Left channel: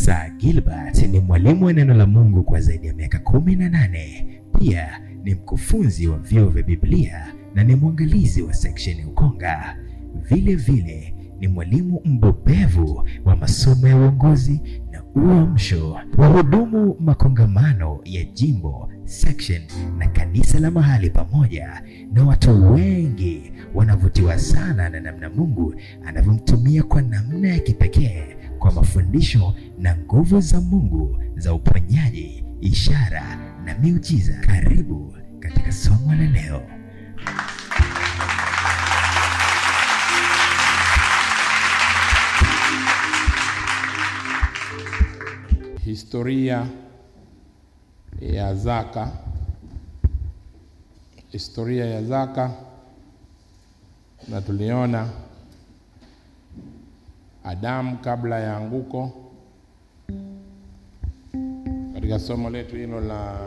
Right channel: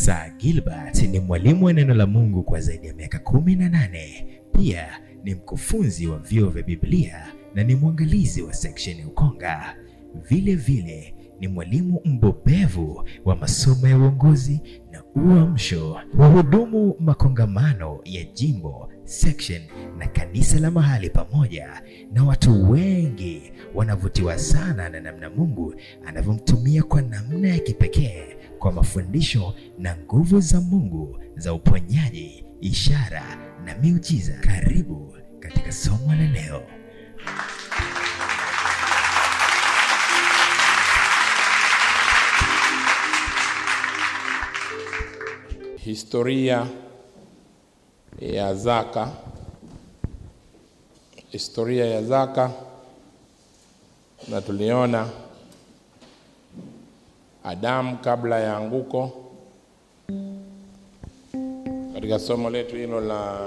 Sir Gilbert ni mwalimu wa neno la Mungu kwa zaidi ya miaka 18. Pia ni mkufunzi wa vyuo vya Biblia na ni mwangalizi wa section ya Ukonga. Vile vile ni mwalimu mbobevu wa masomo ya uongozi na uamsho. Wahudumu makongamano ya jimbo, section na kanisa la mahali pamoja, na watu wengi wanavutiwa sana na namna Mungu anavyomtumia kwa namna ya kipekee kwa mafundisho na nguvu za Mungu za uponyaji, ishara na miujiza. Karibu katika somo la leo. Historia ya zaka. Historia ya zaka, na tuliona Adamu kabla ya anguko. Katika somo letu hilo la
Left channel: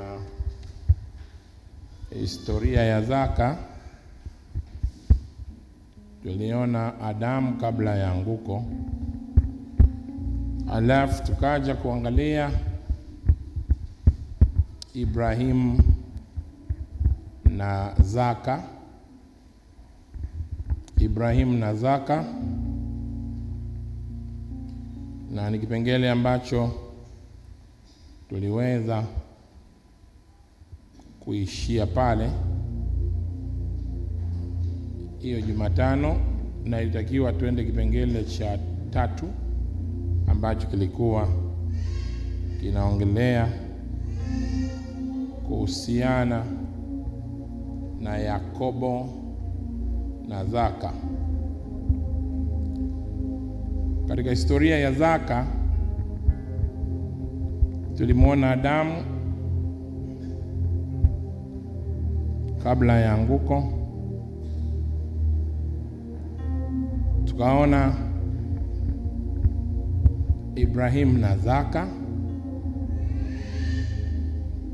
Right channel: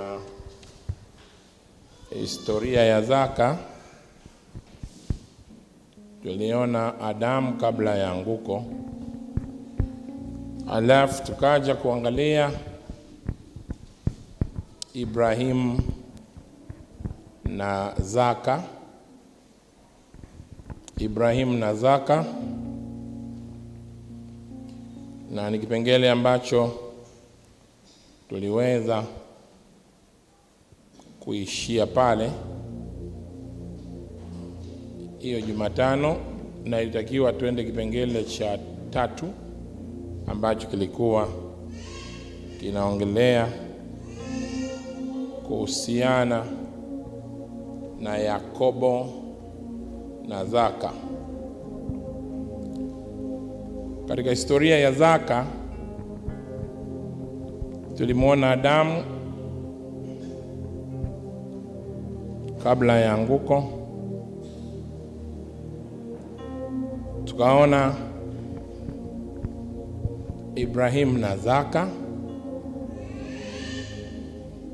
historia ya zaka, tuliona Adamu kabla ya anguko. Alafu tukaja kuangalia Ibrahim na zaka. Ibrahim na zaka, na ni kipengele ambacho tuliweza kuishia pale hiyo Jumatano, na ilitakiwa tuende kipengele cha 3 ambacho kilikuwa kinaongelea kuhusiana na Yakobo na zaka. Katika historia ya zaka tulimuona Adamu kabla ya anguko, tukaona Ibrahim na zaka,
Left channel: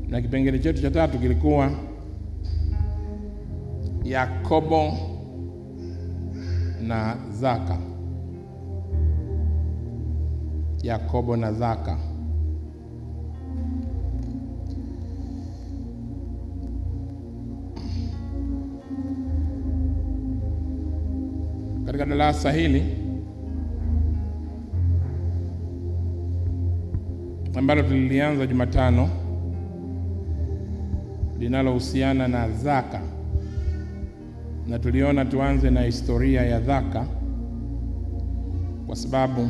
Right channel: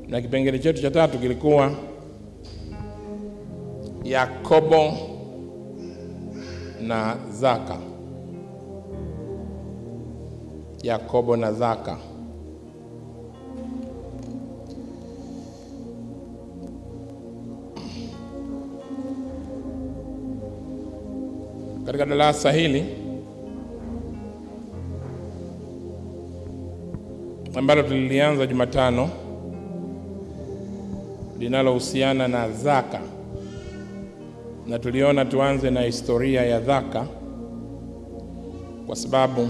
na kipengele chetu cha 3 kilikuwa Yakobo na zaka. Yakobo na zaka. Katika darasa hili ambalo tulilianza Jumatano, linalohusiana na zaka, na tuliona tuanze na historia ya zaka kwa sababu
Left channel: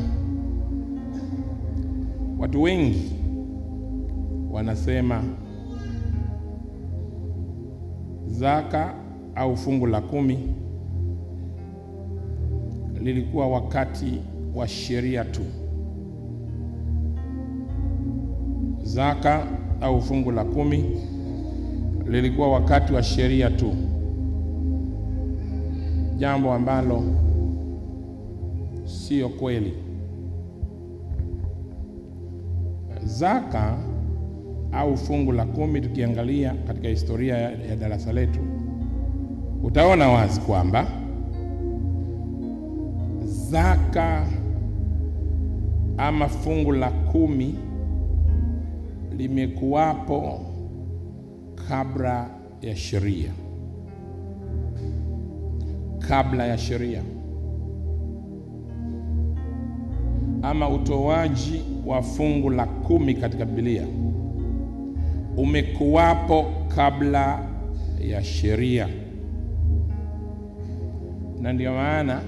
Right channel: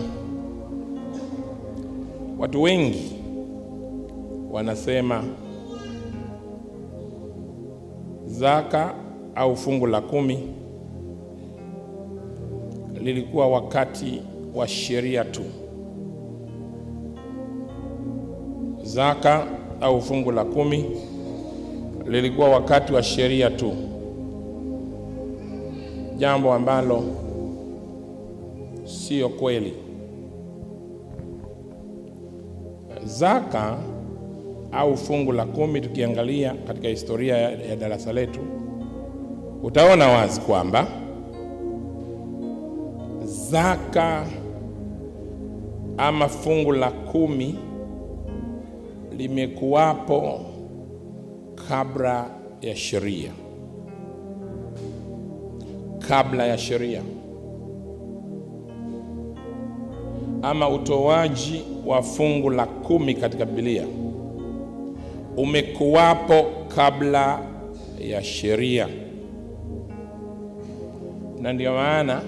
watu wengi wanasema zaka au fungu la 10 lilikuwa wakati wa sheria tu. Zaka au fungu la 10 lilikuwa wakati wa sheria tu, jambo ambalo sio kweli. Zaka au fungu la 10, tukiangalia katika historia ya darasa letu, utaona wazi kwamba zaka ama fungu la 10 limekuwapo kabla ya sheria. Kabla ya sheria, ama utoaji wa fungu la 10 katika Biblia umekuwapo kabla ya sheria. Na ndio maana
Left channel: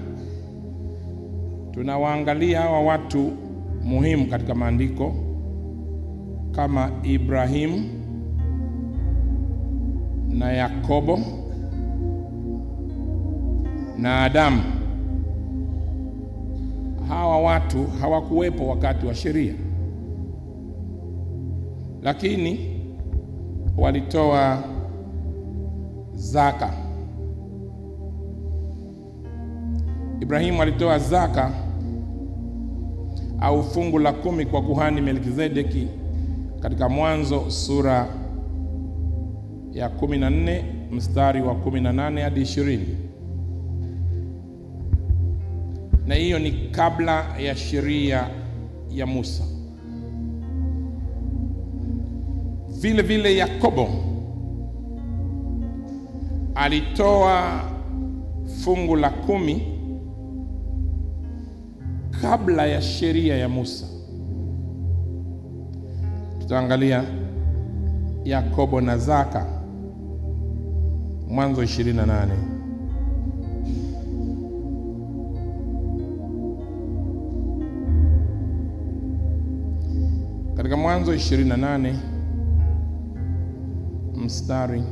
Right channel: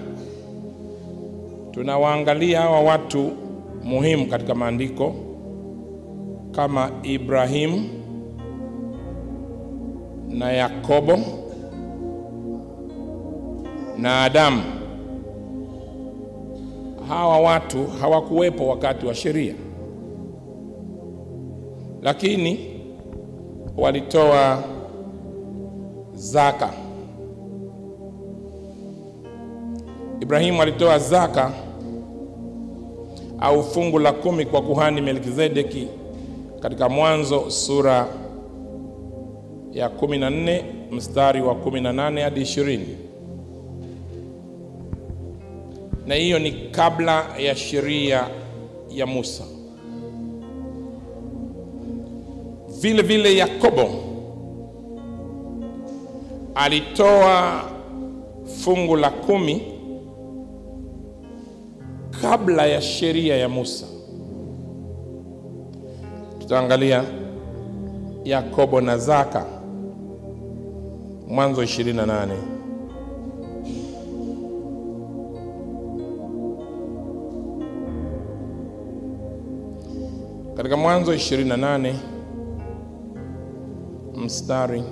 tunawaangalia hawa watu muhimu katika maandiko kama Ibrahim na Yakobo na Adamu. Hawa watu hawakuwepo wakati wa sheria, lakini walitoa zaka. Ibrahim alitoa zaka au fungu la 10 kwa kuhani Melkizedeki katika Mwanzo sura ya 14 mstari wa 18 hadi 20. Na hiyo ni kabla ya sheria ya Musa. Vile vile Yakobo alitoa fungu la 10 kabla ya sheria ya Musa. Tutaangalia Yakobo na zaka, Mwanzo 28. Katika Mwanzo 28 mstari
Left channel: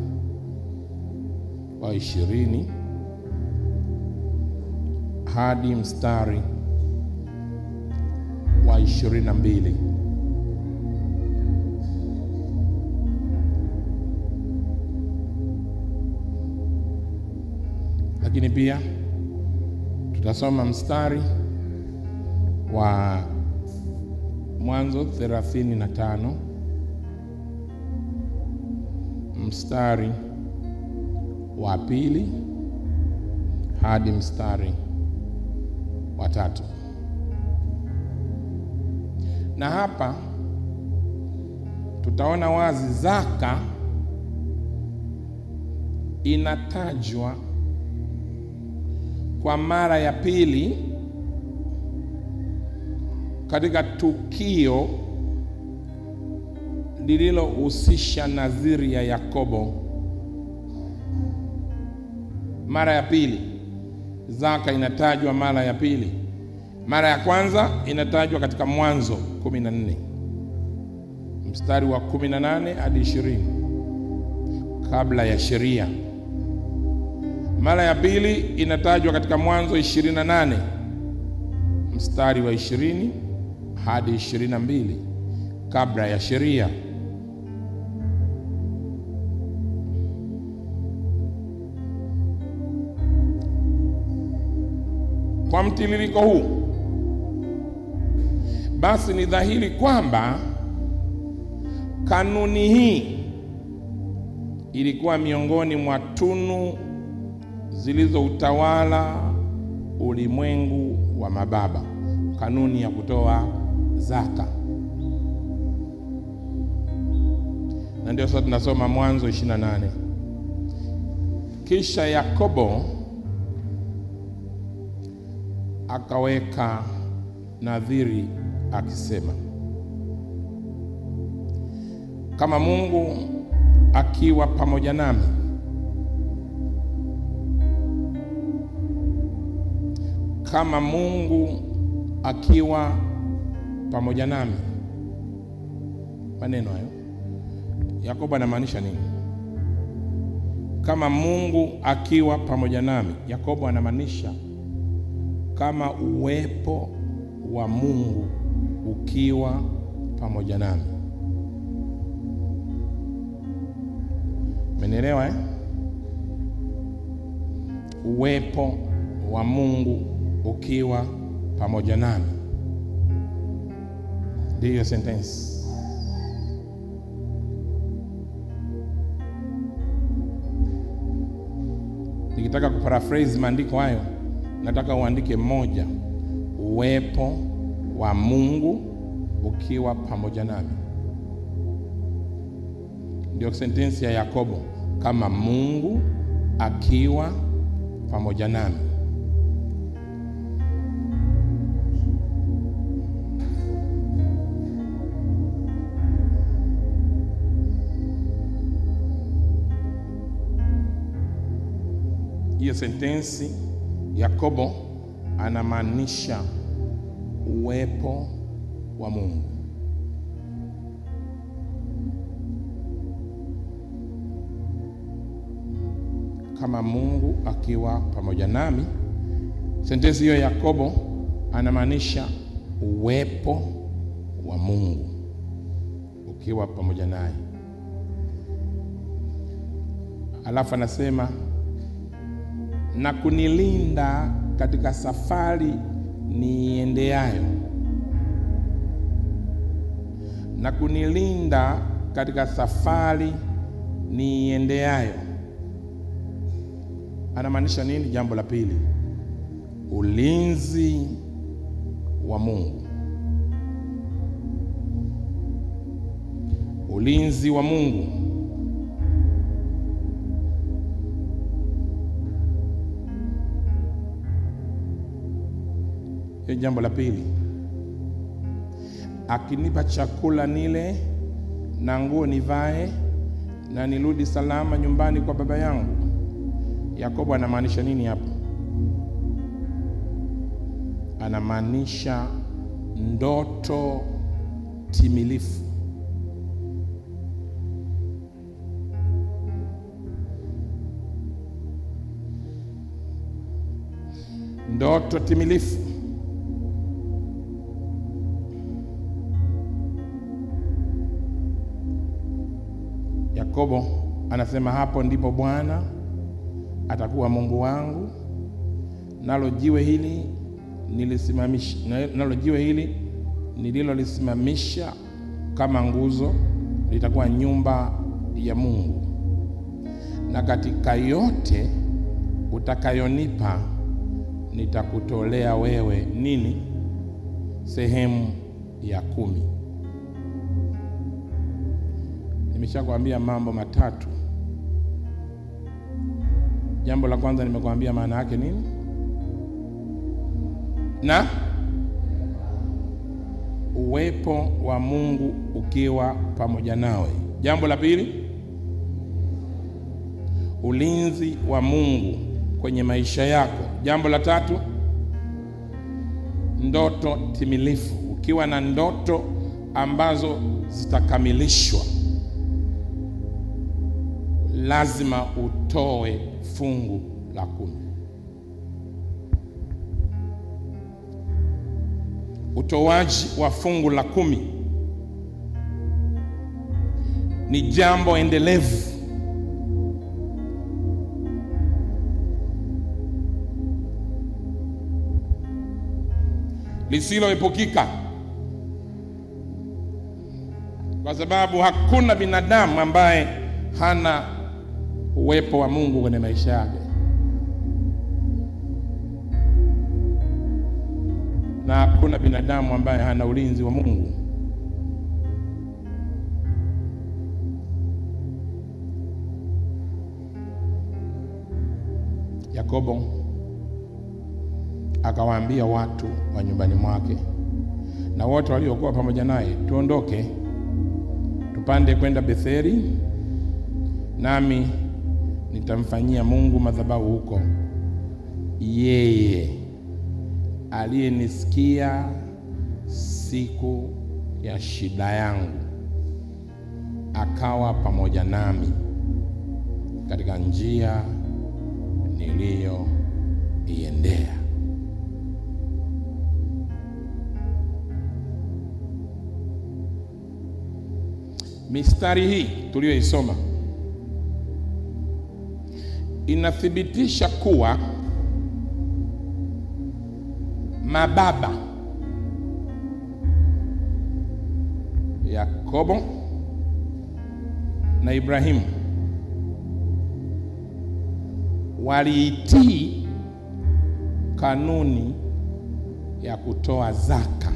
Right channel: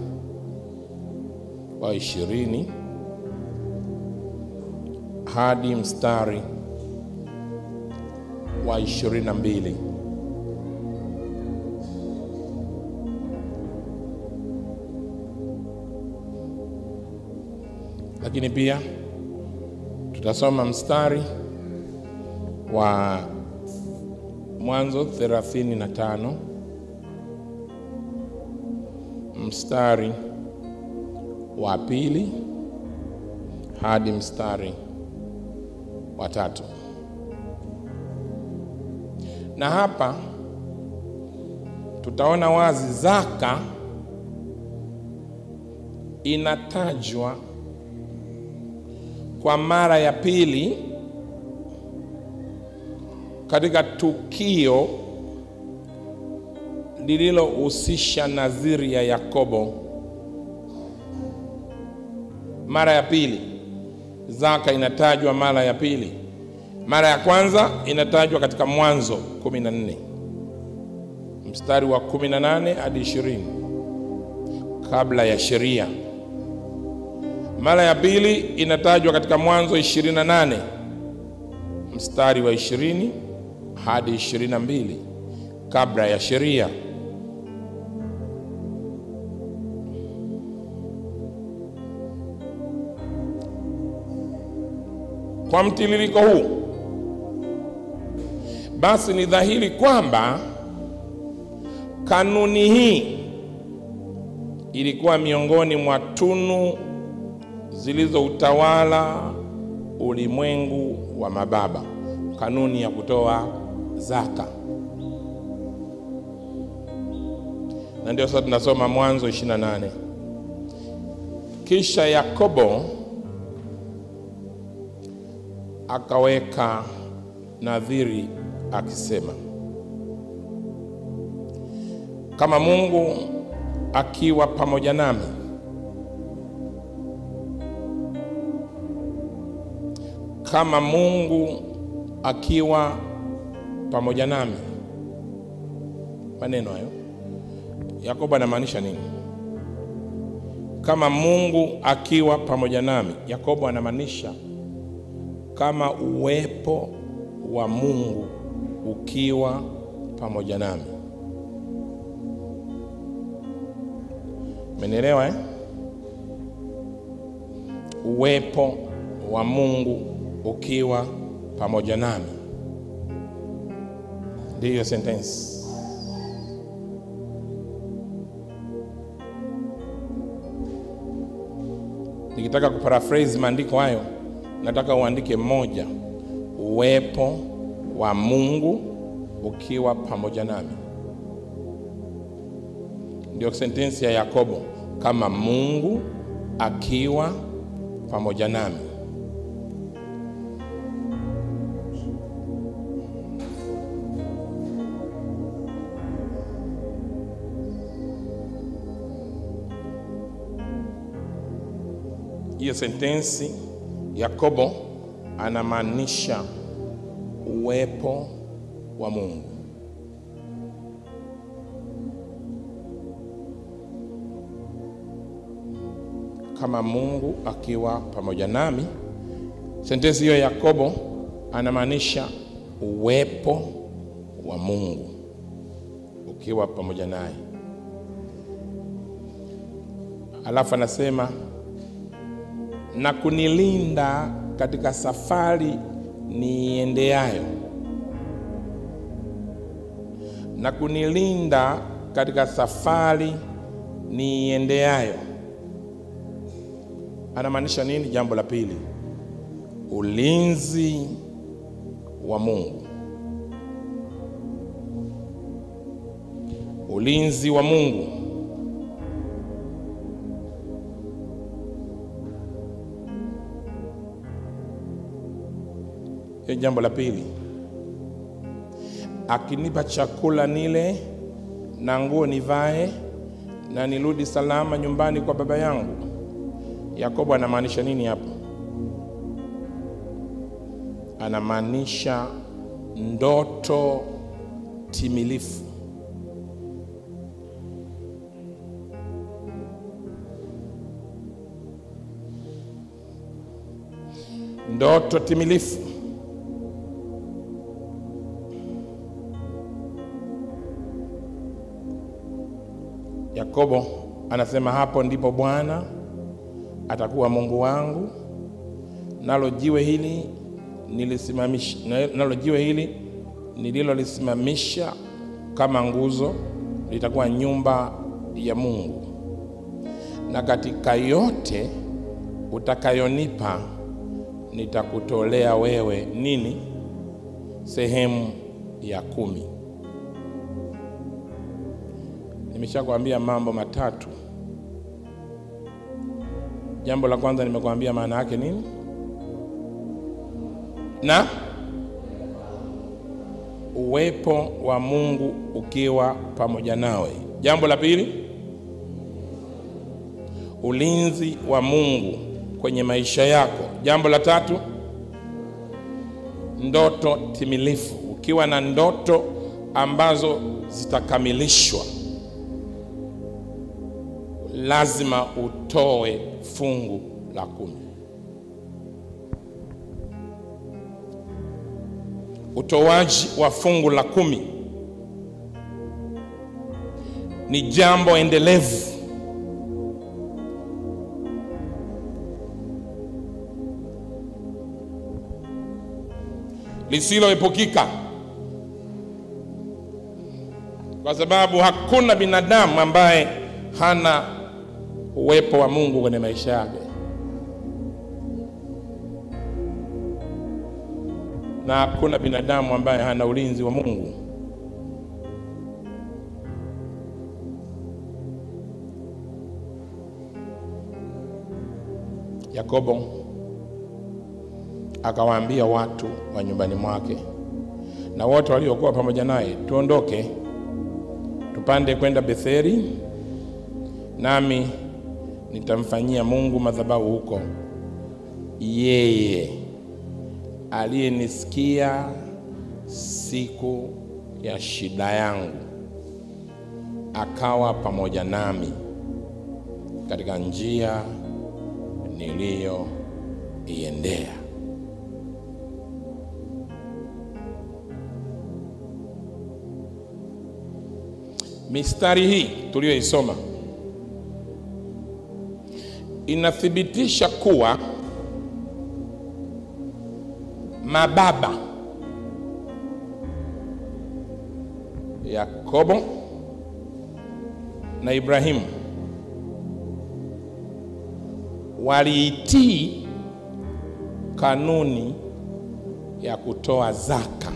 wa 20 hadi mstari wa 22. Lakini pia tutasoma mstari wa Mwanzo 35 mstari wa 2 hadi mstari wa 3. Na hapa tutaona wazi zaka inatajwa kwa mara ya pili katika tukio lililohusisha nadhiri ya Yakobo. Mara ya pili zaka inatajwa mara ya pili. Mara ya kwanza inatajwa katika Mwanzo 14 mstari wa 18 hadi 20 kabla ya sheria. Mara ya pili inatajwa katika Mwanzo 28 mstari wa 20 hadi 22 kabla ya sheria. Kwa mtiririko huu, basi ni dhahiri kwamba kanuni hii ilikuwa miongoni mwa tunu zilizoutawala ulimwengu wa mababa, kanuni ya kutoa zaka. Na ndio sasa tunasoma Mwanzo 28. Kisha Yakobo akaweka nadhiri akisema, kama Mungu akiwa pamoja nami, kama Mungu akiwa pamoja nami. Maneno hayo Yakobo anamaanisha nini? Kama Mungu akiwa pamoja nami, Yakobo anamaanisha kama uwepo wa Mungu ukiwa pamoja nami. Mmenielewa eh? Uwepo wa Mungu ukiwa pamoja nami. Ndiyo sentence. Nikitaka kuparaphrase maandiko hayo, nataka uandike moja: uwepo wa Mungu ukiwa pamoja nami. Ndio sentensi ya Yakobo, kama Mungu akiwa pamoja nami. Hiyo sentensi Yakobo anamaanisha uwepo wa Mungu. Kama Mungu akiwa pamoja nami. Sentensi hiyo Yakobo anamaanisha uwepo wa Mungu ukiwa pamoja naye. Alafu anasema na kunilinda katika safari niendeayo. Na kunilinda katika safari niendeayo anamaanisha nini? Jambo la pili, ulinzi wa Mungu. Ulinzi wa Mungu. Hiyo jambo la pili. Akinipa chakula nile na nguo nivae na nirudi salama nyumbani kwa baba yangu. Yakobo anamaanisha nini hapo? Anamaanisha ndoto timilifu. Ndoto timilifu. Yakobo anasema hapo ndipo Bwana atakuwa Mungu wangu, nalo jiwe hili nililolisimamisha kama nguzo litakuwa nyumba ya Mungu. Na katika yote utakayonipa nitakutolea wewe nini? Sehemu ya 10. Nimeshakwambia mambo matatu. Jambo la kwanza nimekwambia maana yake nini? Na uwepo wa Mungu ukiwa pamoja nawe. Jambo la pili, ulinzi wa Mungu kwenye maisha yako. Jambo la tatu, ndoto timilifu. Ukiwa na ndoto ambazo zitakamilishwa, lazima utoe fungu la 10. Utoaji wa fungu la 10 ni jambo endelevu. Lisiloepukika. Kwa sababu hakuna binadamu ambaye hana uwepo wa Mungu kwenye maisha yake. Na hakuna binadamu ambaye hana ulinzi wa Mungu. Yakobo akawaambia watu wa nyumbani mwake na wote waliokuwa pamoja naye, tuondoke tupande kwenda Betheli, nami nitamfanyia Mungu madhabahu huko. Yeye aliyenisikia siku ya shida yangu, akawa pamoja nami katika njia niliyoiendea. Mistari hii tuliyoisoma inathibitisha kuwa mababa Yakobo na Ibrahimu waliitii kanuni ya kutoa zaka.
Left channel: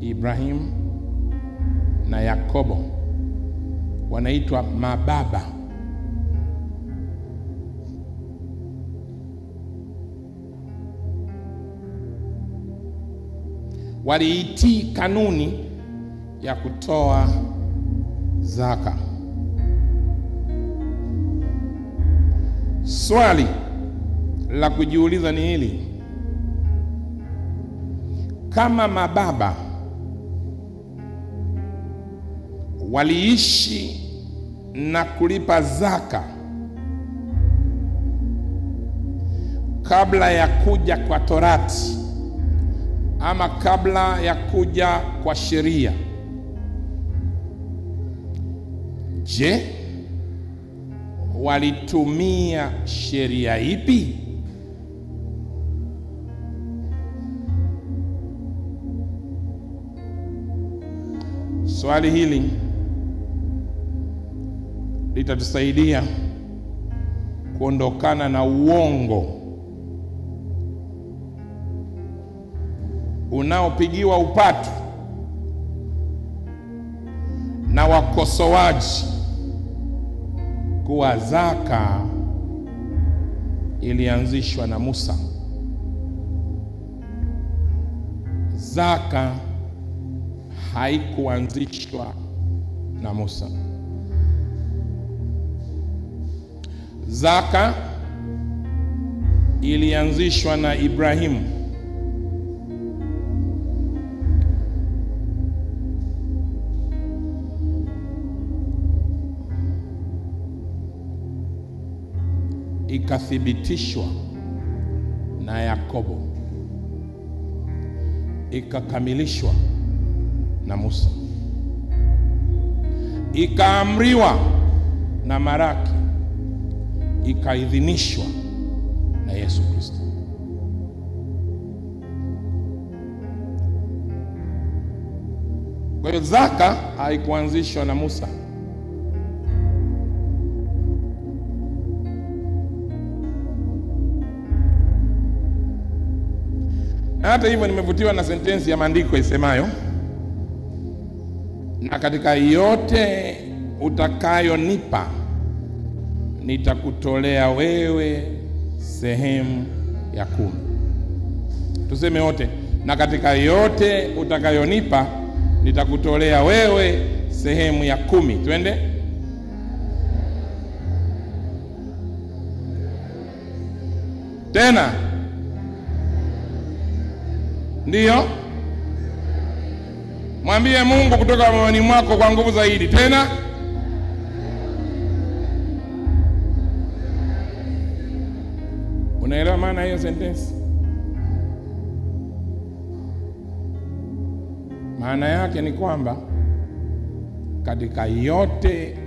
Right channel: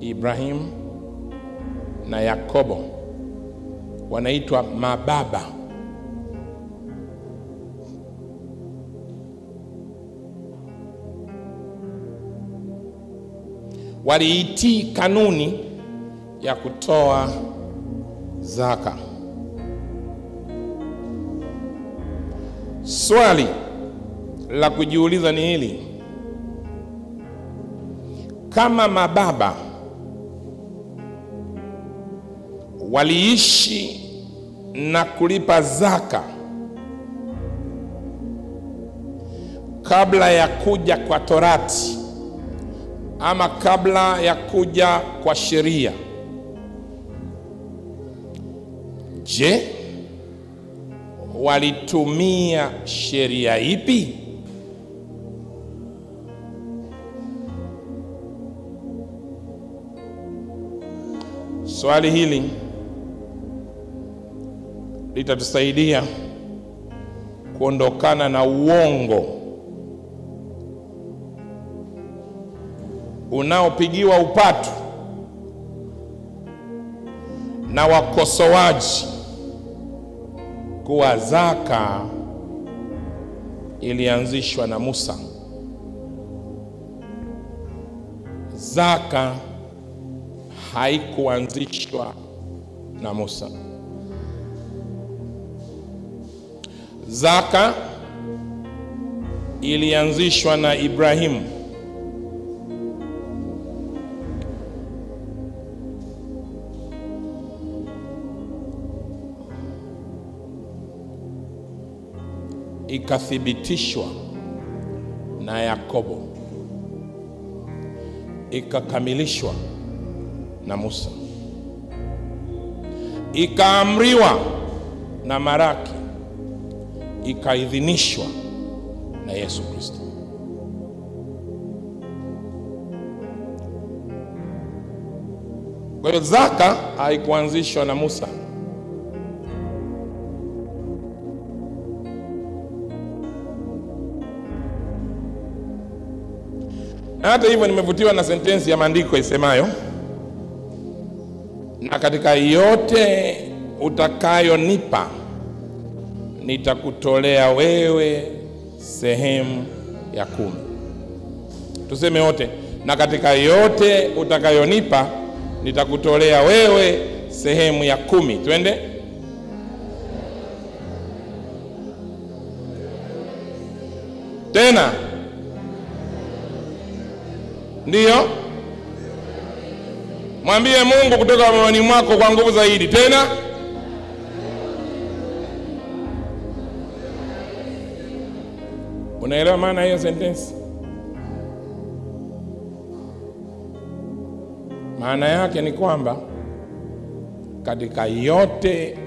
Ibrahimu na Yakobo wanaitwa mababa. Waliitii kanuni ya kutoa zaka. Swali la kujiuliza ni hili: kama mababa waliishi na kulipa zaka kabla ya kuja kwa Torati ama kabla ya kuja kwa sheria, je, walitumia sheria ipi? Swali hili litatusaidia kuondokana na uongo unaopigiwa upatu na wakosoaji kuwa zaka ilianzishwa na Musa. Zaka haikuanzishwa na Musa. Zaka ilianzishwa na Ibrahimu. Ikathibitishwa na Yakobo, ikakamilishwa na Musa, ikaamriwa na Maraki, ikaidhinishwa na Yesu Kristo. Kwa hiyo zaka haikuanzishwa na Musa. Hata hivyo nimevutiwa na sentensi ya maandiko isemayo, na katika yote utakayonipa nitakutolea wewe sehemu ya 10. Tuseme wote, na katika yote utakayonipa nitakutolea wewe sehemu ya 10. Twende. Tena. Ndiyo. Mwambie Mungu kutoka moyoni mwako kwa nguvu zaidi. Tena. Unaelewa maana hiyo sentence? Maana yake ni kwamba katika yote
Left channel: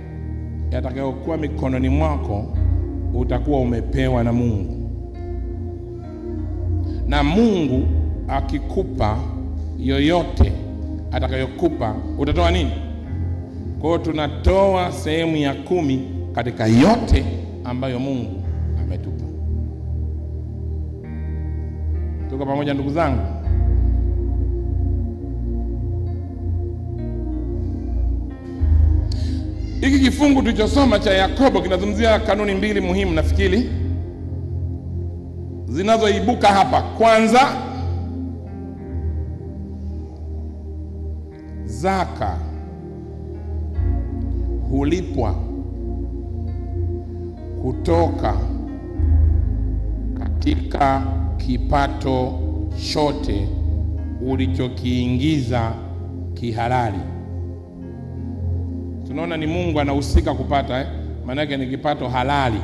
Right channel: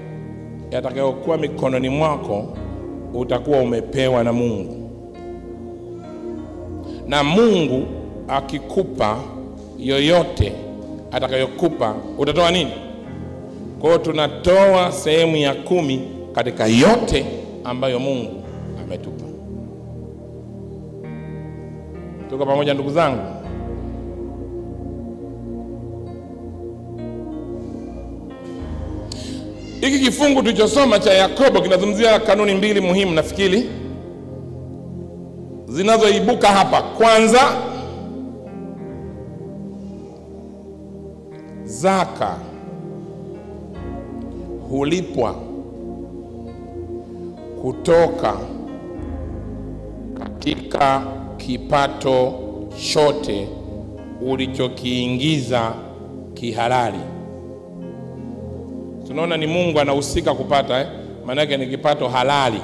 yatakayokuwa mikononi mwako utakuwa umepewa na Mungu. Na Mungu akikupa yoyote atakayokupa, utatoa nini? Kwa hiyo tunatoa sehemu ya 10 katika yote ambayo Mungu ametupa. Tuko pamoja ndugu zangu? Hiki kifungu tulichosoma cha Yakobo kinazungumzia kanuni 2 muhimu nafikiri zinazoibuka hapa. Kwanza, zaka hulipwa kutoka katika kipato chote ulichokiingiza kihalali. Tunaona ni Mungu anahusika kupata, maana yake ni kipato halali.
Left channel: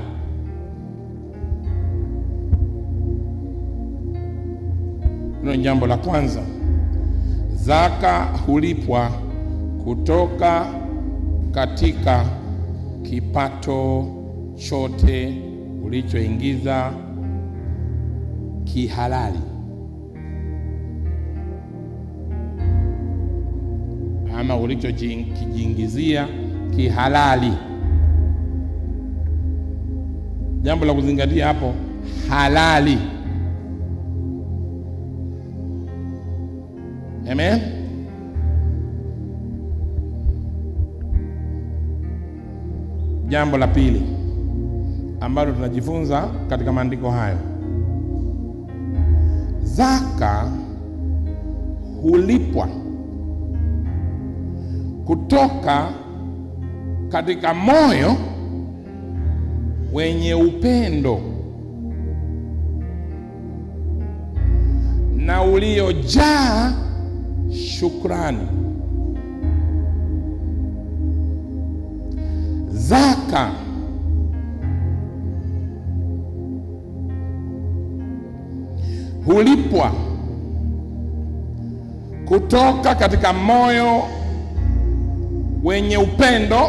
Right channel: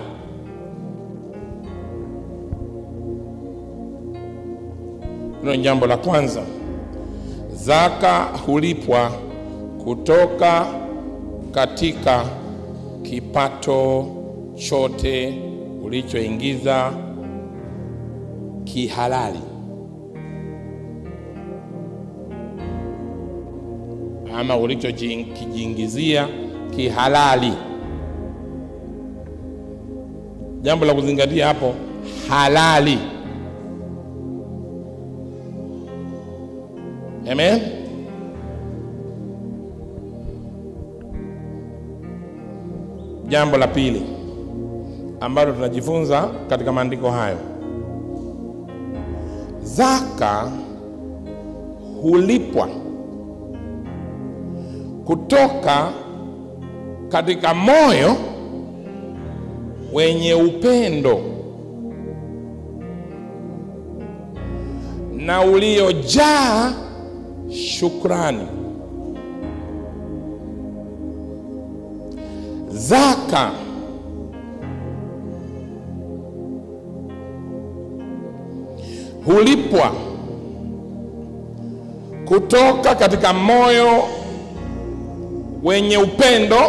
Hilo ni jambo la kwanza. Zaka hulipwa kutoka katika kipato chote ulichoingiza kihalali, ama ulichojiingizia kihalali. Jambo la kuzingatia hapo, halali. Amen. Jambo la pili ambalo tunajifunza katika maandiko hayo, zaka hulipwa kutoka katika moyo wenye upendo na uliojaa shukrani. Zaka hulipwa kutoka katika moyo wenye upendo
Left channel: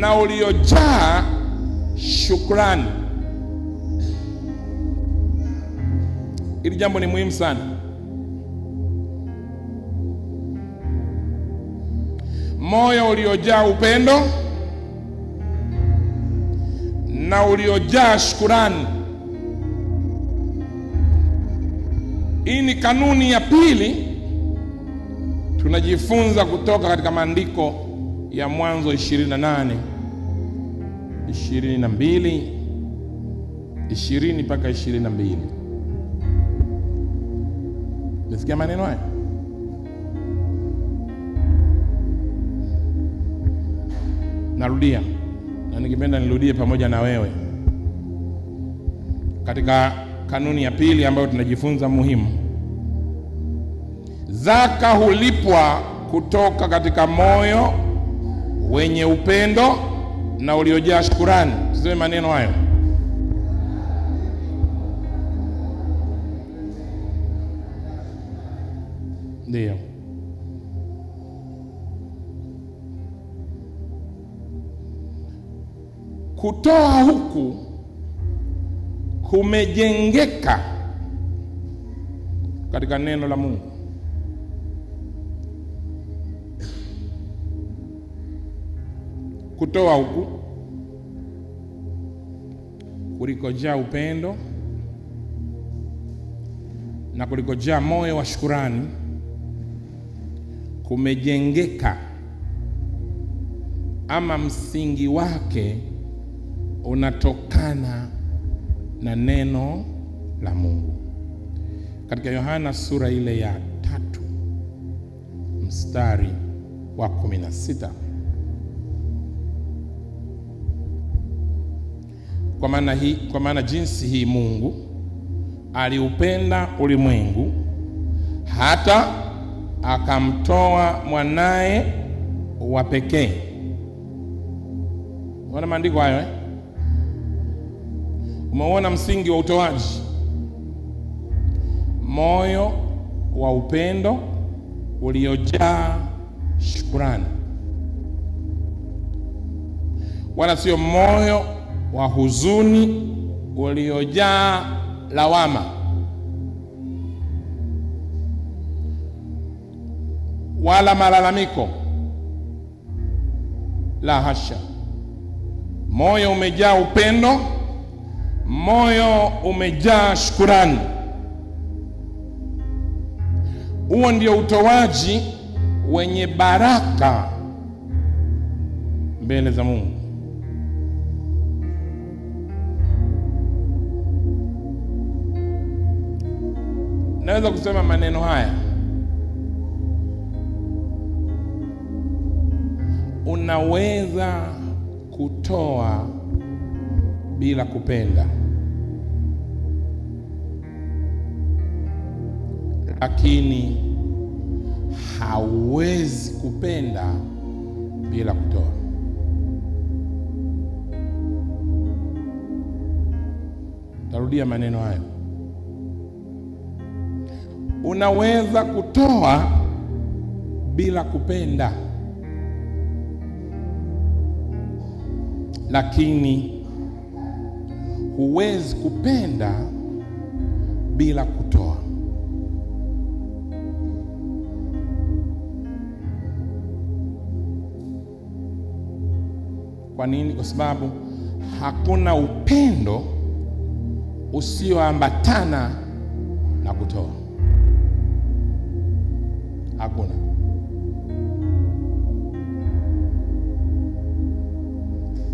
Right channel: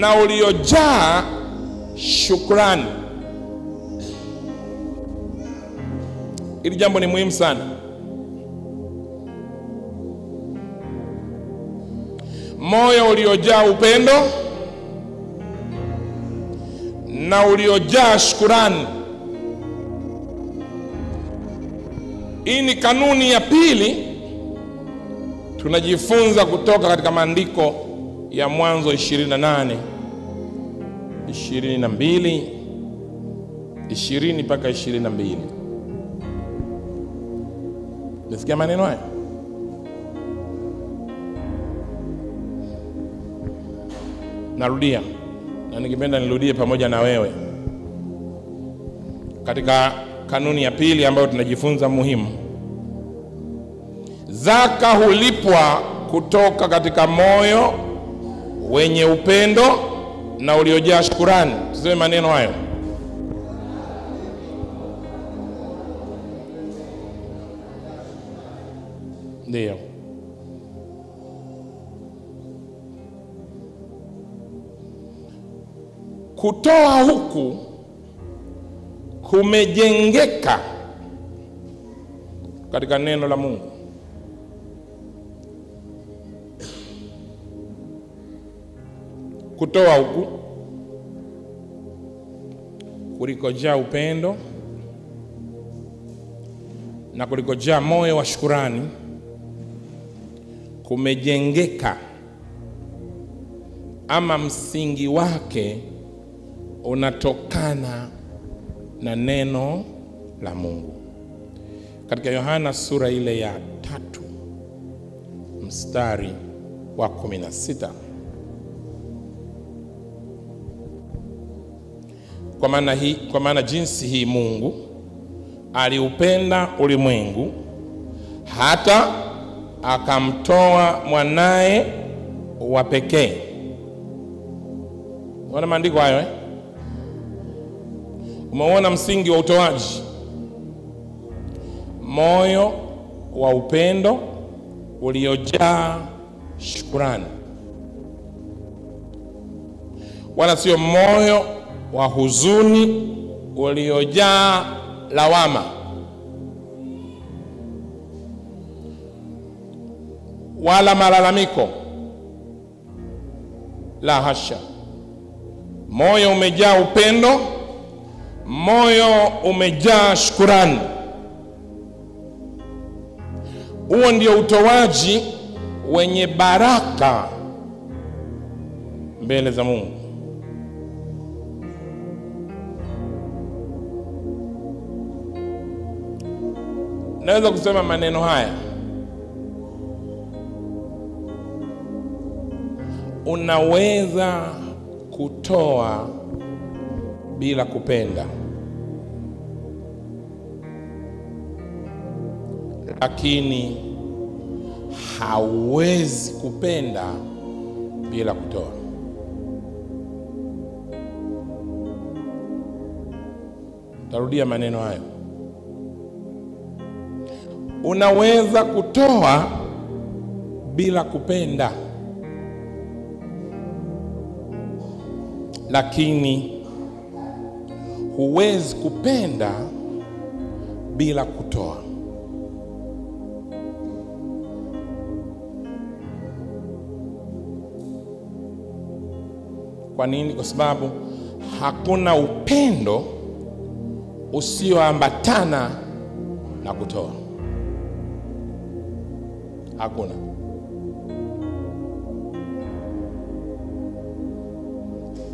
na uliojaa shukrani. Hili jambo ni muhimu sana. Moyo uliojaa upendo na uliojaa shukrani. Hii ni kanuni ya pili tunajifunza kutoka katika maandiko ya Mwanzo 28, 22, 20 mpaka 22. Nisikia maneno haya? Narudia, na nikipenda nirudie pamoja na wewe. Katika kanuni ya pili ambayo tunajifunza muhimu, zaka hulipwa kutoka katika moyo wenye upendo na uliojaa shukrani. Tuseme maneno hayo. Ndio. Kutoa huku kumejengeka katika neno la Mungu. Kutoa huku kulikojaa upendo na kulikojaa moyo wa shukrani kumejengeka, ama msingi wake unatokana na neno la Mungu. Katika Yohana sura ile ya 3 mstari wa 16, kwa maana jinsi hii Mungu aliupenda ulimwengu hata akamtoa mwanae wa pekee. Unaona maandiko hayo Umeona msingi wa utoaji, moyo wa upendo uliojaa shukrani, wala sio moyo wa huzuni uliojaa lawama, wala malalamiko. La hasha, moyo umejaa upendo, moyo umejaa shukrani. Huo ndio utoaji wenye baraka mbele za Mungu. Naweza kusema maneno haya: unaweza kutoa bila kupenda, lakini hauwezi kupenda bila kutoa. Tarudia maneno hayo: unaweza kutoa bila kupenda, lakini huwezi kupenda bila kutoa. Kwa nini? Kwa sababu hakuna upendo usioambatana na kutoa. Hakuna.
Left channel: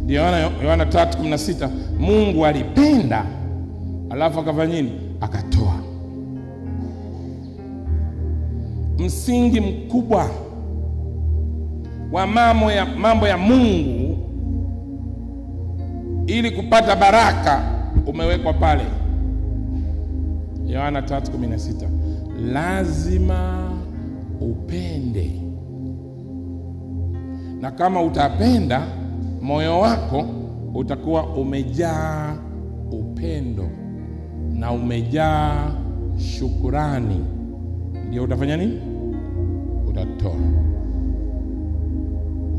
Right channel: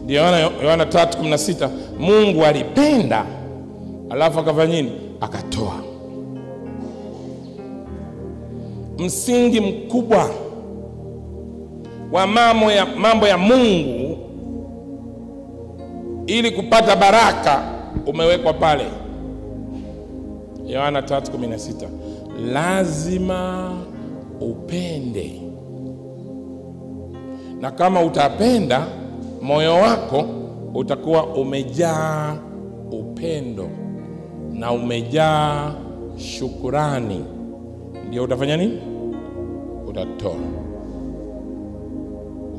Ndio Yohana 3:16, Mungu alipenda alafu akafanya nini? Akatoa. Msingi mkubwa wa mambo ya Mungu ili kupata baraka umewekwa pale. Yohana 3:16, lazima upende, na kama utapenda, moyo wako utakuwa umejaa upendo na umejaa shukrani. Ndio utafanya nini? Utatoa.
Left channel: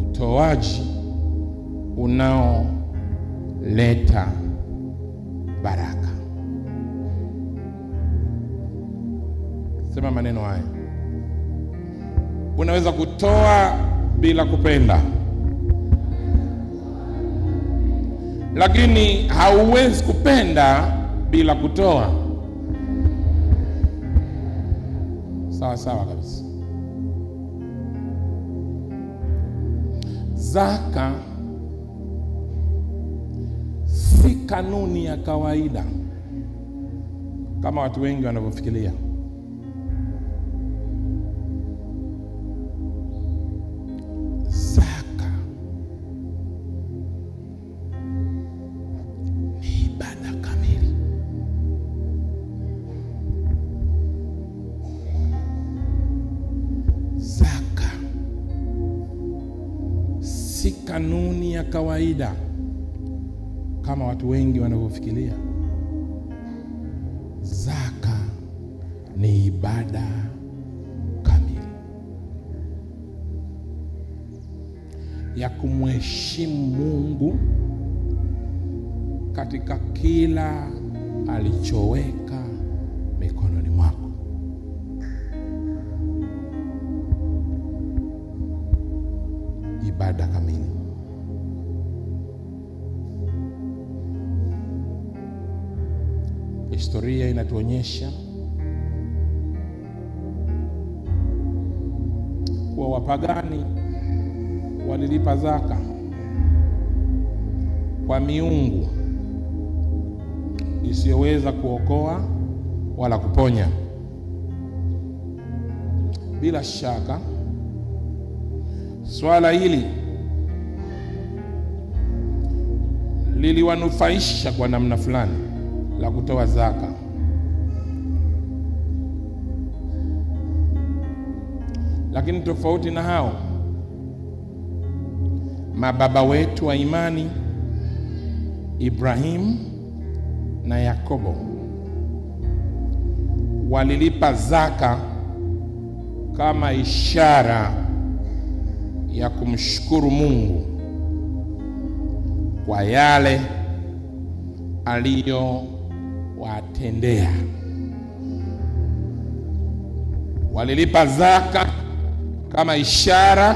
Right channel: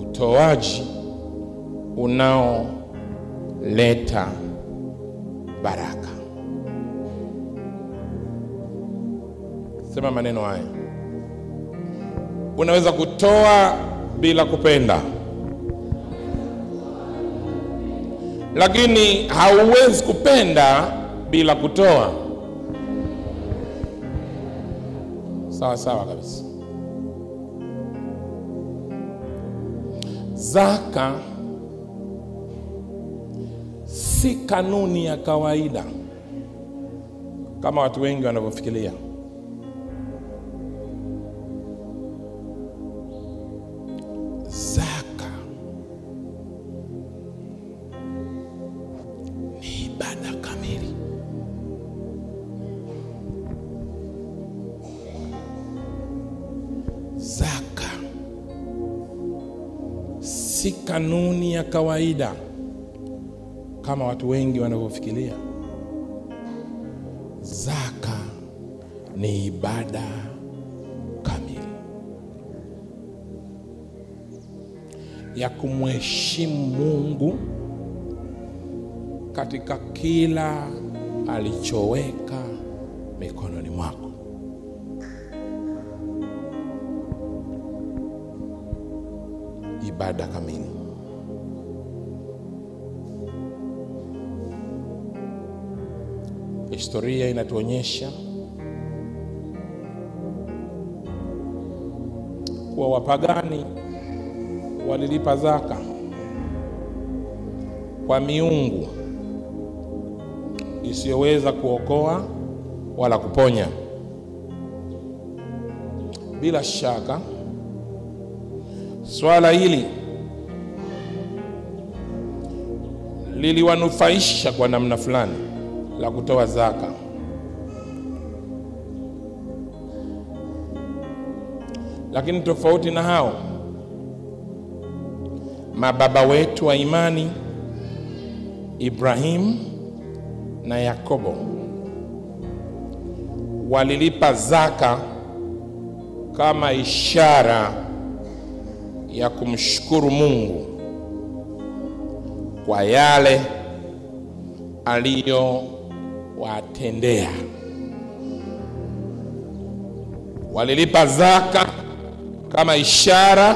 Utoaji unaoleta baraka. Sema maneno haya: unaweza kutoa bila kupenda, lakini hauwezi kupenda bila kutoa. Sawa sawa kabisa. Zaka si kanuni ya kawaida kama watu wengi wanavyofikiria. Zaka ni ibada kamili. Zaka si kanuni ya kawaida kama watu wengi wanavyofikiria. Zaka ni ibada kamili ya kumheshimu Mungu katika kila alichoweka mikononi mwako. Ibada kamili. Historia inatuonyesha kuwa wapagani walilipa zaka kwa miungu isiyoweza kuokoa wala kuponya. Bila shaka swala hili liliwanufaisha kwa namna fulani la kutoa zaka. Lakini tofauti na hao, mababa wetu wa imani Ibrahim na Yakobo walilipa zaka kama ishara ya kumshukuru Mungu kwa yale aliyowatendea. Walilipa zaka kama ishara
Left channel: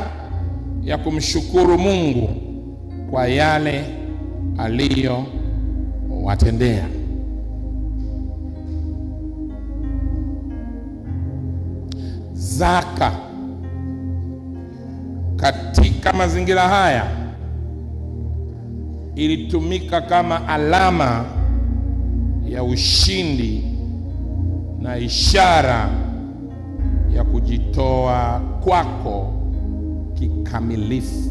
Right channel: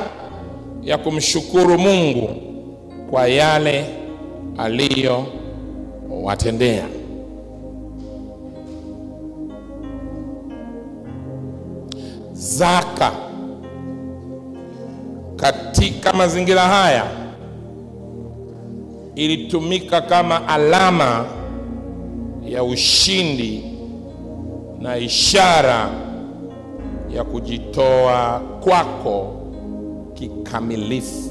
ya kumshukuru Mungu kwa yale aliyowatendea. Zaka katika mazingira haya ilitumika kama alama ya ushindi na ishara ya kujitoa kwako kikamilifu.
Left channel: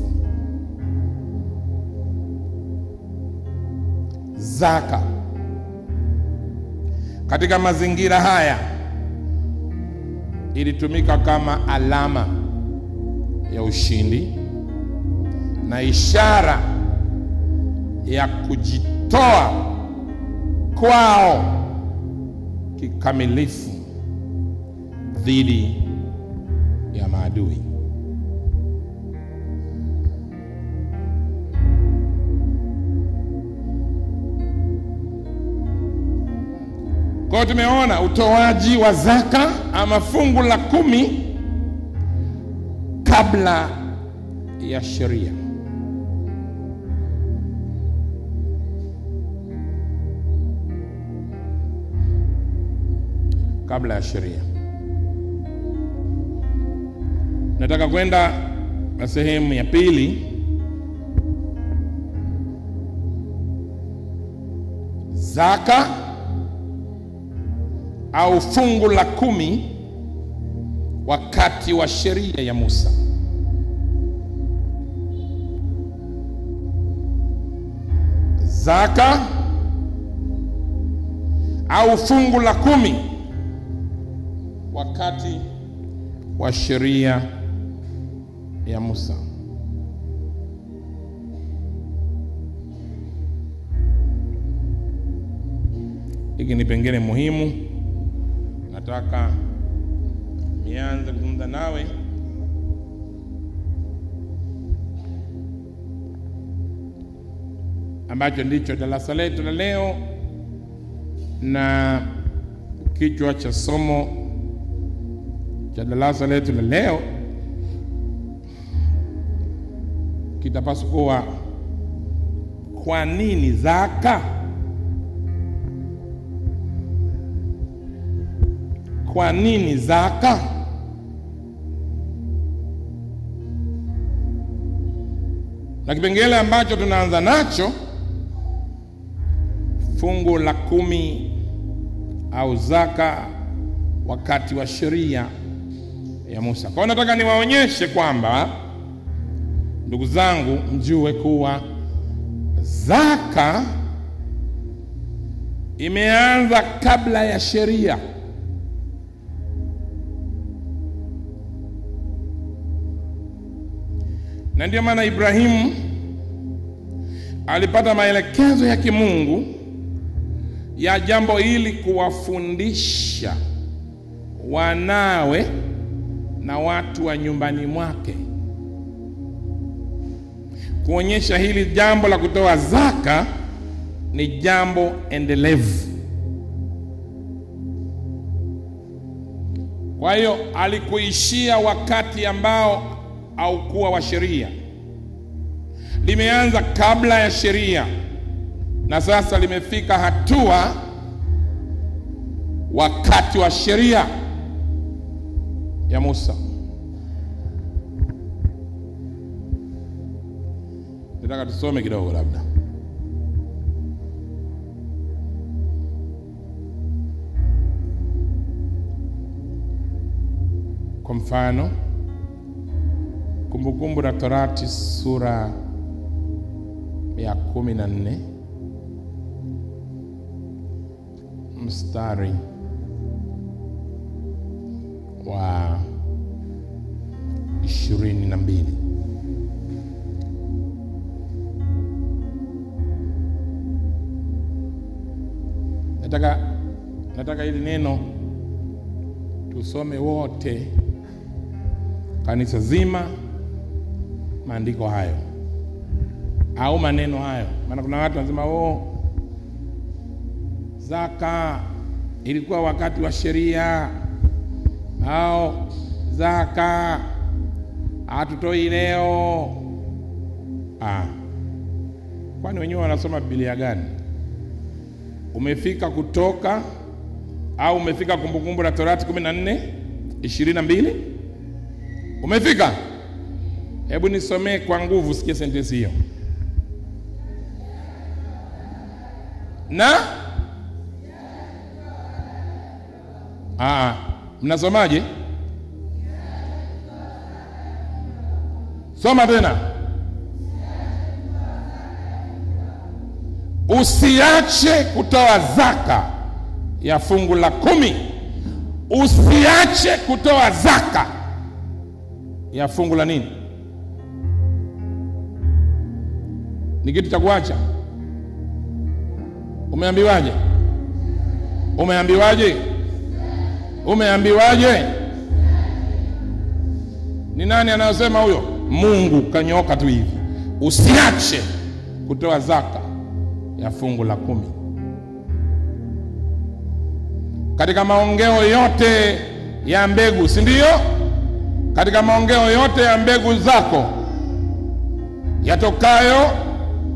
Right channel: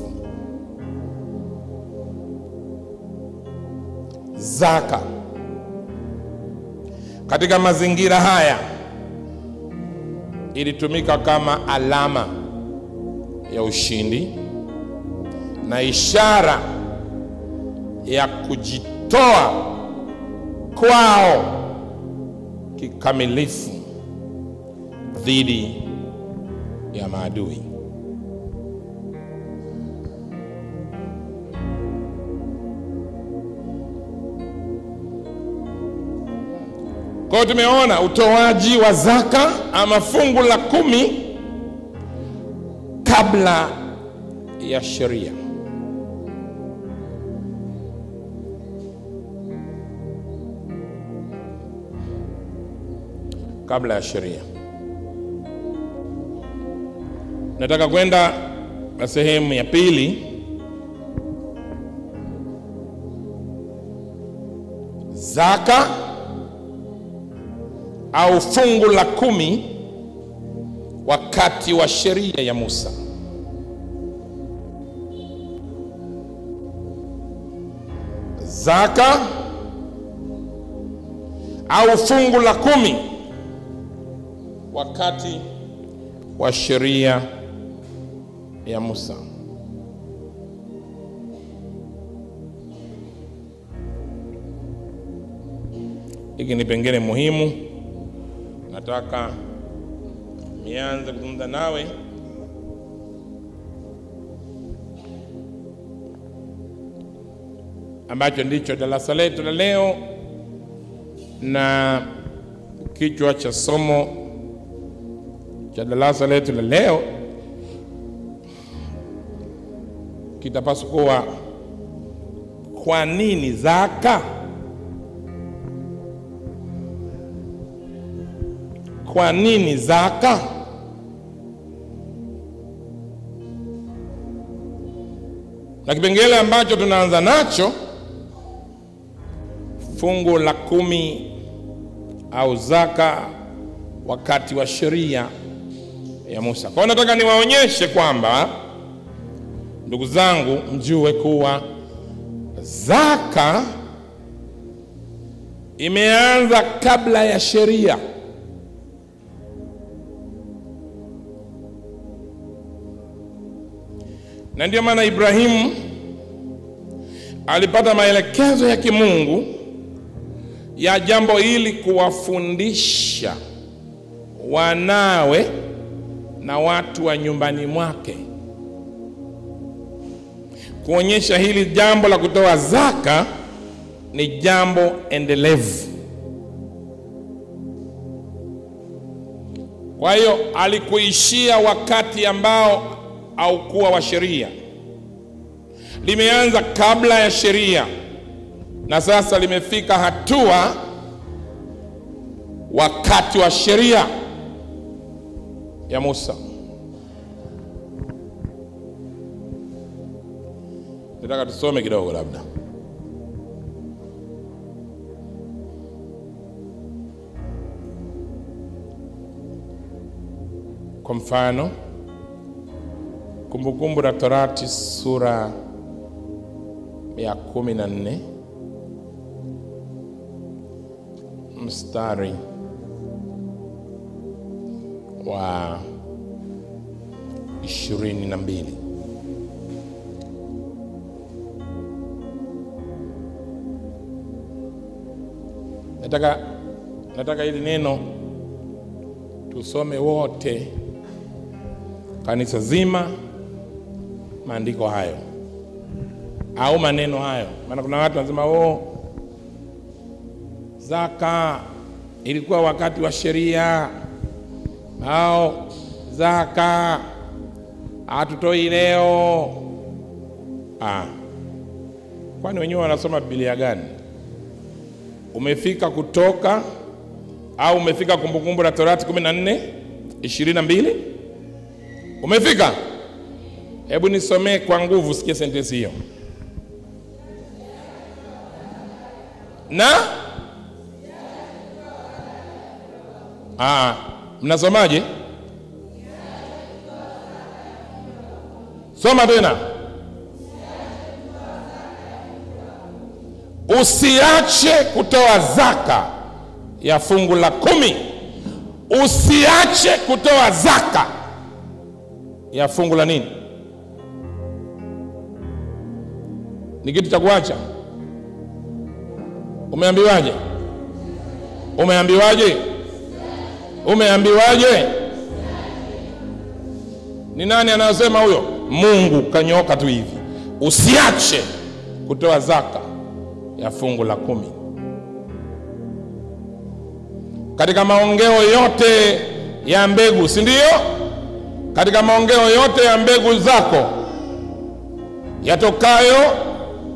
Zaka katika mazingira haya ilitumika kama alama ya ushindi na ishara ya kujitoa kwao kikamilifu dhidi ya maadui. Kwa tumeona utoaji wa zaka ama fungu la 10 kabla ya sheria. Kabla ya sheria. Nataka kwenda na sehemu ya pili. Zaka au fungu la 10 wakati wa sheria ya Musa. Zaka au fungu la 10 wakati wa sheria ya Musa. Hiki ni pengine muhimu. Nataka nianze kuzungumza nawe ambacho ndicho darasa letu la leo, na kichwa cha somo cha darasa letu la leo kitapaswa kuwa kwa nini zaka? Kwa nini zaka? Na kipengele ambacho tunaanza nacho, fungu la 10 au zaka wakati wa sheria ya Musa. Kwa hiyo nataka niwaonyeshe kwamba, ndugu zangu, mjue kuwa zaka imeanza kabla ya sheria. Na ndio maana Ibrahimu alipata maelekezo ya kimungu ya jambo hili, kuwafundisha wanawe na watu wa nyumbani mwake, kuonyesha hili jambo la kutoa zaka ni jambo endelevu. Kwa hiyo alikuishia wakati ambao haukuwa wa sheria, limeanza kabla ya sheria, na sasa limefika hatua wakati wa sheria ya Musa. Nataka tusome kidogo labda. Kwa mfano, Kumbukumbu la Torati sura ya 14 mstari wa 22. Nataka hili neno tusome wote, kanisa zima, maandiko hayo au maneno hayo. Maana kuna watu wanasema zaka ilikuwa wakati wa sheria, au zaka hatutoi leo. Kwani wenyewe wanasoma Biblia gani? Umefika Kutoka au umefika Kumbukumbu la Torati 14:22? Umefika? Hebu nisomee kwa nguvu, sikia sentensi hiyo. Mnasomaje? Soma tena. Usiache kutoa zaka ya fungu la 10. Usiache kutoa zaka ya fungu la nini? Ni kitu cha kuacha? Umeambiwaje? Ni nani anayosema huyo? Mungu kanyoka tu hivi. Usiache kutoa zaka ya fungu la 10. Katika maongeo yote ya mbegu, si ndio? Katika maongeo yote ya mbegu zako yatokayo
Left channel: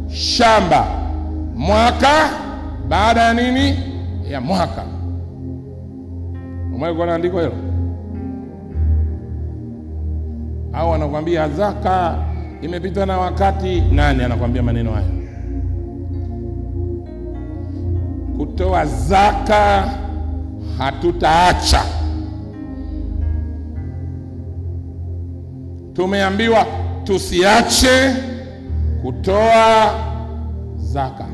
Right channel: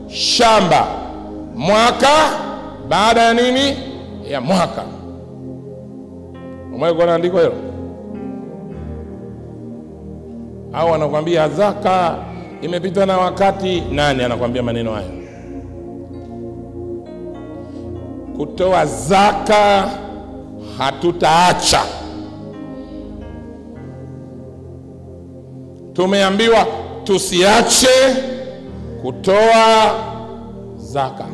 shamba, mwaka baada ya nini? Ya mwaka. Umeona andiko hilo? Au anakuambia zaka imepita na wakati? Nani anakuambia maneno hayo? Kutoa zaka hatutaacha. Tumeambiwa tusiache kutoa zaka.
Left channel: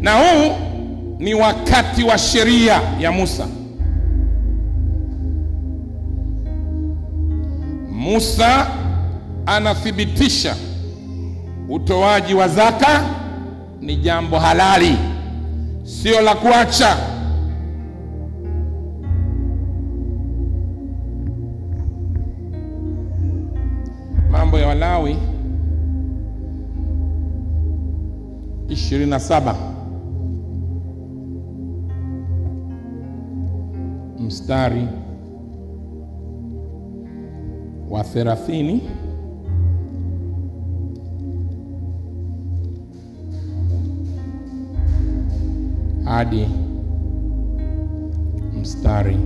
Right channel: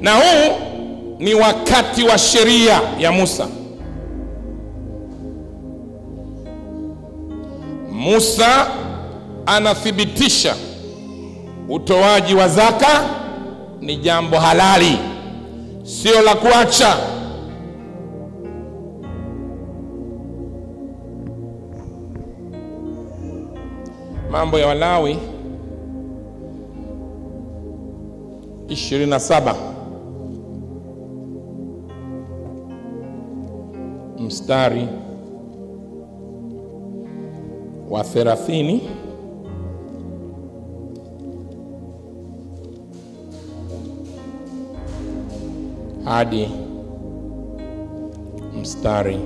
Na huu ni wakati wa sheria ya Musa. Musa anathibitisha utoaji wa zaka ni jambo halali, sio la kuacha. Mambo ya Walawi 27 mstari wa 30 hadi mstari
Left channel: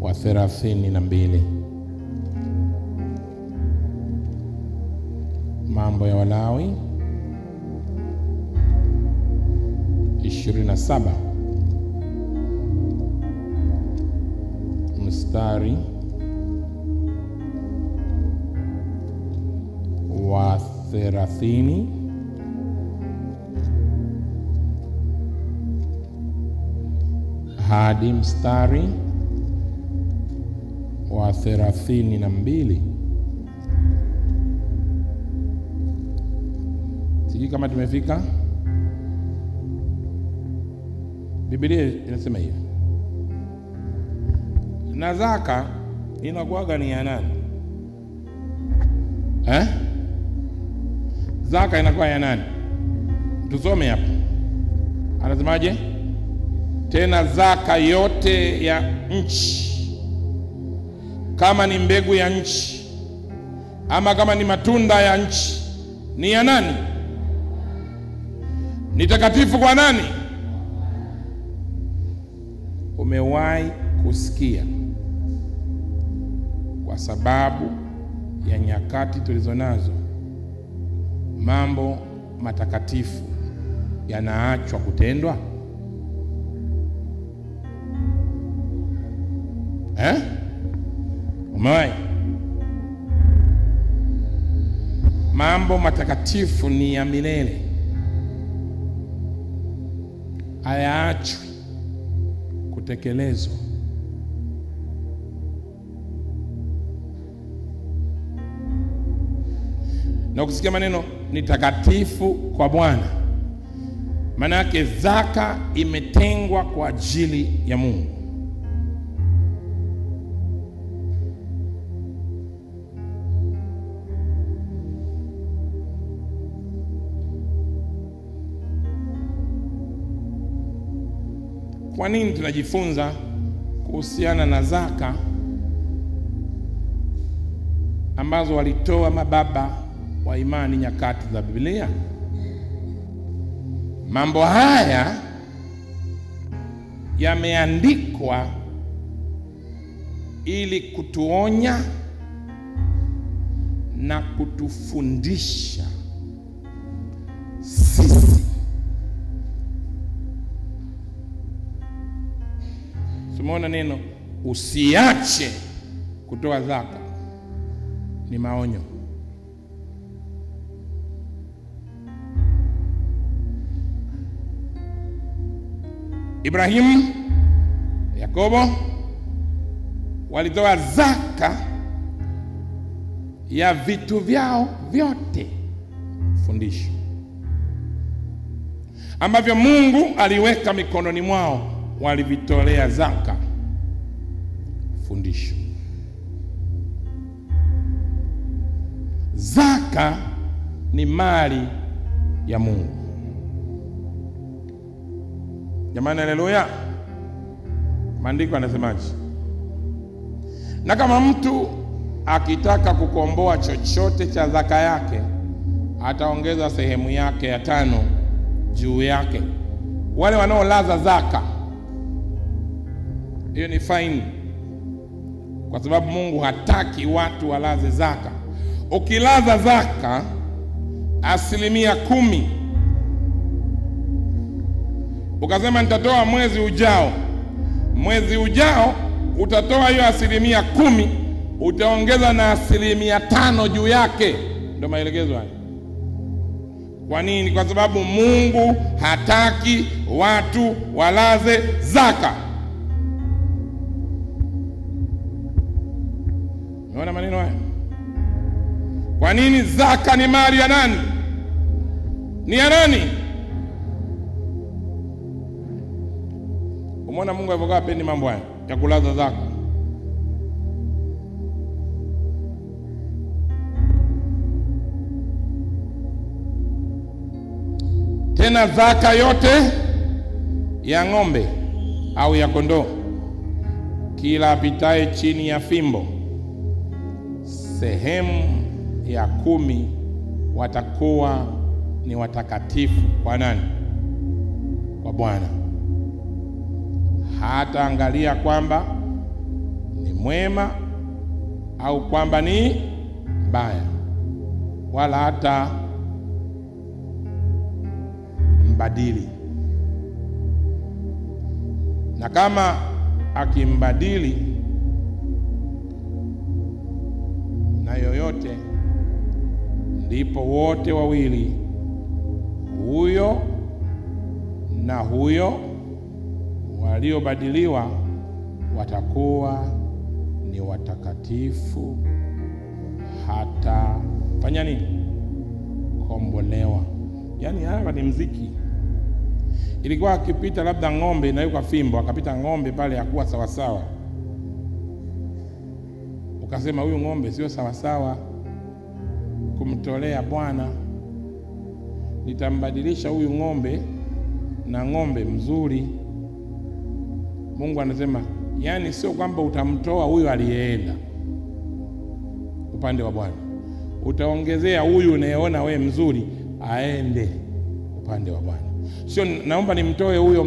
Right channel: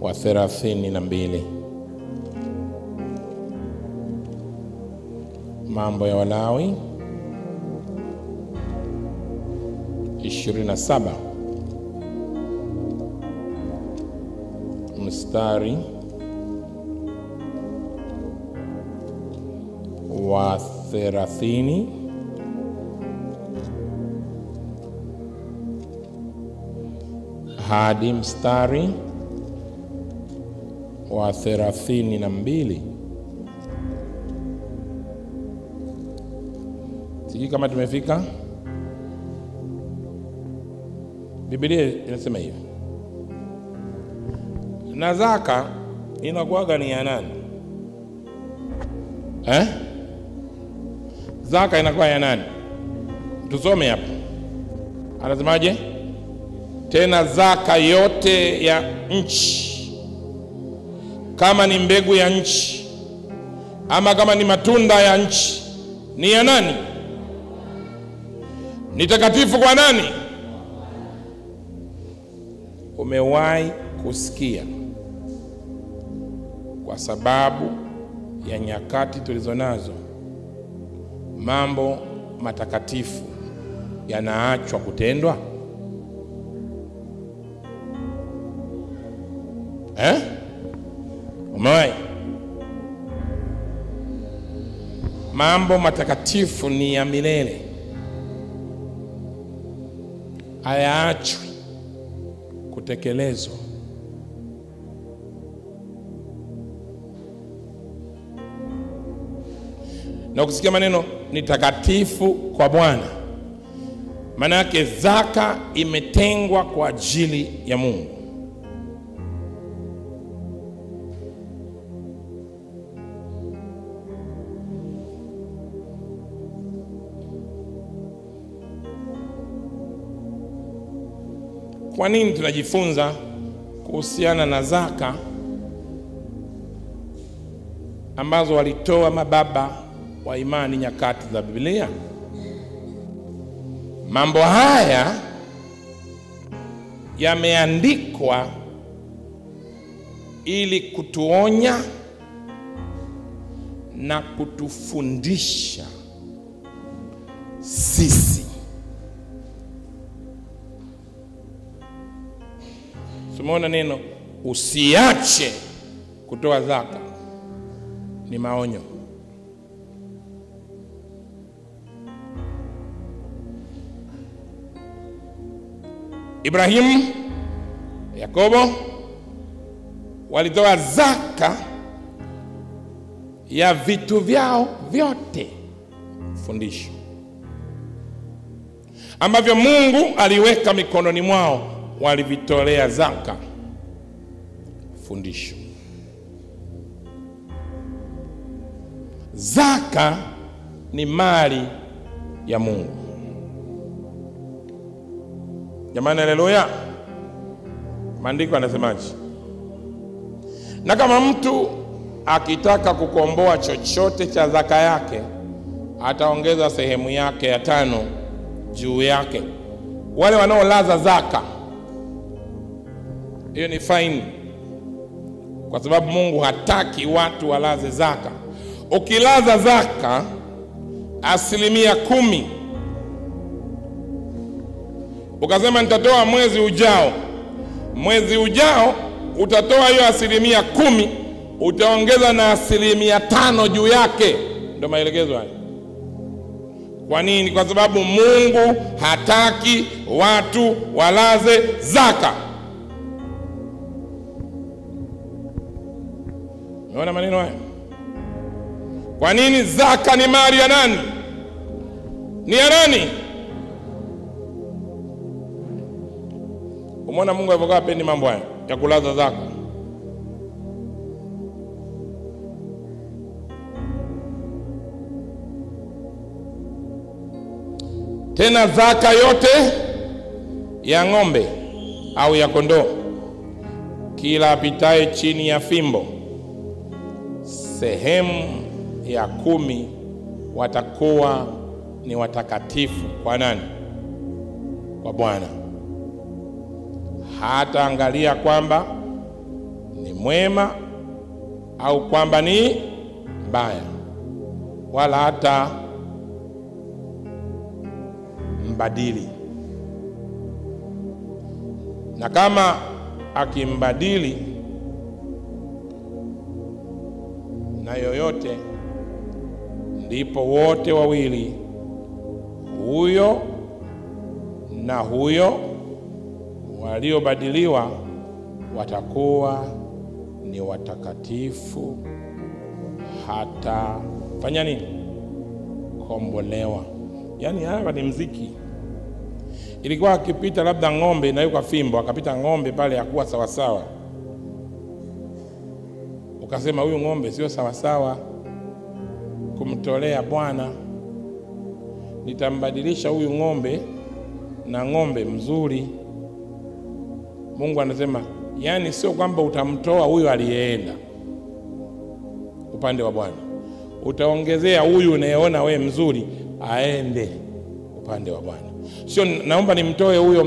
wa 32. Mambo ya Walawi 27 mstari wa 30 hadi mstari wa 32. Sijui kama tumefika. Biblia inasema hivi. Na zaka inakuwaga ni ya nani? Zaka inakuwa ya nani? Tusome hapa. Anasemaje? Tena zaka yote ya nchi, kama ni mbegu ya nchi ama kama ni matunda ya nchi, ni ya nani? Ni takatifu kwa nani? Umewahi kusikia kwa sababu ya nyakati tulizonazo mambo matakatifu yanaachwa kutendwa? Umewahi? Mambo matakatifu ni ya milele, hayaachwi kutekelezwa. Na ukisikia maneno ni takatifu kwa Bwana, maana yake zaka imetengwa kwa ajili ya Mungu. Kwa nini tunajifunza kuhusiana na zaka ambazo walitoa mababa wa imani nyakati za Biblia? Mambo haya yameandikwa ili kutuonya na kutufundisha sisi. Tumeona neno usiache kutoa zaka ni maonyo. Ibrahimu, Yakobo walitoa zaka ya vitu vyao vyote, fundisho ambavyo Mungu aliweka mikononi mwao, walivitolea zaka, fundisho. Zaka ni mali ya Mungu. Jamani, haleluya. Maandiko yanasemaje? Na kama mtu akitaka kukomboa chochote cha zaka yake, ataongeza sehemu yake ya 5 juu yake. Wale wanaolaza zaka, hiyo ni fine, kwa sababu Mungu hataki watu walaze zaka. Ukilaza zaka 10%, ukasema nitatoa mwezi ujao utatoa hiyo 10%, utaongeza na 5% juu yake. Ndio maelekezo haya. Kwa nini? Kwa sababu Mungu hataki watu walaze zaka. Unaona maneno haya? Kwa nini? Zaka ni mali ya nani? Ni ya nani? Umeona Mungu alivyokaa hapendi mambo haya ya kulaza zaka. Tena zaka yote ya ng'ombe au ya kondoo, kila apitaye chini ya fimbo, sehemu ya 10 watakuwa ni watakatifu kwa nani? Kwa Bwana. Hata angalia kwamba ni mwema au kwamba ni mbaya. wala hata mbadili. Na kama akimbadili na yoyote, ndipo wote wawili, huyo na huyo waliobadiliwa, watakuwa ni watakatifu hata fanya nini? Kombolewa. Yaani hapa ni mziki. Ilikuwa akipita labda ng'ombe na yuko fimbo, akapita ng'ombe pale hakuwa sawa sawa, ukasema huyu ng'ombe sio sawa sawa kumtolea Bwana, nitambadilisha huyu ng'ombe na ng'ombe mzuri. Mungu anasema, yani sio kwamba utamtoa huyu aliyeenda upande wa Bwana, utaongezea huyu unayeona we mzuri aende upande wa Bwana. Sio naomba nimtoe huyo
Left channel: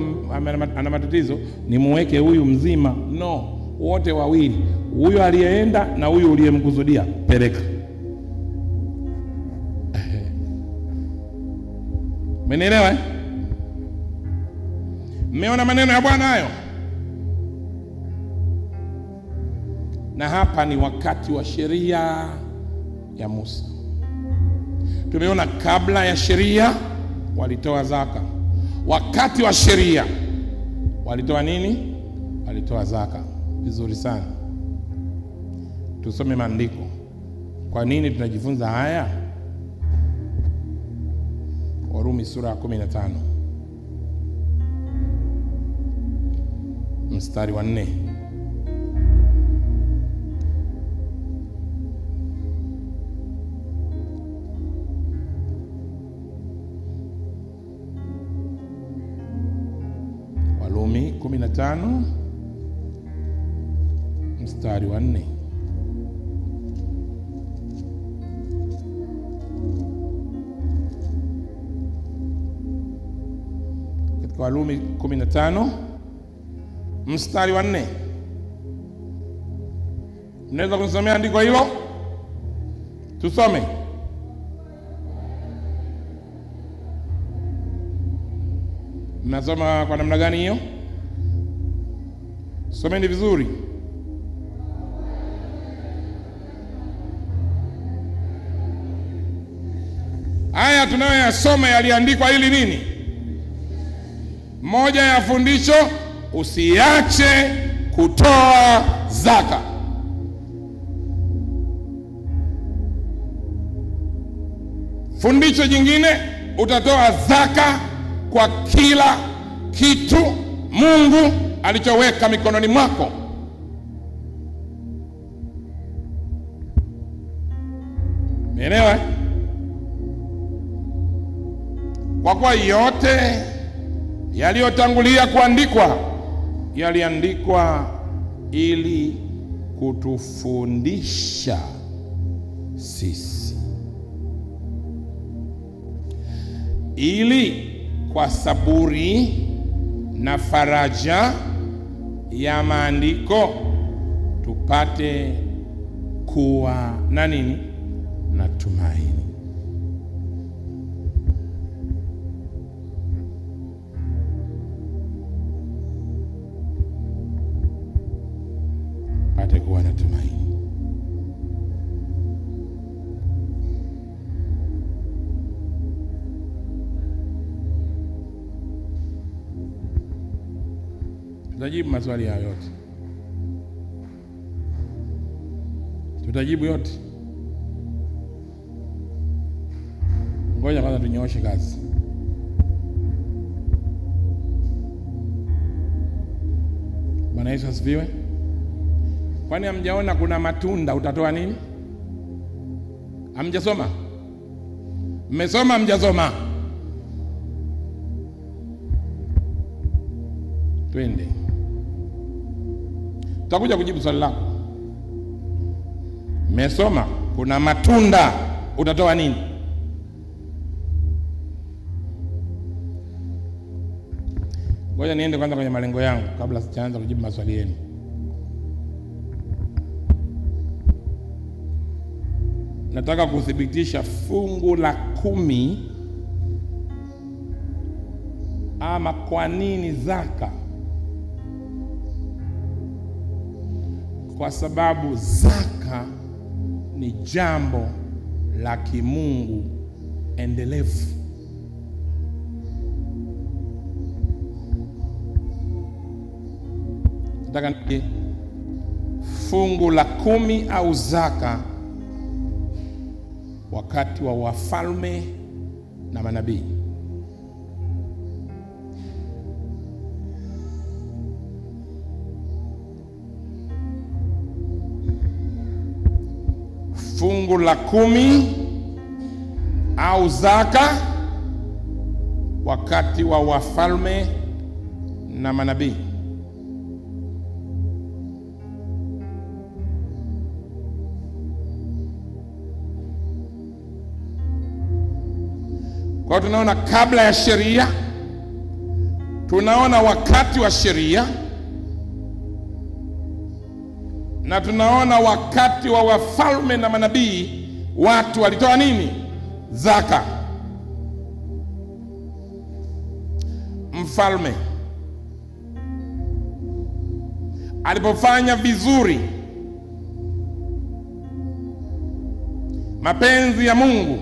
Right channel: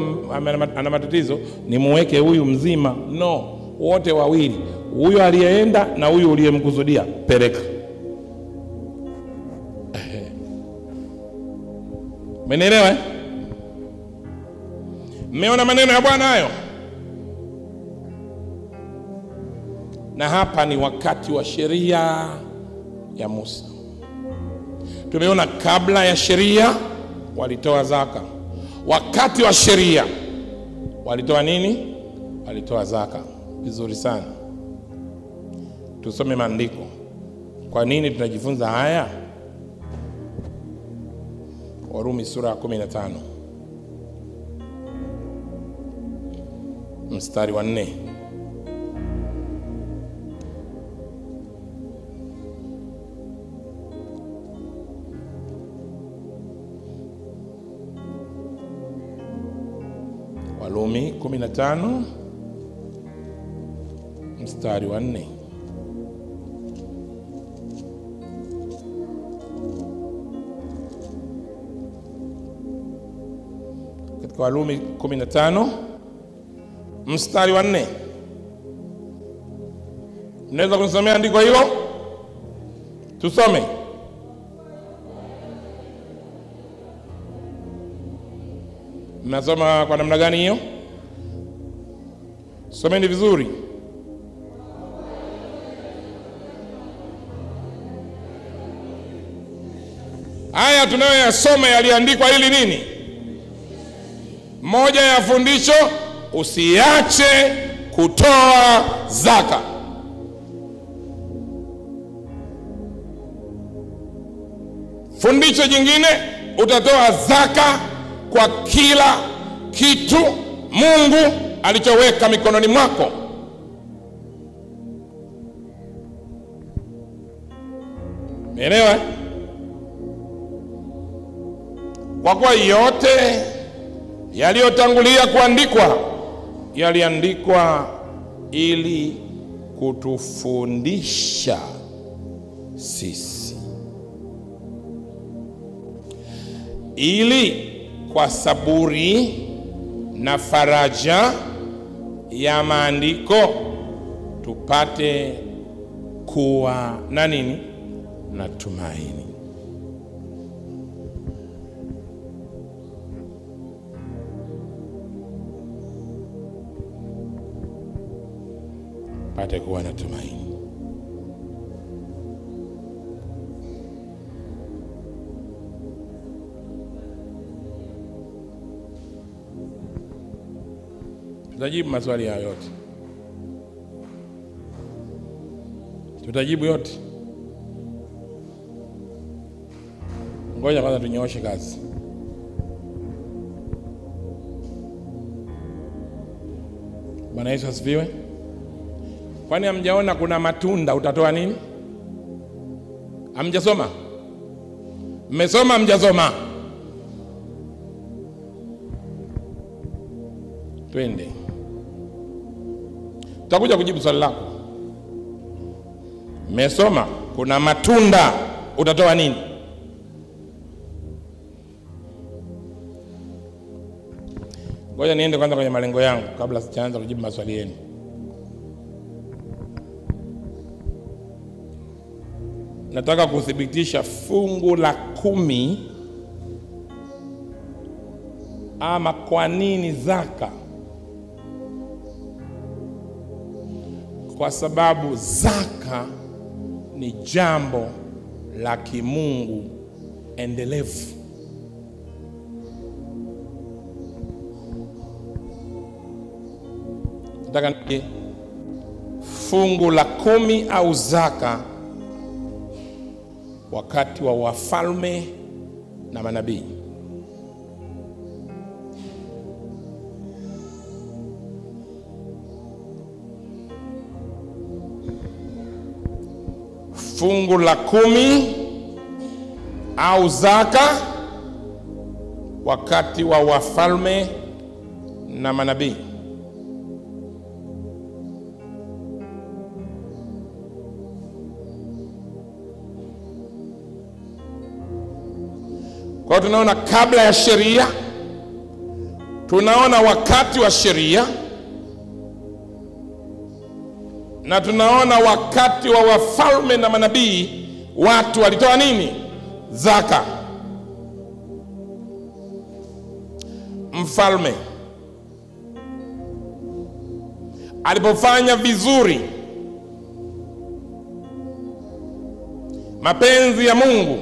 ana matatizo nimuweke huyu mzima. No, wote wawili, huyo aliyeenda na huyu uliyemkusudia, peleka. Mmenielewa? Mmeona maneno ya Bwana hayo? Na hapa ni wakati wa sheria ya Musa. Tumeona kabla ya sheria walitoa zaka. Wakati wa sheria walitoa nini? Walitoa zaka. Vizuri sana. Tusome maandiko. Kwa nini tunajifunza haya? Warumi sura ya 15 mstari wa 4. Warumi 15 mstari wa 4. Katika Warumi 15 mstari wa 4. Unaweza kunisomea andiko hilo? Tusome. Mnasoma kwa namna gani hiyo? Someni vizuri. Haya tunayoyasoma yaliandikwa ili nini? Moja ya fundisho, usiache kutoa zaka. Fundisho jingine, utatoa zaka kwa kila kitu Mungu alichoweka mikononi mwako. Umeelewa? Kwa kuwa yote yaliyotangulia kuandikwa yaliandikwa ili kutufundisha sisi, ili kwa saburi na faraja ya maandiko tupate kuwa na nini? Na tumaini. Pate kuwa na tumaini. Tutajibu maswali hayo yote. Tutajibu yote. Ngoja kwanza tunyooshe kazi. Bwana Yesu asifiwe. Kwani hamjaona kuna matunda utatoa nini? Hamjasoma? Mmesoma hamjasoma? Twende. Tutakuja kujibu swali lako. Mmesoma kuna matunda utatoa nini? Ngoja niende kwanza kwenye malengo yangu kabla sijaanza kujibu maswali yenu. nataka kuthibitisha fungu la 10 ama kwa nini zaka. Kwa sababu zaka ni jambo la kimungu endelevu. Nataka fungu la 10 au zaka wakati wa wafalme na manabii. Fungu la 10 au zaka wakati wa wafalme na manabii. Kwa hiyo tunaona kabla ya sheria, tunaona wakati wa sheria, na tunaona wakati wa wafalme na manabii watu walitoa nini? Zaka. Mfalme alipofanya vizuri mapenzi ya Mungu,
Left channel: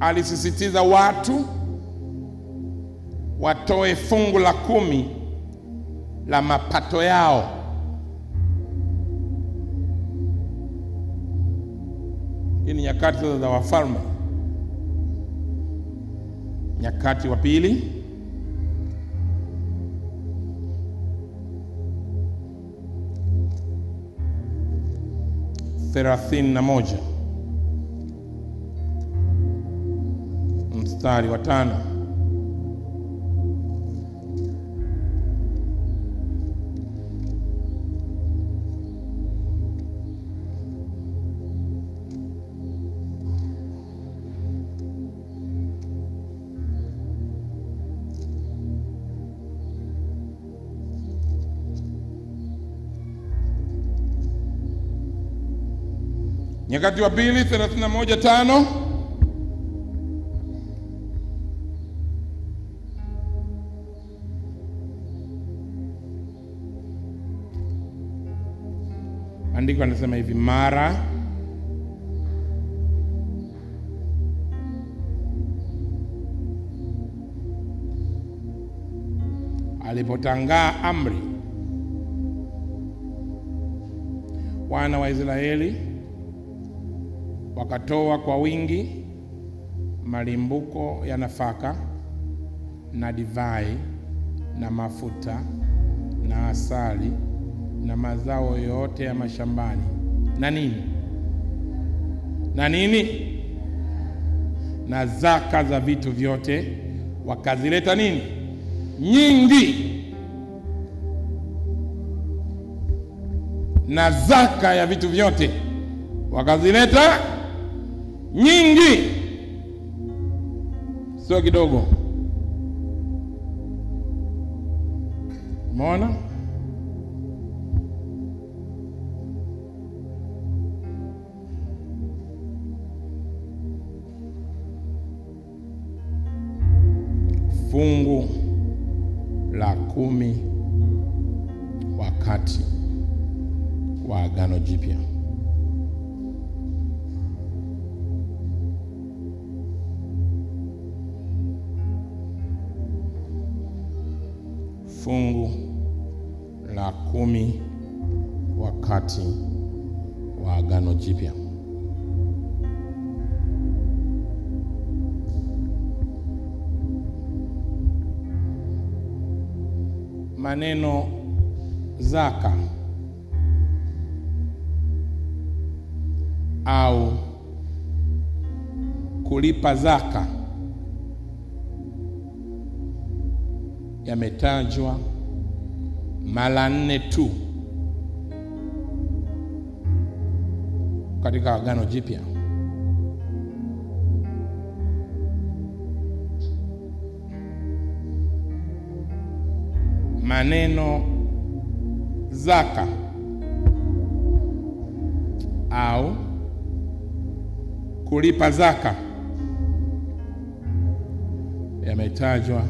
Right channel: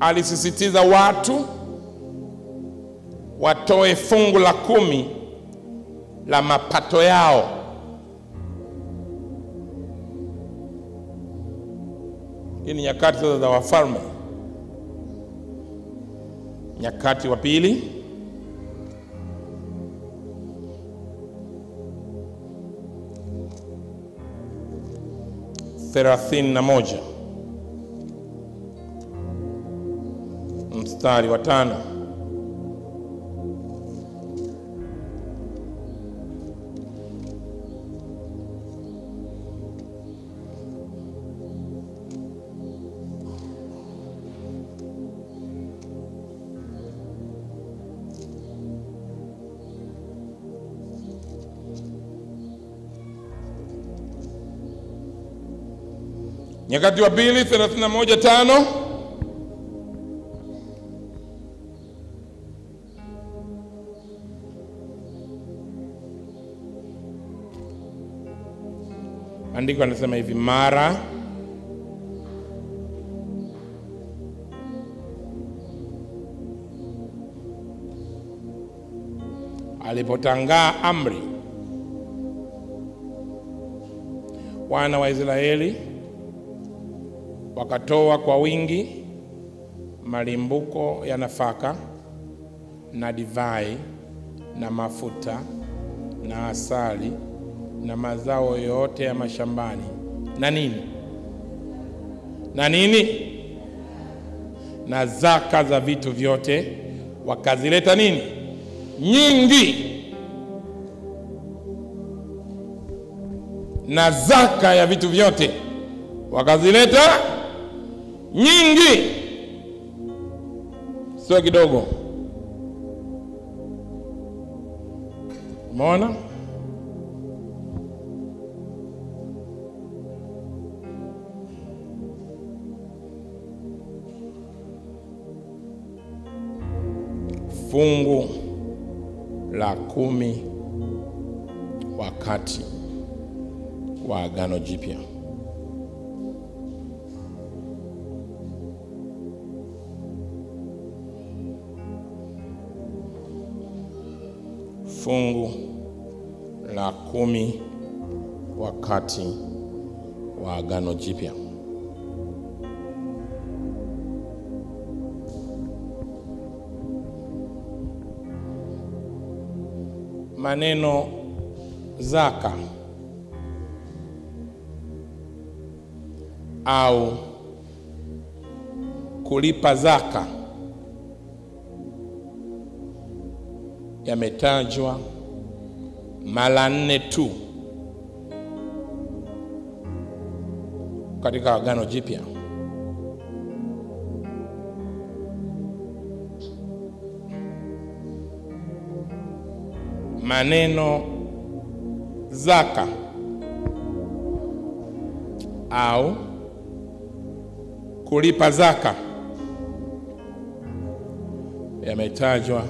alisisitiza watu watoe fungu la 10 la mapato yao. Hii ni nyakati za wafalme. Nyakati wa pili, (31) mstari wa 5. Nyakati wa pili 31:5. Andiko anasema hivi: mara alipotangaa amri, wana wa Israeli wakatoa kwa wingi malimbuko ya nafaka na divai na mafuta na asali na mazao yote ya mashambani na nini na zaka za vitu vyote, wakazileta nini? Nyingi. Na zaka ya vitu vyote wakazileta nyingi, sio kidogo. Umeona? Fungu la 10 wakati wa Agano Jipya. Fungu la 10 wakati wa Agano Jipya. Maneno zaka au kulipa zaka yametajwa mara 4 tu katika Agano Jipya. Maneno zaka au kulipa zaka yametajwa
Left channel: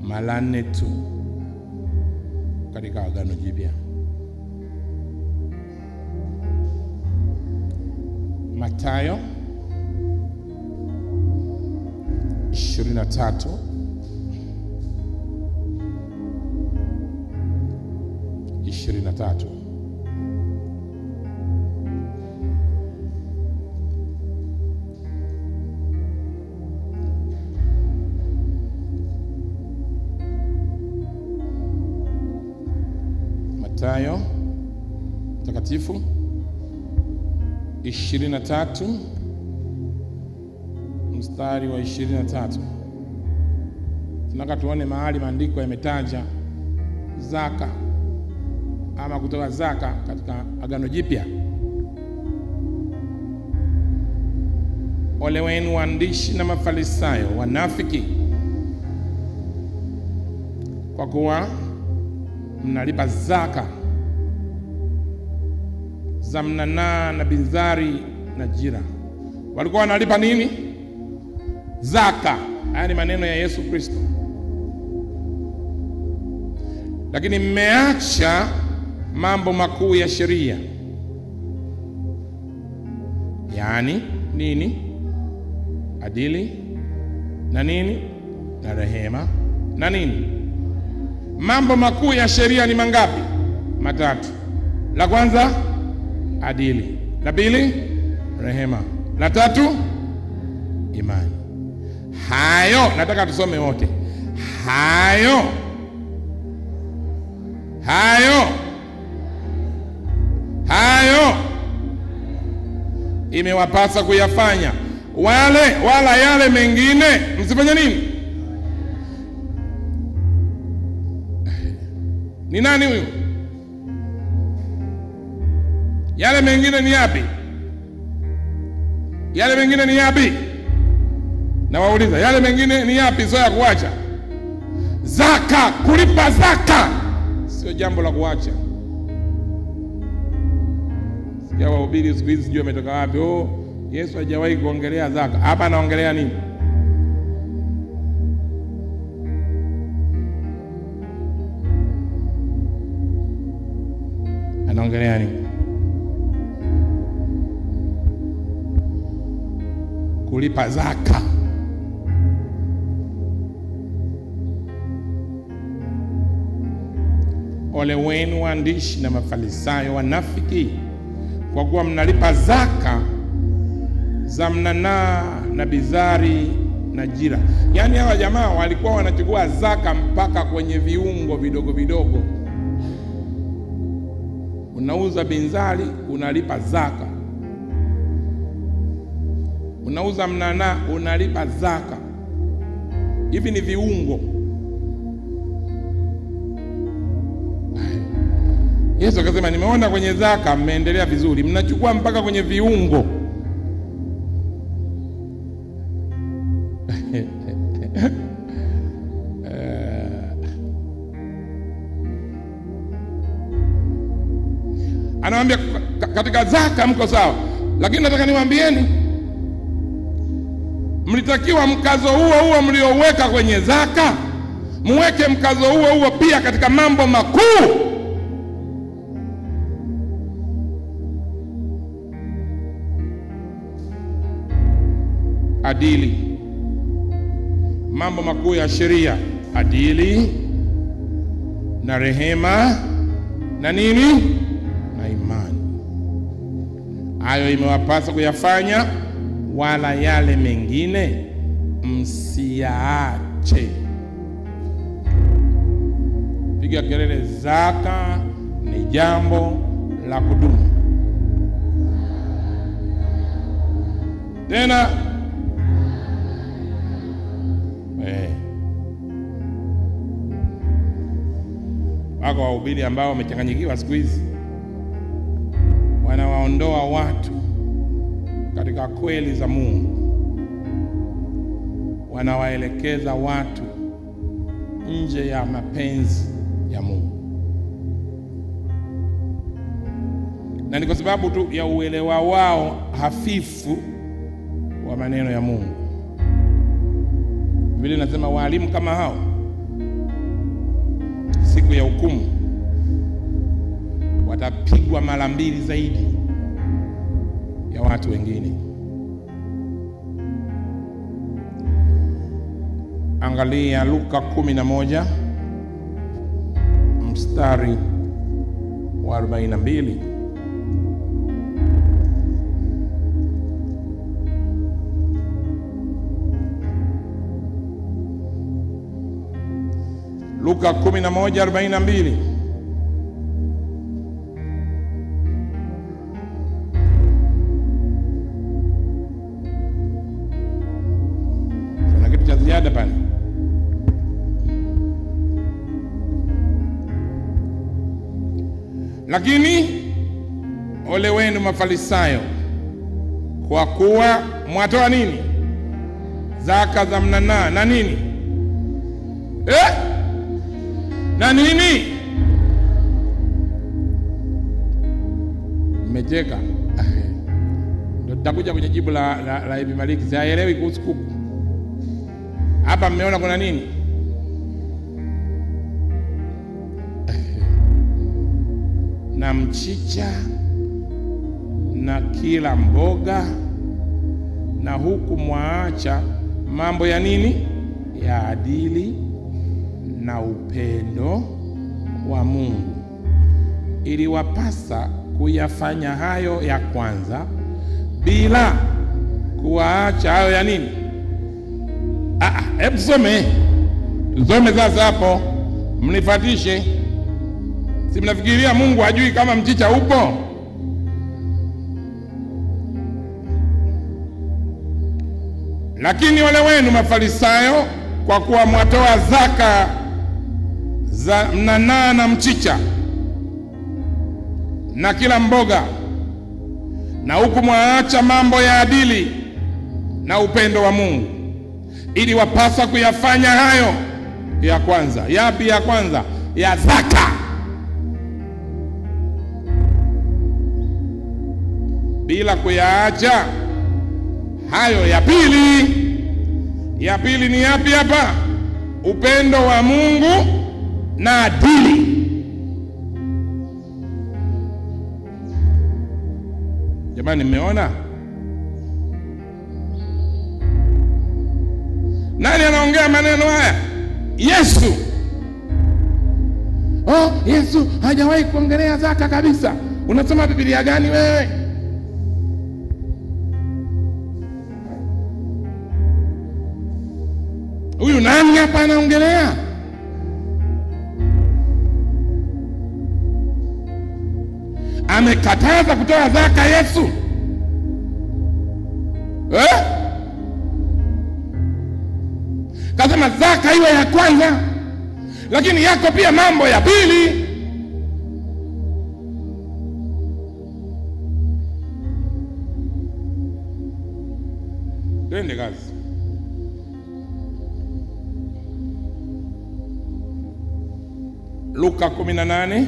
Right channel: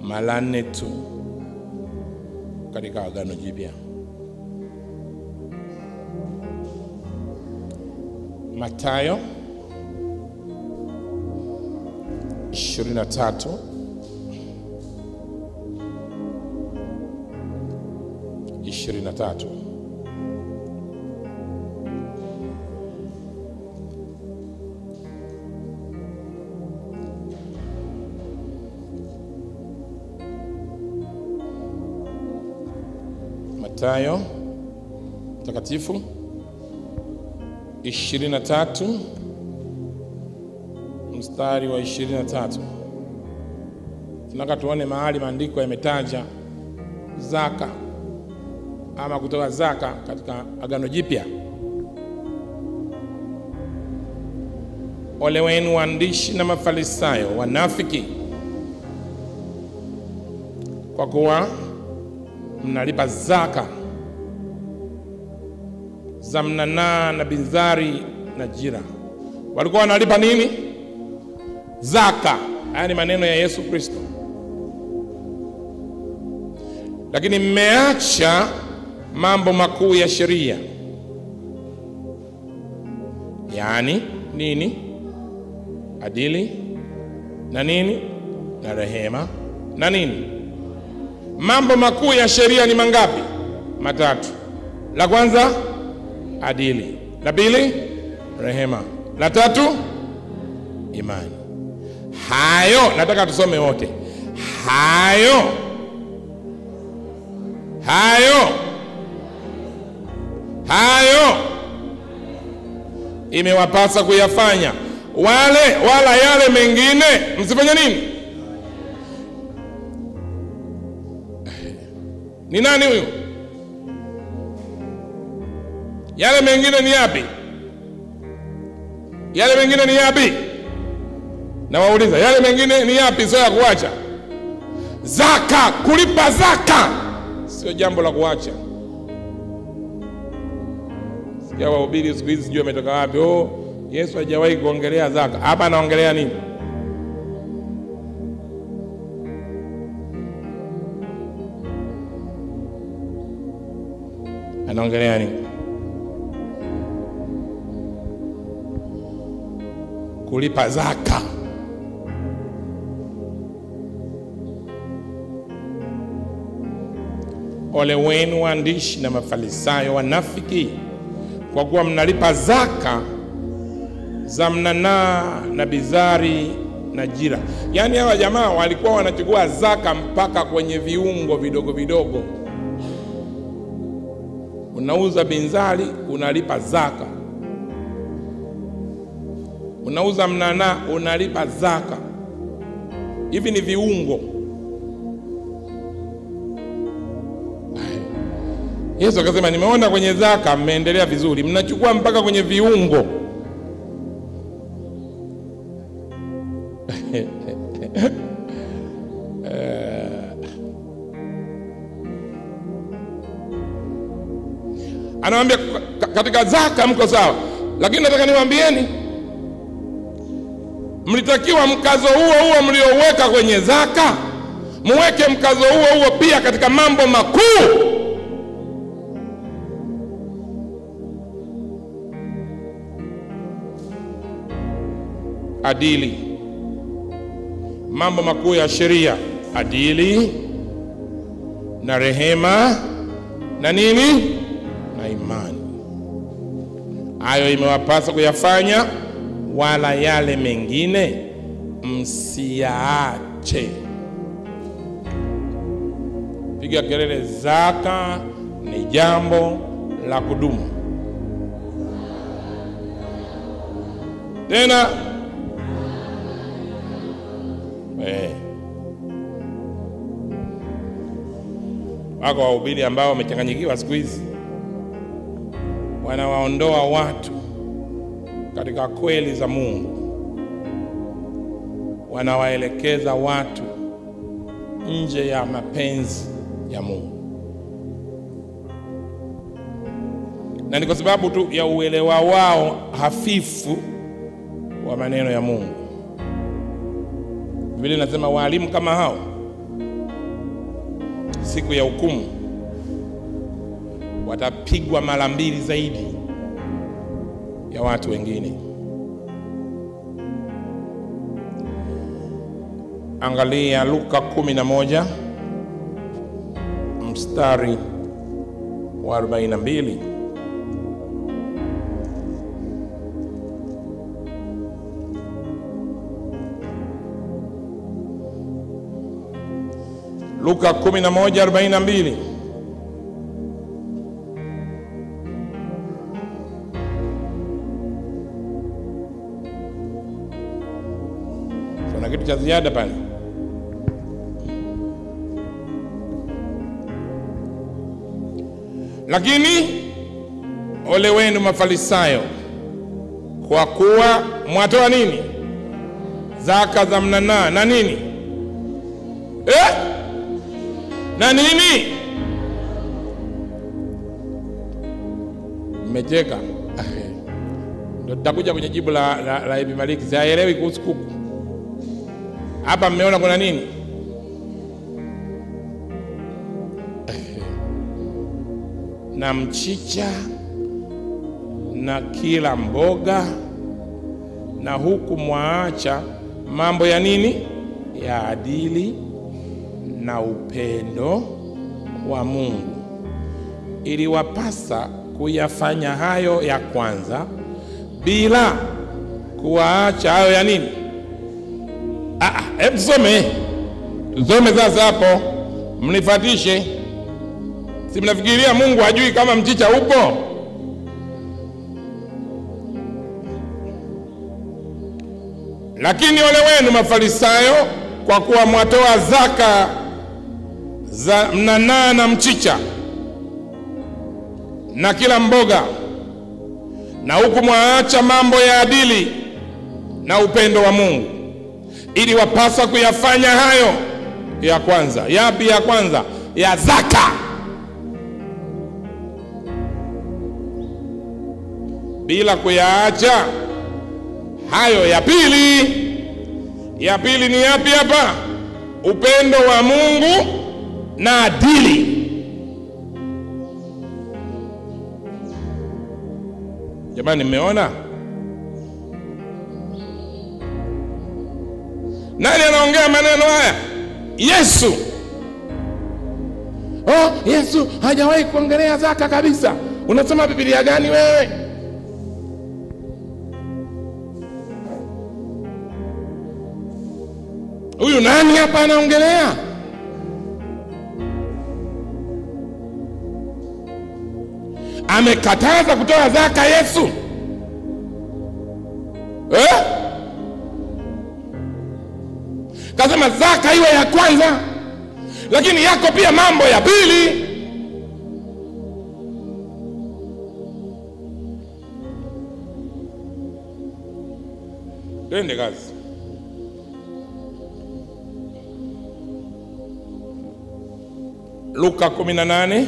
mara 4 tu katika Agano Jipya. Mathayo 23 23. Mathayo Mtakatifu 23 mstari wa 23. Tunataka tuone mahali maandiko yametaja zaka ama kutoa zaka katika Agano Jipya. Ole wenu waandishi na Mafarisayo wanafiki, kwa kuwa mnalipa zaka za mnanaa na binzari na jira. Walikuwa wanalipa nini? Zaka. Haya ni maneno ya Yesu Kristo. Lakini mmeacha mambo makuu ya sheria. Yaani nini? Adili na nini? Na rehema na nini? Mambo makuu ya sheria ni mangapi? 3. La kwanza adili, la pili rehema, la 3 imani. Hayo nataka tusome wote. Hayo imewapasa kuyafanya, wala yale mengine msifanye nini? Ni nani huyu? Yale mengine ni yapi? Yale mengine ni yapi? Na wauliza, yale mengine ni yapi? Sio ya kuacha. Zaka, kulipa zaka sio jambo la kuacha. Sikia wahubiri siku hizi sijui ametoka wapi. Yesu hajawahi kuongelea zaka. Hapa anaongelea nini? Anaongelea nini? Kulipa zaka. Ole wenu waandishi na Mafarisayo wanafiki, kwa kuwa mnalipa zaka za mnanaa na bizari na jira. Yaani hawa jamaa walikuwa wanachukua zaka mpaka kwenye viungo vidogo vidogo. Unauza binzari unalipa zaka, unauza mnanaa unalipa zaka. Hivi ni viungo. Yesu akasema, nimeona kwenye zaka mmeendelea vizuri, mnachukua mpaka kwenye viungo. Anawaambia katika zaka mko sawa, lakini nataka niwaambieni, mlitakiwa mkazo huo mlioweka kwenye zaka, muweke mkazo huo pia katika mambo makuu. Adili, mambo makuu ya sheria, adili na rehema na nini? Na imani. Hayo imewapasa kuyafanya, wala yale mengine msiyaache. Piga kelele, zaka ni jambo la kudumu. Tena wako wahubiri ambao wamechanganyikiwa siku hizi, wanawaondoa watu katika kweli za Mungu, wanawaelekeza watu nje ya mapenzi ya Mungu. na ni kwa sababu tu ya uelewa wao hafifu wa maneno ya Mungu. Biblia inasema walimu kama hao siku ya hukumu watapigwa mara 2 zaidi ya watu wengine. Angalia Luka 11 mstari wa 42. Luka 11:42. Kuna kitu cha ziada pale. Lakini ole wenu Mafarisayo, kwa kuwa mwatoa nini? Zaka za mnanaa na nini? Na nini? Mmecheka. Ndio tutakuja kwenye jibu la Ibn Malik. Sielewi kuhusu kuku. Hapa mmeona kuna nini? Na mchicha na kila mboga, na huku mwaacha mambo ya nini? Ya adili na upendo wa Mungu. Ili wapasa kuyafanya hayo ya kwanza bila kuwaacha hayo ya nini? Hebu tusome sasa hapo, mnifuatishe. Si mnafikiria Mungu hajui kama mchicha upo? Lakini ole wenu Mafarisayo, kwa kuwa mwatoa zaka za mnanaa na mchicha na kila mboga, na huku mwaacha mambo ya adili na upendo wa Mungu. Ili wapasa kuyafanya hayo ya kwanza. Yapi ya kwanza? Ya zaka. Bila kuyaacha hayo ya pili. Ya pili ni yapi hapa? Upendo wa Mungu na adili. Jamani, mmeona? Nani anaongea maneno haya? Yesu. Yesu hajawahi kuongelea zaka kabisa. Unasoma Biblia gani wewe? Huyu nani hapa anaongelea? Amekataza kutoa zaka Yesu? Kasema zaka iwe ya kwanza, lakini yako pia mambo ya pili. Twende kazi. Luka 18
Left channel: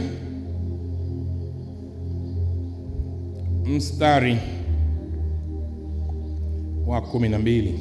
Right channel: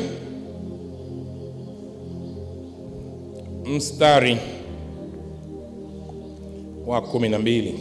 mstari wa 12.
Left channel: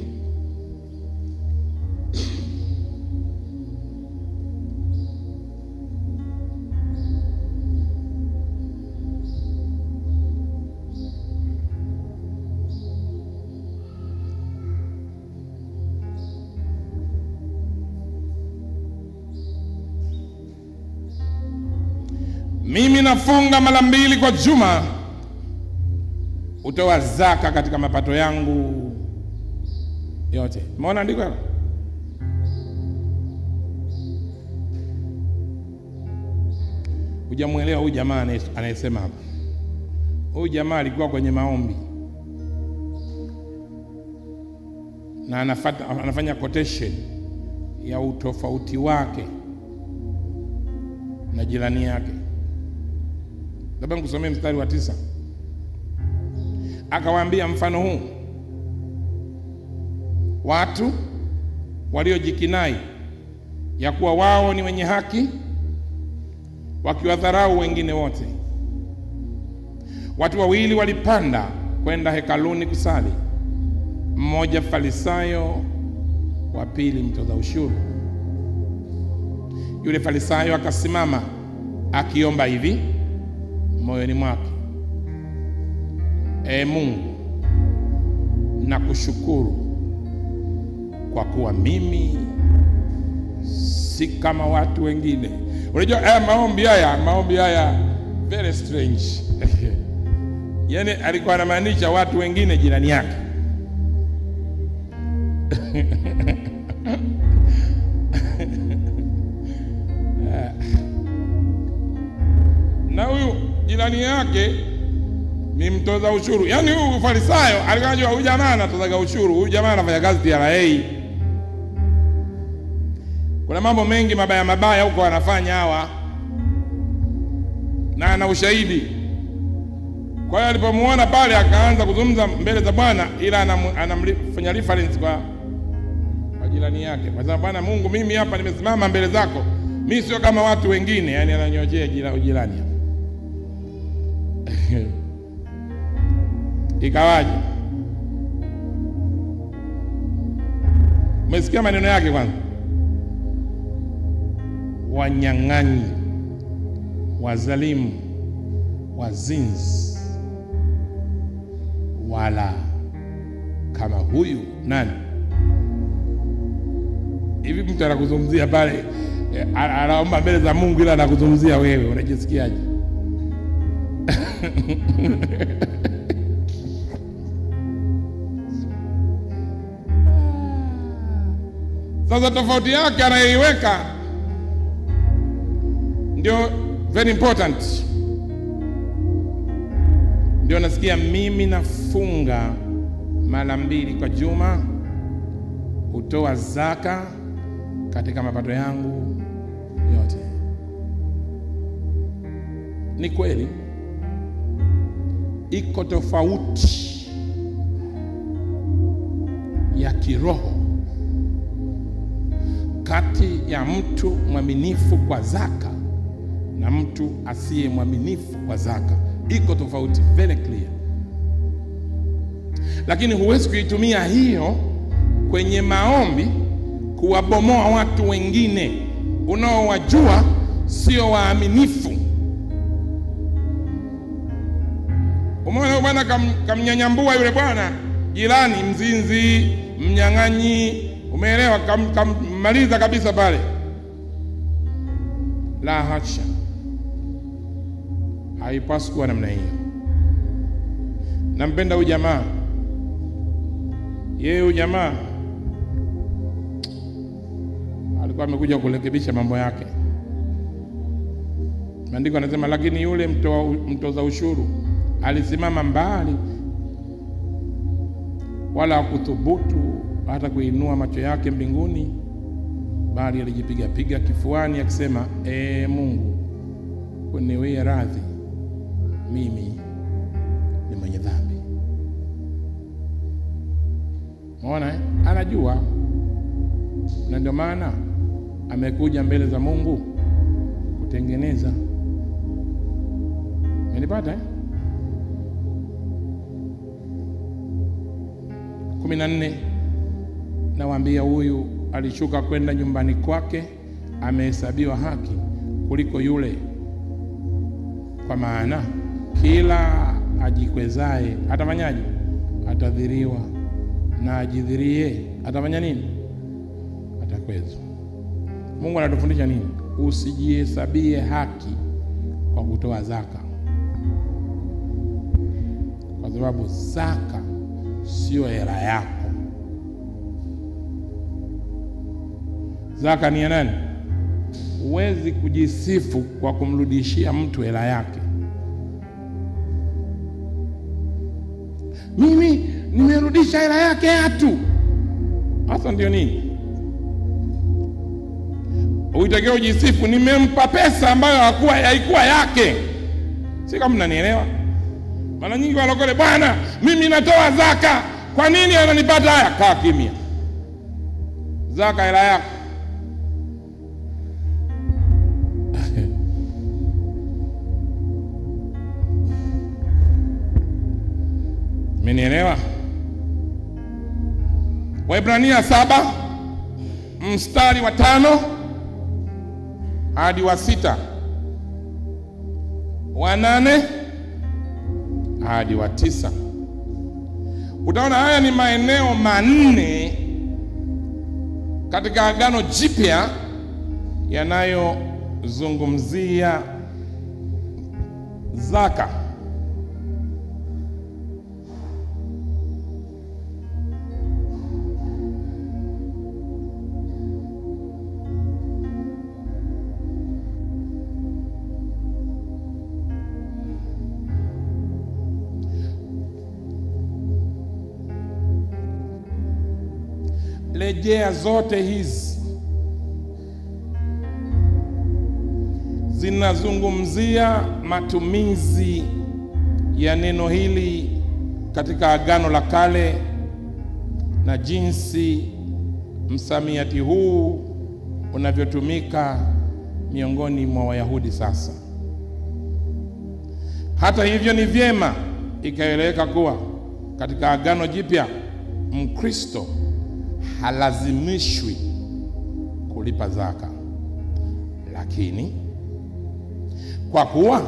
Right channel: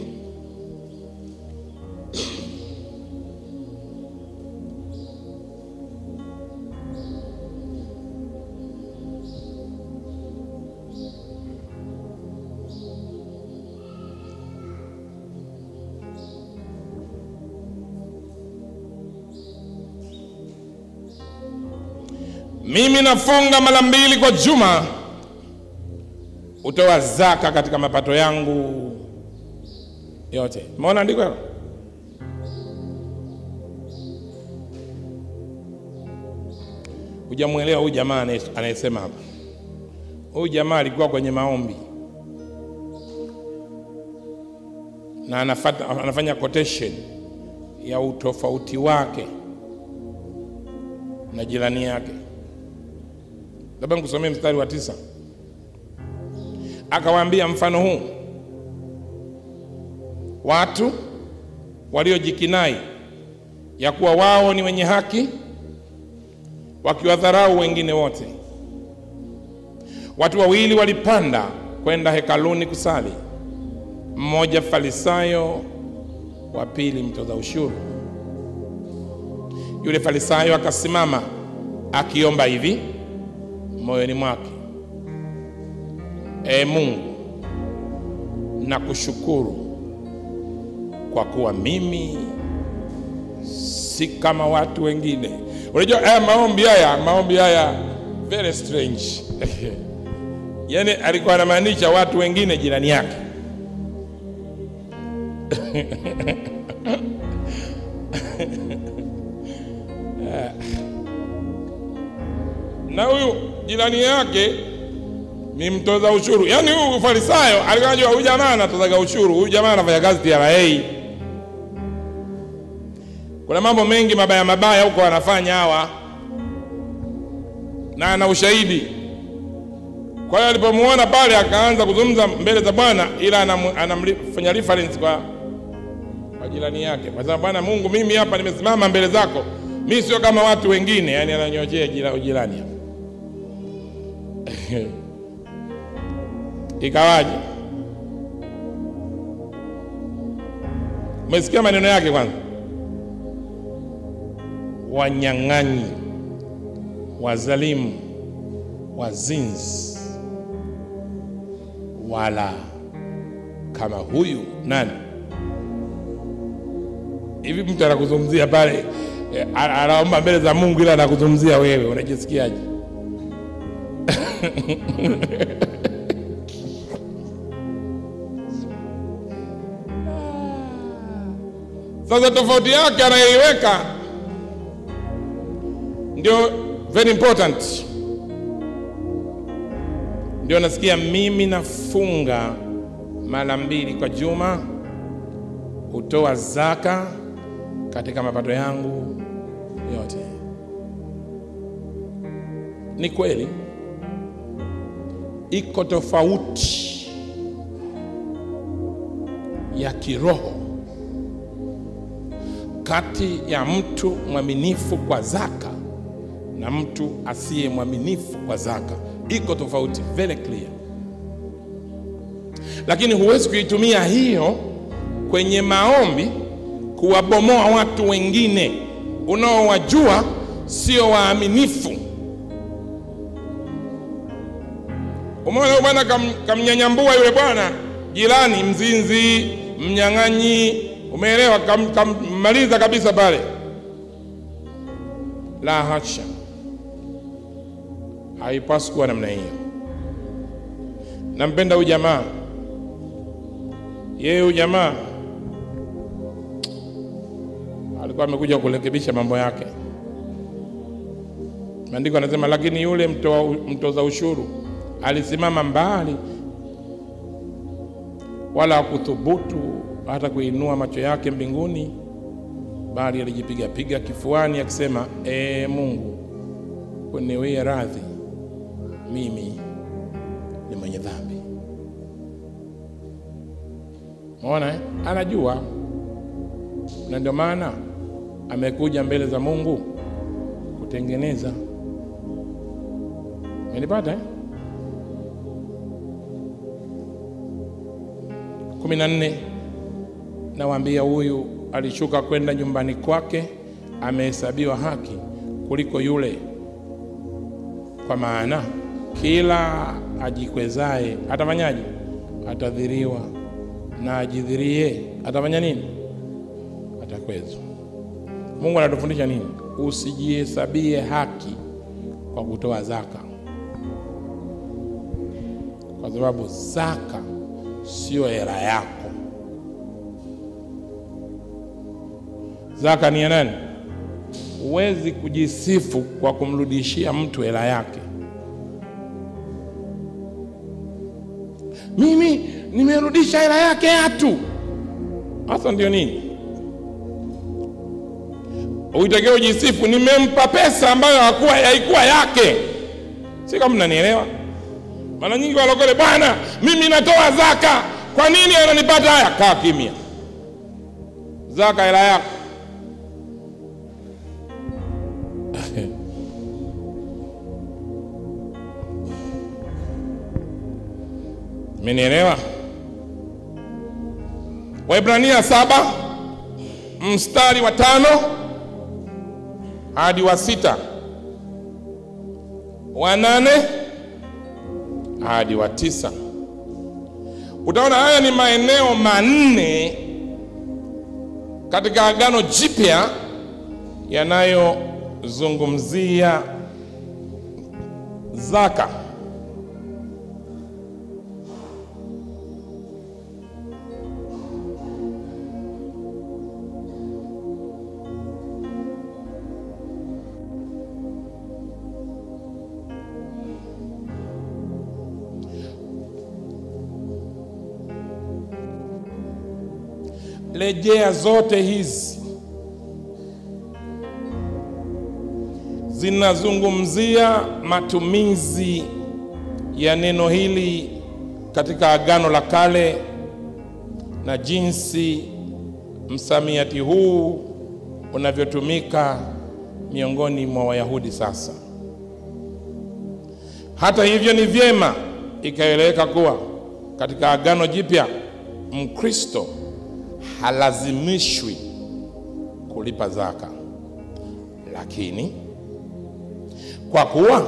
Mimi nafunga mara 2 kwa juma, utoa zaka katika mapato yangu yote. Umeona andiko hilo? Hujamuelewa huyu jamaa anayesema hapa. Huyu jamaa alikuwa kwenye maombi na anafanya quotation ya utofauti wake na jirani yake. Labda nikusomee mstari wa 9. Akawaambia mfano huu: watu waliojikinai ya kuwa wao ni wenye haki, wakiwadharau wengine wote. Watu wawili walipanda kwenda hekaluni kusali, mmoja farisayo, wa pili mtoza ushuru. Yule farisayo akasimama akiomba hivi moyoni mwake: Mungu, nakushukuru kwa kuwa mimi si kama watu wengine. Unajua maombi haya very strange. Yaani alikuwa anamaanisha watu wengine jirani yake. Na huyu jirani yake ni mtoza ushuru. Yaani huyu farisayo alikuwa anajua huyu jamaa anatoza ushuru, huyu jamaa anafanya kazi TRA. Kuna mambo mengi mabaya huko wanafanya hawa, na ana ushahidi. Kwa hiyo alipomuona pale akaanza kuzungumza mbele za Bwana, ila anamfanya reference kwa jirani yake. Kwa sababu Bwana Mungu, mimi hapa nimesimama mbele zako, mimi sio kama watu wengine. Yani ananyoshea jirani. Ikawaje? Umesikia maneno yake kwanza? Wanyang'anyi, wazalimu, wazinzi, wala kama huyu nani? Hivi mtu anakuzungumzia pale, anaomba mbele za Mungu, ila anakuzungumzia wewe, unajisikiaje? Sasa tofauti yake anayoiweka ndio very important. Ndio nasikia mimi nafunga mara 2 kwa juma, hutoa zaka katika mapato yangu yote. Ni kweli iko tofauti ya kiroho kati ya mtu mwaminifu kwa zaka na mtu asiye mwaminifu kwa zaka. Iko tofauti, very clear. Lakini huwezi kuitumia hiyo kwenye maombi kuwabomoa watu wengine unaowajua sio waaminifu. Umeona bwana kamnyanyambua yule bwana jirani, mzinzi, mnyang'anyi, umeelewa? Kammaliza kabisa pale. La hasha, haipaswi kuwa namna hiyo. Nampenda huyu jamaa. Yeye huyu jamaa alikuwa amekuja kurekebisha mambo yake. Maandiko yanasema, lakini yule mtoza ushuru alisimama mbali, wala hakuthubutu hata kuinua macho yake mbinguni, bali alijipiga kifuani akisema, Mungu, uniwie radhi, mimi ni mwenye dhambi. Unaona anajua, na ndio maana amekuja mbele za Mungu kutengeneza. Umenipata 14, nawaambia huyu alishuka kwenda nyumbani kwake amehesabiwa haki kuliko yule, kwa maana kila ajikwezae atafanyaje? Atadhiriwa, na ajidhirie atafanya nini? Atakwezwa. Mungu anatufundisha nini? Usijihesabie haki kwa kutoa zaka, kwa sababu zaka sio hela yako. Zaka ni ya nani? Huwezi kujisifu kwa kumrudishia mtu hela yake. Mimi nimerudisha hela yake hatu. Hasa ndio nini? Uitakao ujisifu, nimempa pesa ambayo haikuwa yake. Si kama mnanielewa? Maana nyingi walokole, bwana mimi natoa zaka, kwa nini ananipata haya? Kaa kimya. Zaka hela yako. Mmenielewa? Waebrania 7 mstari wa 5 hadi wa 6, wa 8 hadi wa 9. Utaona haya ni maeneo manne katika Agano Jipya yanayozungumzia zaka. Rejea zote hizi zinazungumzia matumizi ya neno hili katika Agano la Kale na jinsi msamiati huu unavyotumika miongoni mwa Wayahudi sasa. Hata hivyo, ni vyema ikaeleweka kuwa katika Agano Jipya Mkristo halazimishwi kulipa zaka, lakini kwa kuwa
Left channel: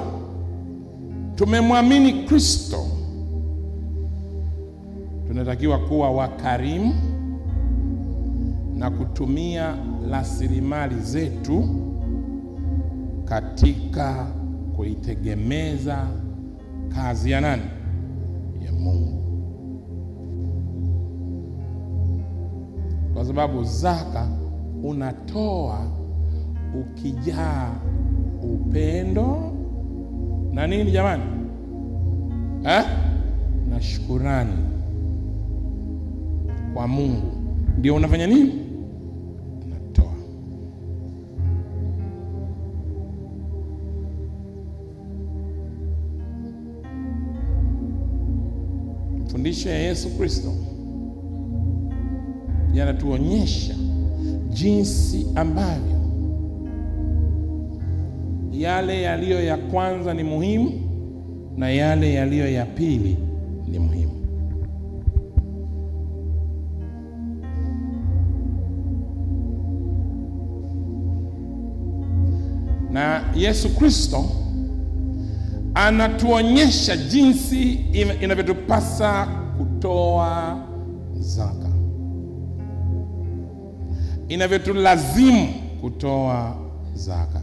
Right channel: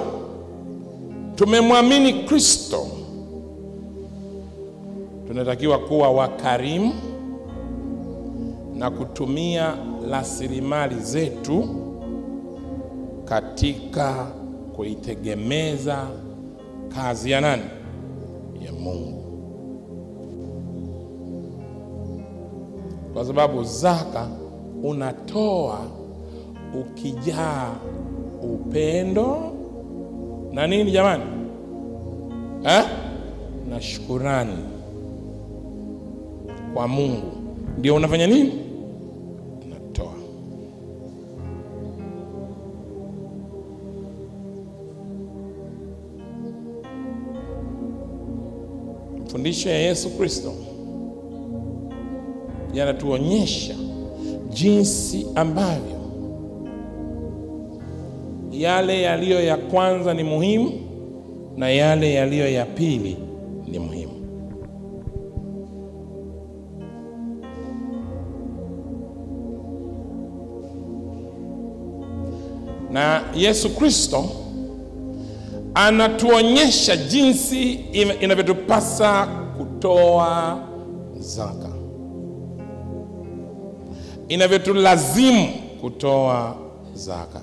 tumemwamini Kristo, tunatakiwa kuwa wakarimu na kutumia rasilimali zetu katika kuitegemeza kazi ya nani? Ya Mungu. Kwa sababu zaka unatoa ukijaa upendo na nini jamani? Na shukrani kwa Mungu. Ndio unafanya nini? Unatoa. Mafundisho ya Yesu Kristo yanatuonyesha jinsi ambavyo yale yaliyo ya kwanza ni muhimu na yale yaliyo ya pili ni muhimu. Na Yesu Kristo anatuonyesha jinsi inavyotupasa kutoa zaka, inavyotulazimu kutoa zaka.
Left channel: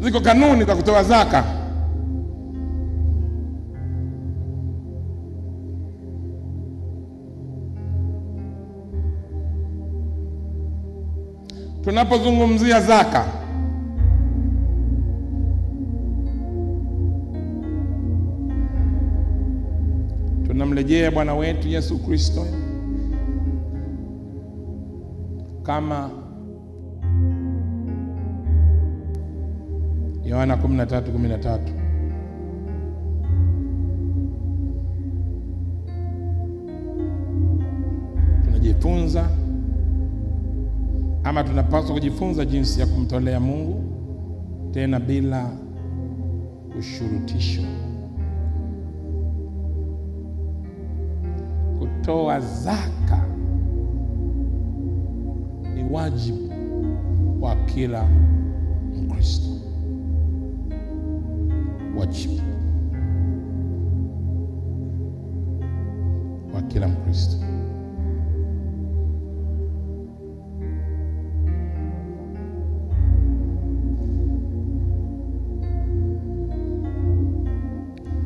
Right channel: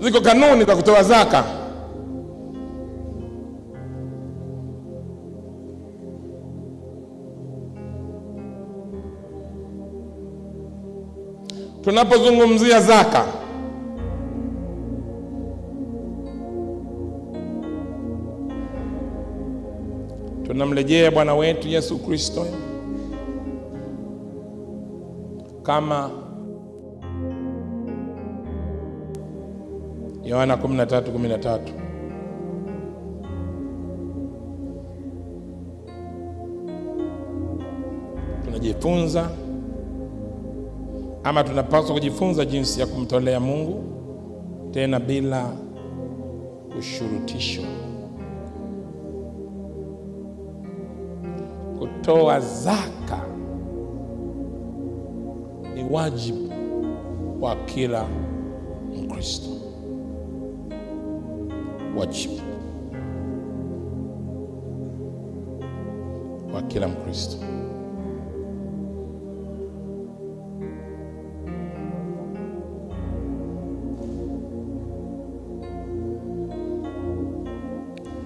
Ziko kanuni za kutoa zaka. Tunapozungumzia zaka, tunamrejea Bwana wetu Yesu Kristo kama Yohana 13:13. Tunajifunza ama tunapaswa kujifunza jinsi ya kumtolea Mungu tena bila ushurutisho. Kutoa zaka ni wajibu wa kila Mkristo. Wajibu wa kila Mkristo.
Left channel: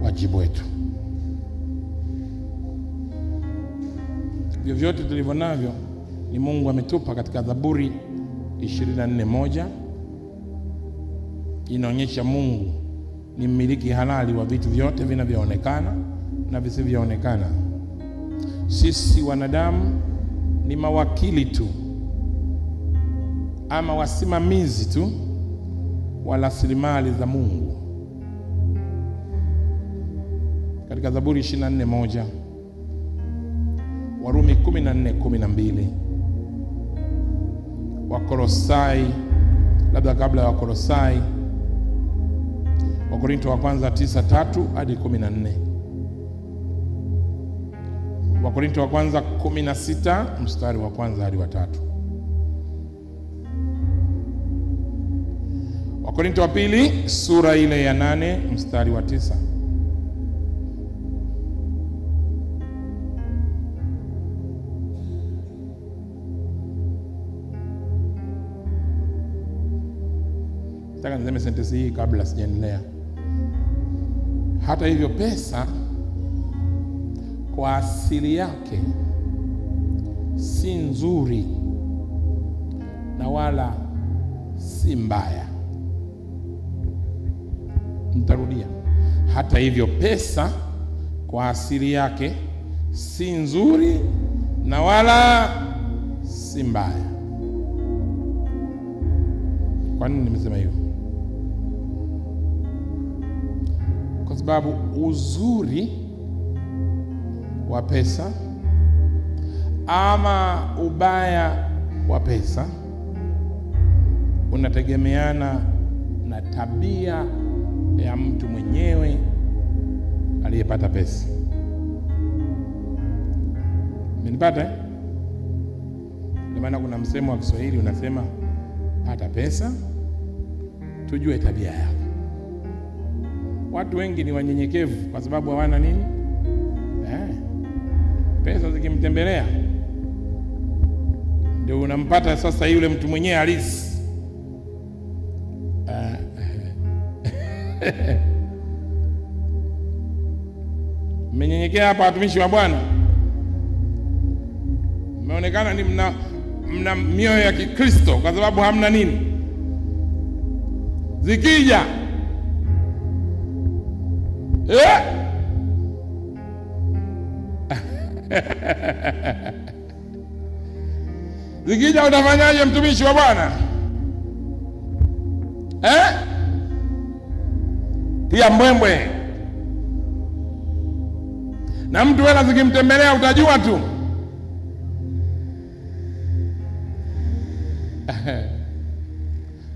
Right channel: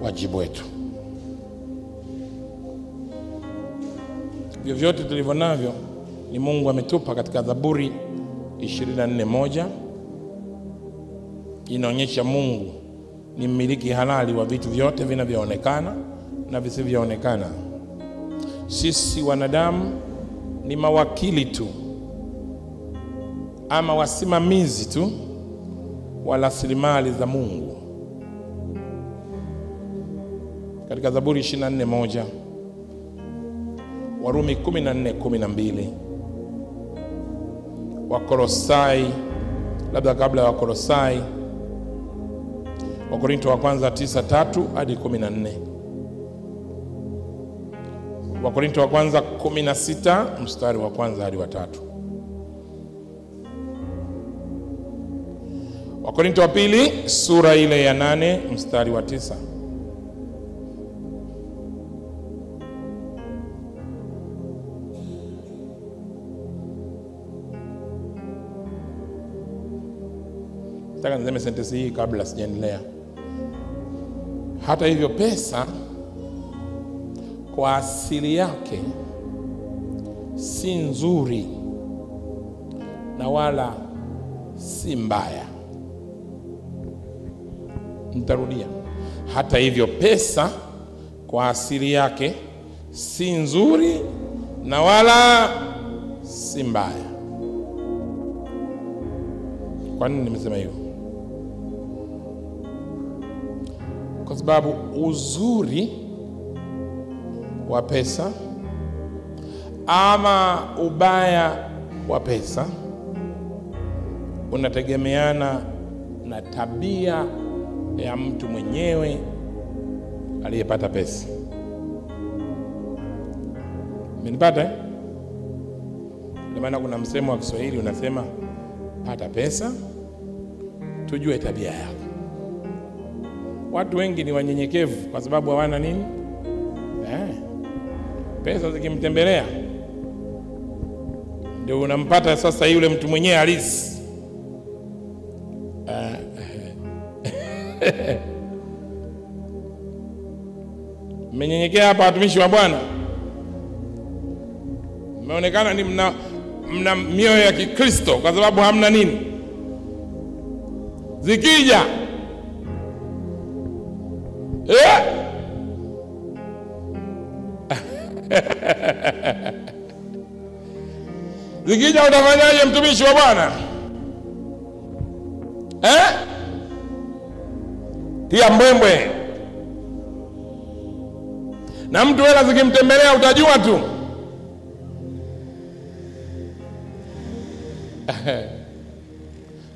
Wajibu wetu. Vyovyote tulivyo navyo ni Mungu ametupa. Katika Zaburi 24:1 inaonyesha Mungu ni mmiliki halali wa vitu vyote vinavyoonekana na visivyoonekana. Sisi wanadamu ni mawakili tu ama wasimamizi tu wa rasilimali za Mungu. Katika Zaburi 24:1, Warumi 14:12, Wakolosai labda kabla ya Wakolosai, Wakorinto wa kwanza 9:3 hadi 14. Wakorinto wa kwanza 16 mstari wa kwanza hadi wa 3. Wakorinto wa pili sura ile ya 8 mstari wa 9. Nataka niseme sentensi hii kabla sijaendelea. Hata hivyo, pesa kwa asili yake si nzuri na wala si mbaya. Nitarudia. Hata hivyo, pesa kwa asili yake si nzuri na wala si mbaya. Kwa nini nimesema hivyo? Kwa sababu uzuri wa pesa ama ubaya wa pesa unategemeana na tabia ya mtu mwenyewe aliyepata pesa. Umenipata eh? Ndio maana kuna msemo wa Kiswahili unasema, pata pesa tujue tabia yako. Watu wengi ni wanyenyekevu kwa sababu hawana nini? Pesa zikimtembelea ndio unampata sasa yule mtu mwenyewe halisi. Mmenyenyekea hapa watumishi wa Bwana? Mmeonekana ni mna mioyo ya Kikristo kwa sababu hamna nini? Zikija zikija utafanyaje mtumishi wa Bwana? Tia mbwembwe. Na mtu hela zikimtembelea utajua tu.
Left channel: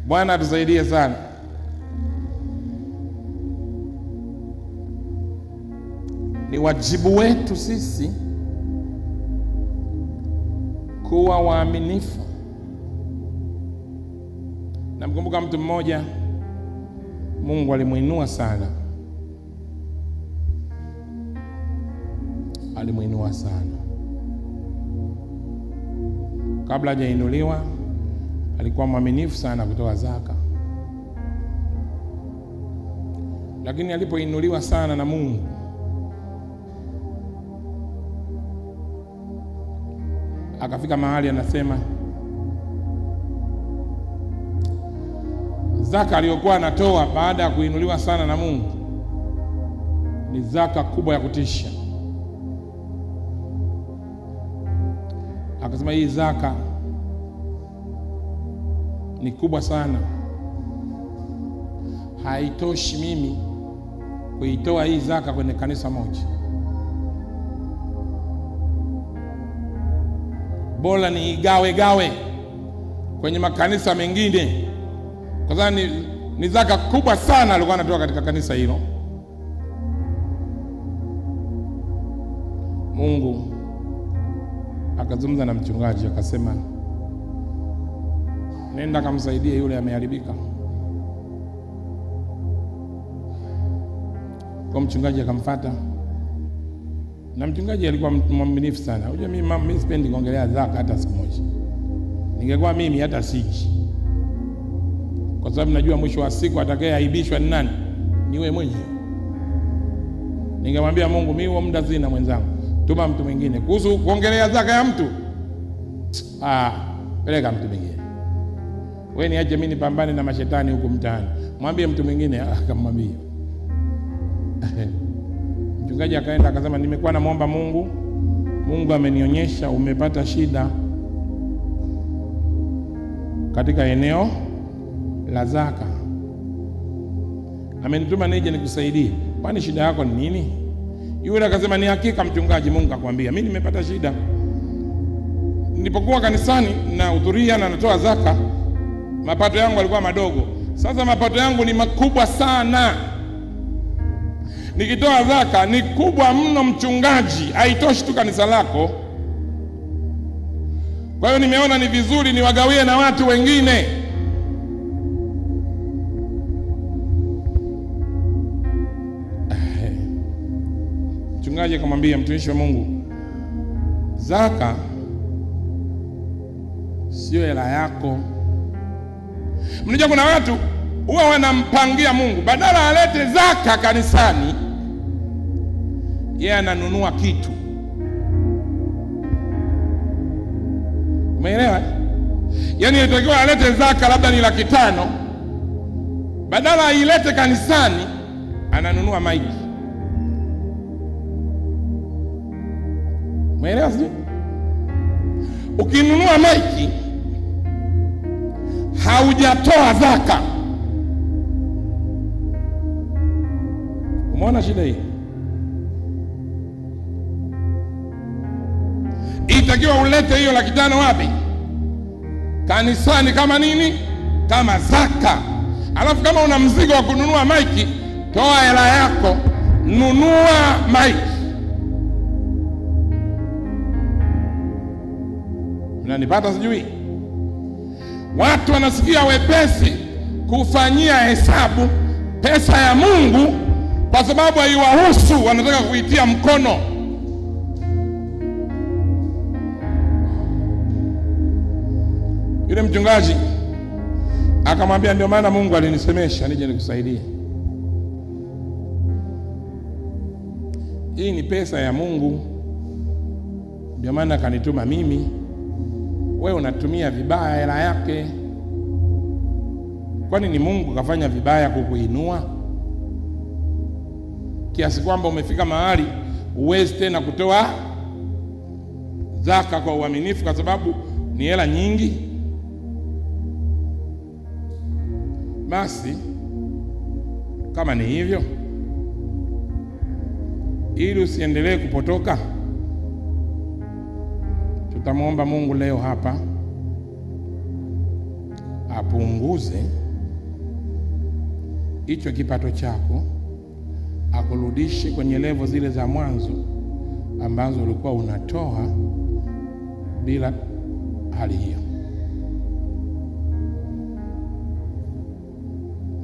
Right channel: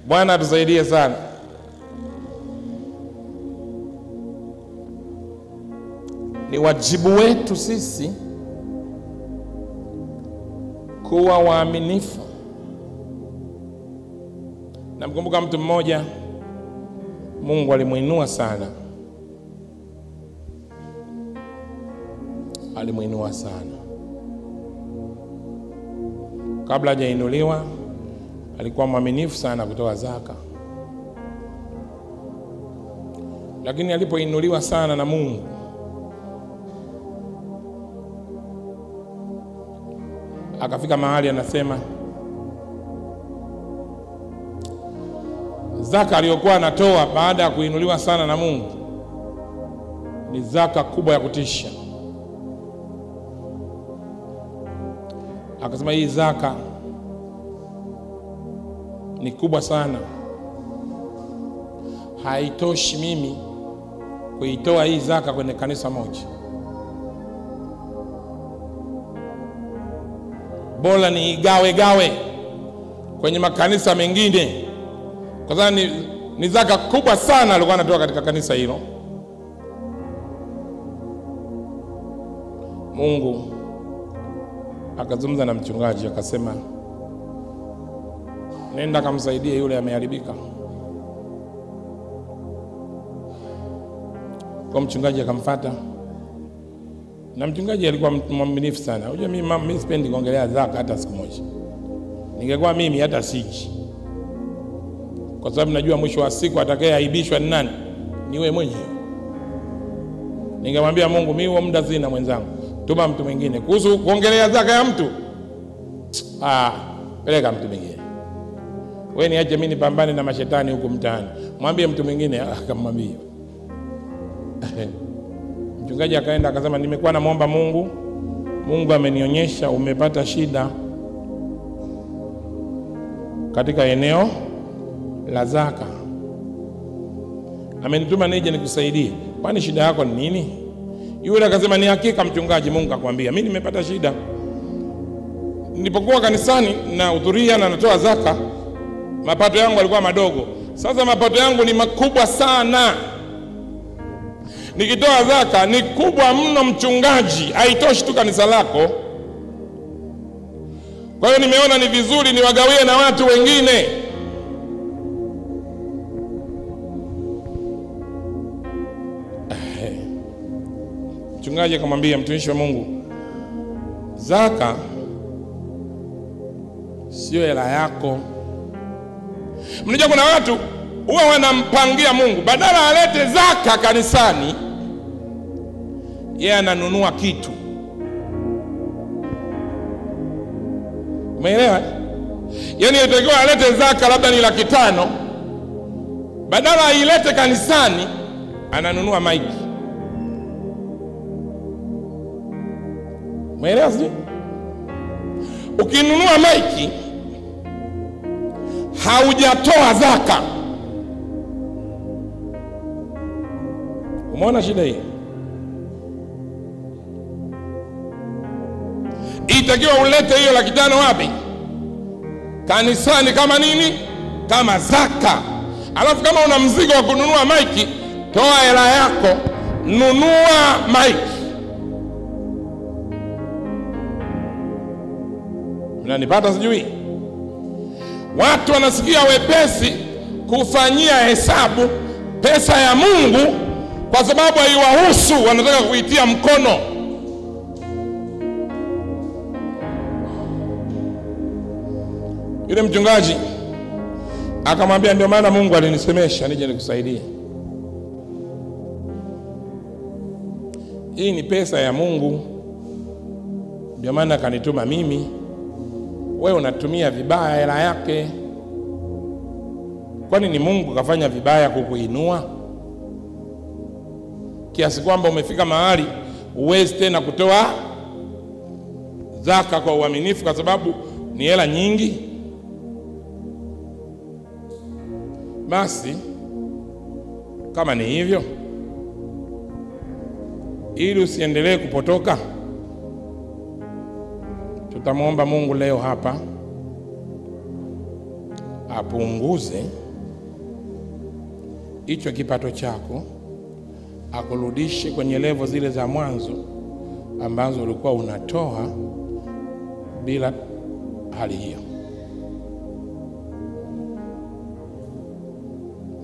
Bwana tusaidie sana. Ni wajibu wetu sisi kuwa waaminifu. Namkumbuka mtu mmoja Mungu alimuinua sana. Alimuinua sana. Kabla hajainuliwa alikuwa mwaminifu sana kutoa zaka. Lakini alipoinuliwa sana na Mungu, akafika mahali anasema zaka aliyokuwa anatoa baada ya kuinuliwa sana na Mungu ni zaka kubwa ya kutisha. Akasema hii zaka ni kubwa sana, haitoshi mimi kuitoa hii zaka kwenye kanisa moja. Bora ni gawe kwenye makanisa mengine, kwa sababu ni zaka kubwa sana alikuwa anatoa katika kanisa hilo. Mungu akazungumza na mchungaji akasema, nenda kamsaidie yule ameharibika. Kwa mchungaji akamfuata, na mchungaji alikuwa mwaminifu sana. Unajua mimi sipendi kuongelea zaka hata siku moja. Ningekuwa mimi hata siji, kwa sababu najua mwisho wa siku atakayeaibishwa ni nani? Ni wewe mwenyewe. Ningemwambia Mungu, mimi huo muda sina mwenzangu, tuma mtu mwingine. Kuhusu kuongelea zaka ya mtu, peleka mtu mwingine. Wewe niache mimi nipambane na mashetani huko mtaani. Mwambie mtu mwingine. Akamwambia. Mchungaji akaenda akasema, nimekuwa namuomba Mungu, Mungu amenionyesha umepata shida katika eneo la zaka. Amenituma nije nikusaidie. Kwani shida yako ni nini? Yule akasema, ni hakika mchungaji, Mungu akwambia mimi nimepata shida. Nilipokuwa kanisani na hudhuria na natoa zaka, mapato yangu yalikuwa madogo. Sasa mapato yangu ni makubwa sana. Nikitoa zaka ni kubwa mno mchungaji, haitoshi tu kanisa lako. Kwa hiyo nimeona ni vizuri niwagawie na watu wengine. Mchungaji akamwambia mtumishi wa Mungu, zaka sio hela yako. Mnajua kuna watu huwa wanampangia Mungu, badala alete zaka kanisani, yeye ananunua kitu. Umeelewa? Yaani inatakiwa alete zaka labda ni 500,000, badala ailete kanisani ananunua maiki. Umeelewa sio? Ukinunua maiki haujatoa zaka. Umeona shida hii? Itakiwa ulete hiyo 500,000 wapi? Kanisani. Kama nini? Kama zaka. Alafu kama una mzigo wa kununua maiki, toa hela yako, nunua maiki. Unanipata sijui? Watu wanasikia wepesi kufanyia hesabu pesa ya Mungu kwa sababu haiwahusu, wanataka kuitia mkono. Yule mchungaji akamwambia, ndio maana Mungu alinisemesha nije nikusaidie. Hii ni pesa ya Mungu, ndio maana akanituma mimi. Wewe unatumia vibaya hela yake. Kwani ni Mungu kafanya vibaya kukuinua kiasi kwamba umefika mahali uwezi tena kutoa zaka kwa uaminifu kwa sababu ni hela nyingi? Basi kama ni hivyo, ili usiendelee kupotoka, tutamwomba Mungu leo hapa apunguze hicho kipato chako, akurudishe kwenye level zile za mwanzo ambazo ulikuwa unatoa bila hali hiyo.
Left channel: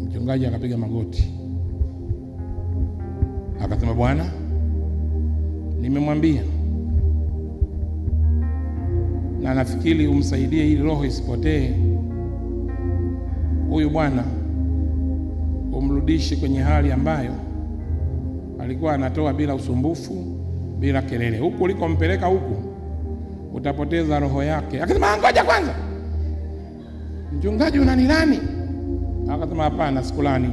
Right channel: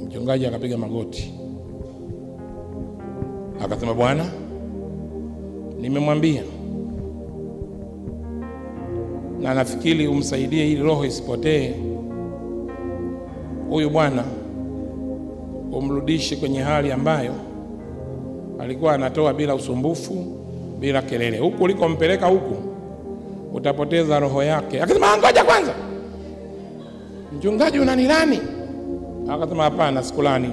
Mchungaji akapiga magoti akasema, Bwana, nimemwambia na nafikiri umsaidie ili roho isipotee. Huyu bwana umrudishe kwenye hali ambayo alikuwa anatoa bila usumbufu, bila kelele. Huku ulikompeleka huku utapoteza roho yake. Akasema, ngoja kwanza, mchungaji unanilani? Akasema, hapana, sikulani,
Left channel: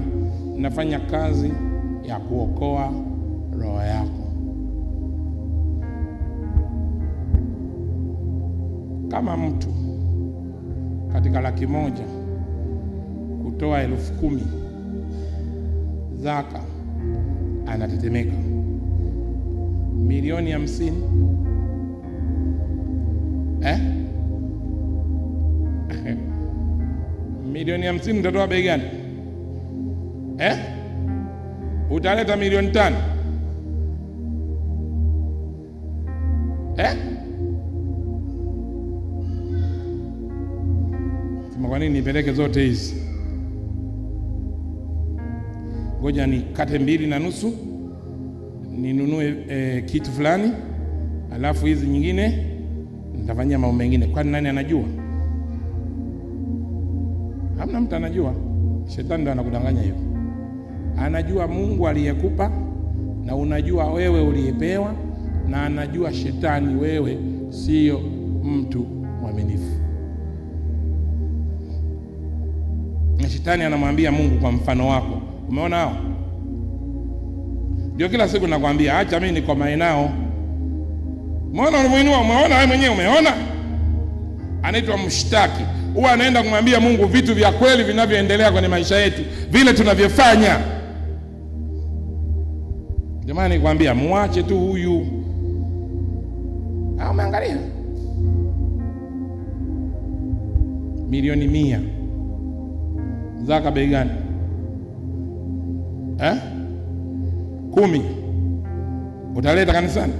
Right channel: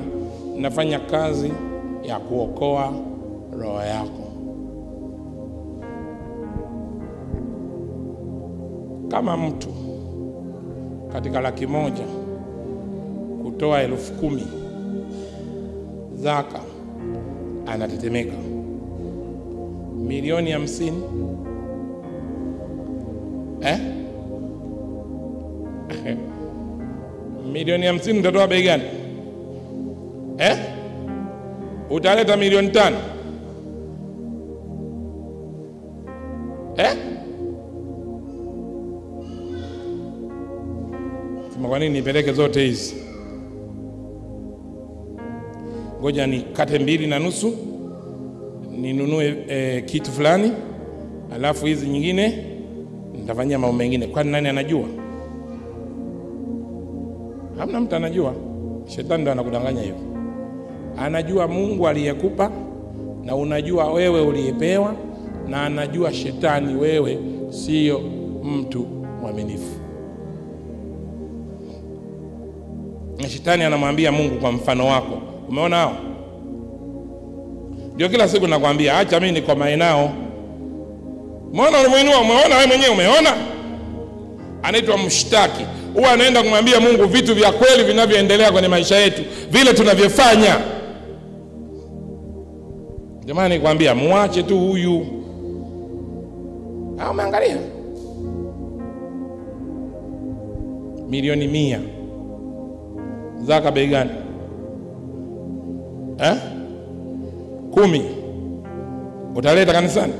nafanya kazi ya kuokoa roho yako. Kama mtu katika 100,000 kutoa 10,000 zaka anatetemeka, 1,50,000 1,50,000 utatoa bei gani? Utaleta 5,000,000? Kwa nini nipeleke zote hizi? Ngoja nikate 2.5 ninunue kitu fulani, alafu hizi nyingine nitafanyia mambo mengine. Kwani nani anajua? Hamna mtu anajua. Shetani ndo anakudanganya hivyo. Anajua Mungu aliyekupa, na unajua wewe uliyepewa, na anajua shetani wewe sio mtu mwaminifu. Na shetani anamwambia Mungu kwa mfano wako. Umeona hao? Ndio kila siku nakwambia, acha mimi nikomae nao. Umeona unamuinua? Umeona wewe mwenyewe? Umeona? Anaitwa mshtaki. Huwa anaenda kumwambia Mungu vitu vya kweli vinavyoendelea kwenye maisha yetu, vile tunavyofanya. Jamani, nikwambia muache tu huyu. Umeangalia? 1,100,000 Zaka bei gani? 10. Utaleta kanisani?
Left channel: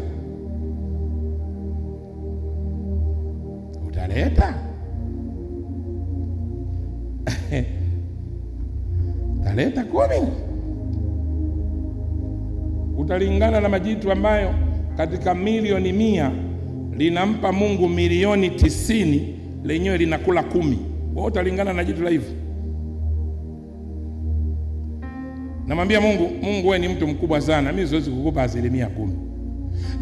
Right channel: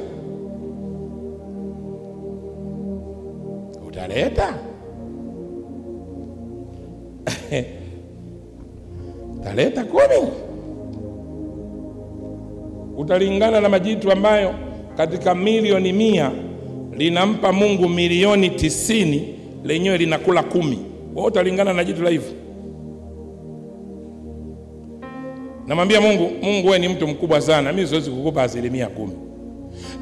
Utaleta? Utaleta 10. Utalingana na majitu ambayo katika milioni 100 linampa Mungu milioni 90, lenyewe linakula 10. Wewe utalingana na jitu la hivyo? Namwambia Mungu, wewe ni mtu mkubwa sana, mimi siwezi kukupa 10%.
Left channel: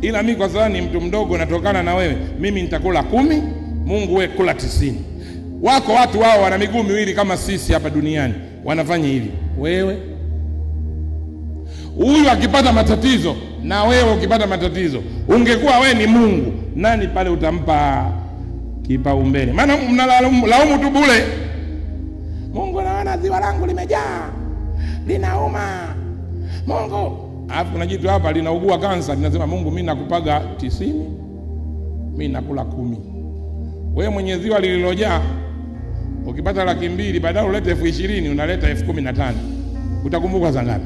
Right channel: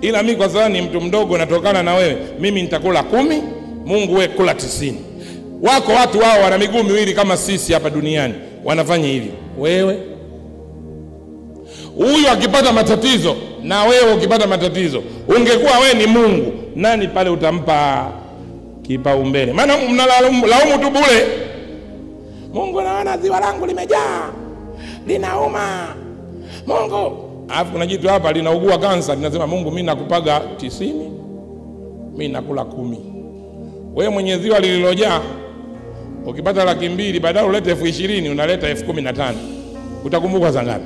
Ila mimi kwa sababu ni mtu mdogo natokana na wewe, mimi nitakula 10, Mungu wewe kula 90. Wako watu wao wana miguu miwili kama sisi hapa duniani, wanafanya hivi. Wewe huyu akipata matatizo na wewe ukipata matatizo, ungekuwa wewe ni Mungu, nani pale utampa kipaumbele? Maana mnalaumu tu bure. Mungu, naona ziwa langu limejaa, linauma. Mungu, alafu kuna jitu hapa linaugua kansa, linasema Mungu, mimi nakupaga 90, mimi nakula 10. Wewe mwenye ziwa lililojaa, ukipata 200,000 badala ulete 20,000 unaleta 15,000. Utakumbuka za ngapi?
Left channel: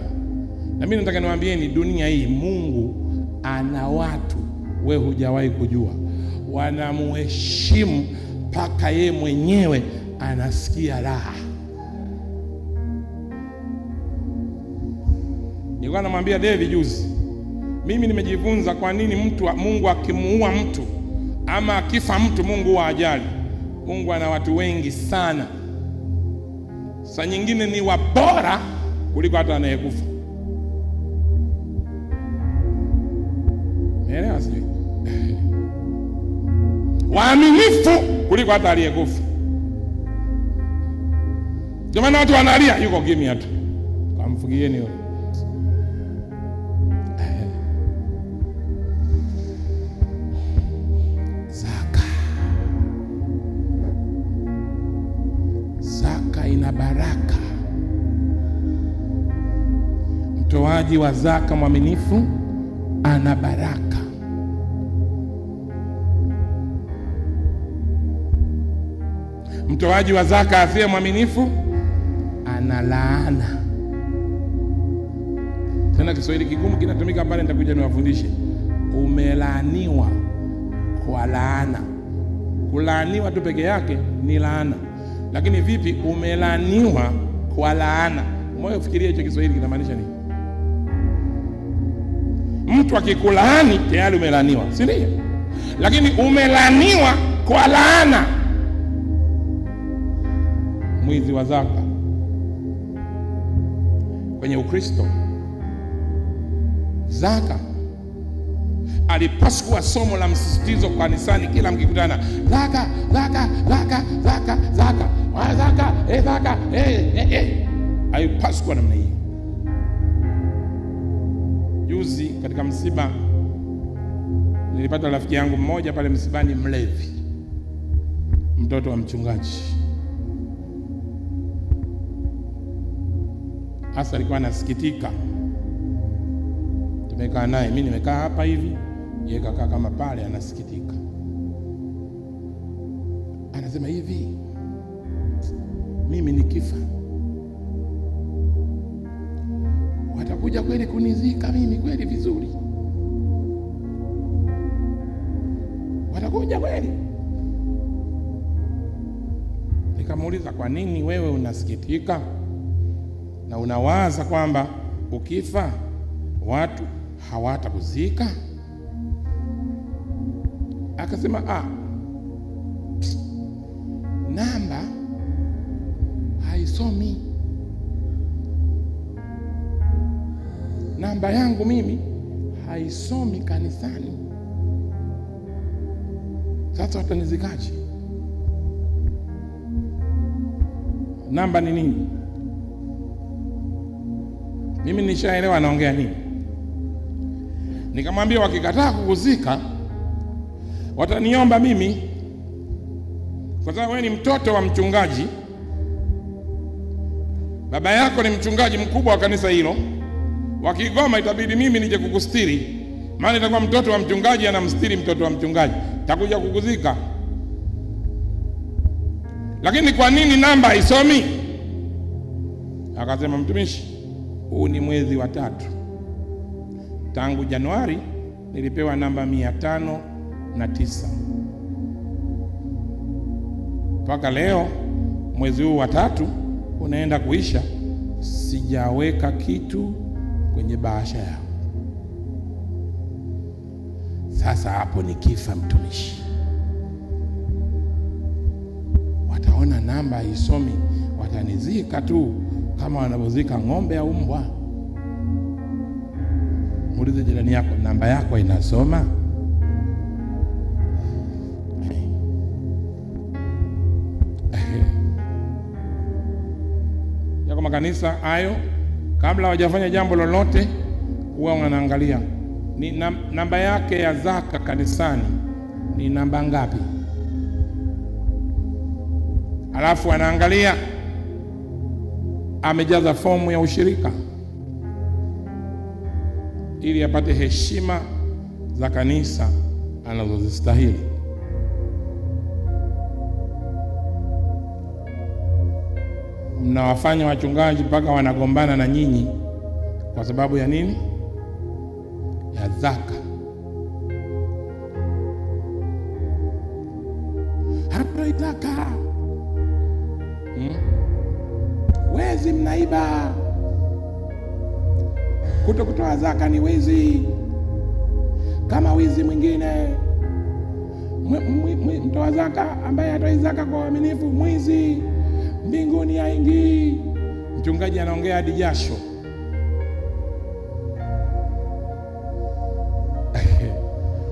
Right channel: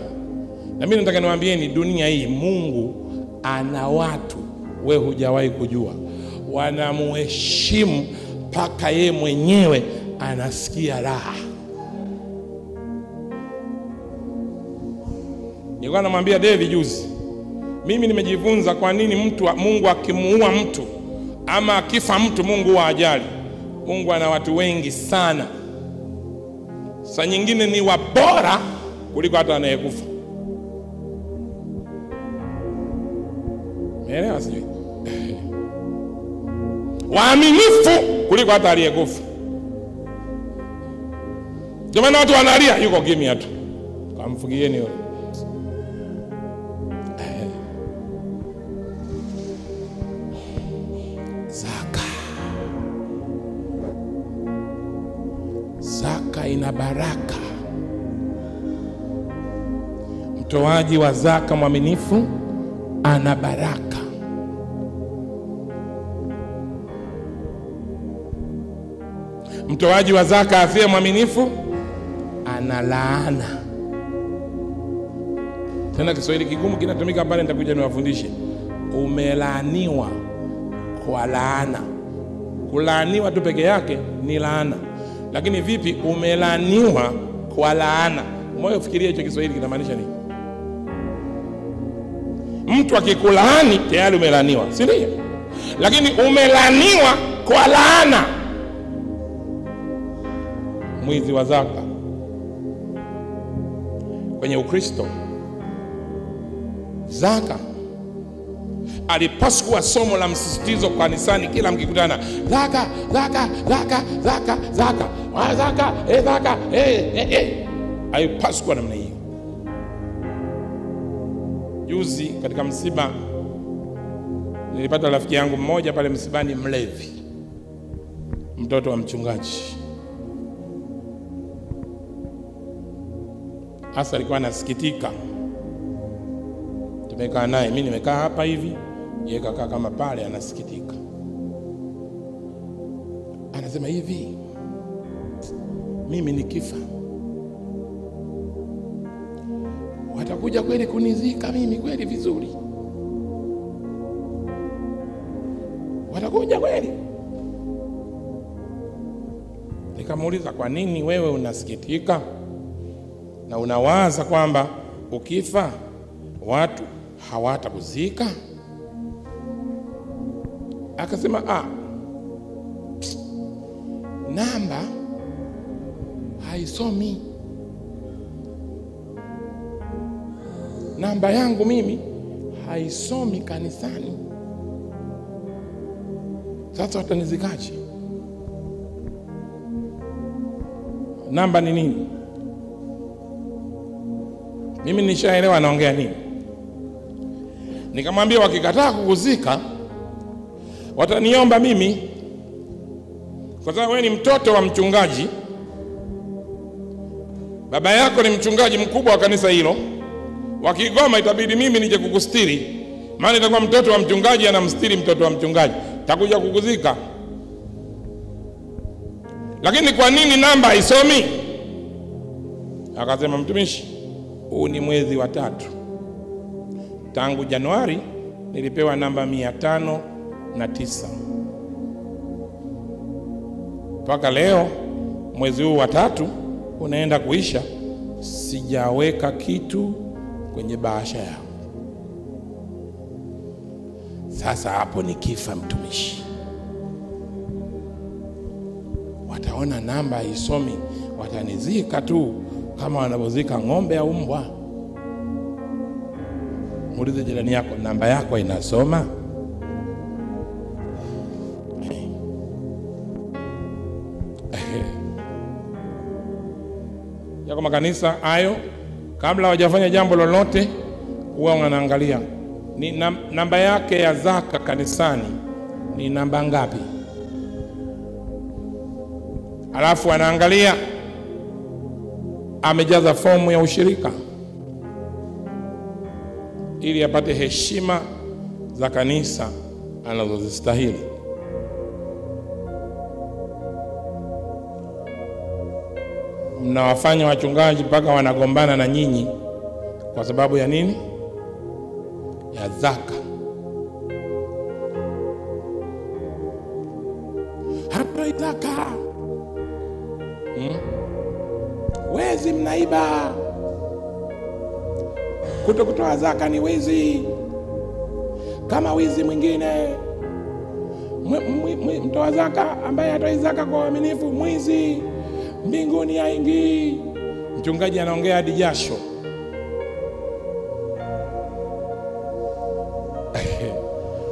Na mimi nataka niwaambieni, dunia hii Mungu ana watu wewe hujawahi kujua, wanamuheshimu mpaka yeye mwenyewe anasikia raha. Nilikuwa namwambia David juzi, mimi nimejifunza kwa nini Mungu akimuua mtu ama akifa mtu Mungu wa ajali. Mungu ana watu wengi sana, saa nyingine ni wabora kuliko hata anayekufa. Umeelewa sijui? Waaminifu kuliko hata aliyekufa. Jamani, watu wanalia, yuko kimya tu, kamfugieni yule. Zaka ina baraka. Mtoaji wa zaka mwaminifu ana baraka. Mtoaji wa zaka asiye mwaminifu ana laana. Tena Kiswahili kigumu kinatumika pale, nitakuja niwafundishe. Umelaaniwa kwa laana. Kulaaniwa tu peke yake ni laana, lakini vipi umelaaniwa kwa laana? Moyo fikiria hicho Kiswahili kinamaanisha nini? Mtu akikulaani tayari umelaaniwa, si ndio? Lakini umelaaniwa kwa laana. Mwizi wa zaka kwenye Ukristo, zaka alipaswa somo la msisitizo kanisani kila mkikutana. Zaka, zaka, zaka, zaka, zaka, zaka, zaka, alipaswa namna hiyo. Juzi katika msiba nilipata rafiki yangu mmoja pale msibani, mlevi, mtoto wa mchungaji. Hasa alikuwa anasikitika. Tumekaa naye, mimi nimekaa hapa hivi, yeye kakaa kama pale anasikitika. Anasema hivi, mimi nikifa watakuja kweli kunizika mimi kweli vizuri? Watakuja kweli? Nikamuuliza, kwa nini wewe unasikitika na unawaza kwamba ukifa watu hawatakuzika? Akasema, namba haisomi. Namba yangu mimi haisomi kanisani. Sasa watanizikaje? Namba ni nini? Mimi nishaelewa anaongea nini. Nikamwambia, wakikataa kukuzika wataniomba mimi, kwa sababu wewe ni mtoto wa mchungaji, baba yako ni mchungaji mkubwa wa kanisa hilo. Wakigoma itabidi mimi nije kukustiri, maana itakuwa mtoto wa mchungaji anamstiri mtoto wa mchungaji, takuja kukuzika. Lakini kwa nini namba haisomi? Akasema, mtumishi, huu ni mwezi wa 3. Tangu Januari nilipewa namba 509. Mpaka leo mwezi huu wa 3 unaenda kuisha, sijaweka kitu kwenye bahasha yao. Sasa hapo nikifa, mtumishi, wataona namba isomi, watanizika tu kama wanavyozika ng'ombe au mbwa. Muulize jirani yako, namba yako inasoma? Yako makanisa hayo, kabla hawajafanya jambo lolote, huwa wanaangalia ni namba yake ya zaka kanisani ni namba ngapi. Alafu anaangalia amejaza fomu ya ushirika, ili apate heshima za kanisa anazozistahili. Mnawafanya wachungaji mpaka wanagombana na nyinyi kwa sababu ya nini? Ya zaka. Hatoi zaka. Wezi, mnaiba. Kutokutoa zaka ni wizi kama wizi mwingine. Mtoa zaka ambaye hatoi zaka kwa uaminifu mwizi, mbinguni haingii. Mchungaji anaongea hadi jasho.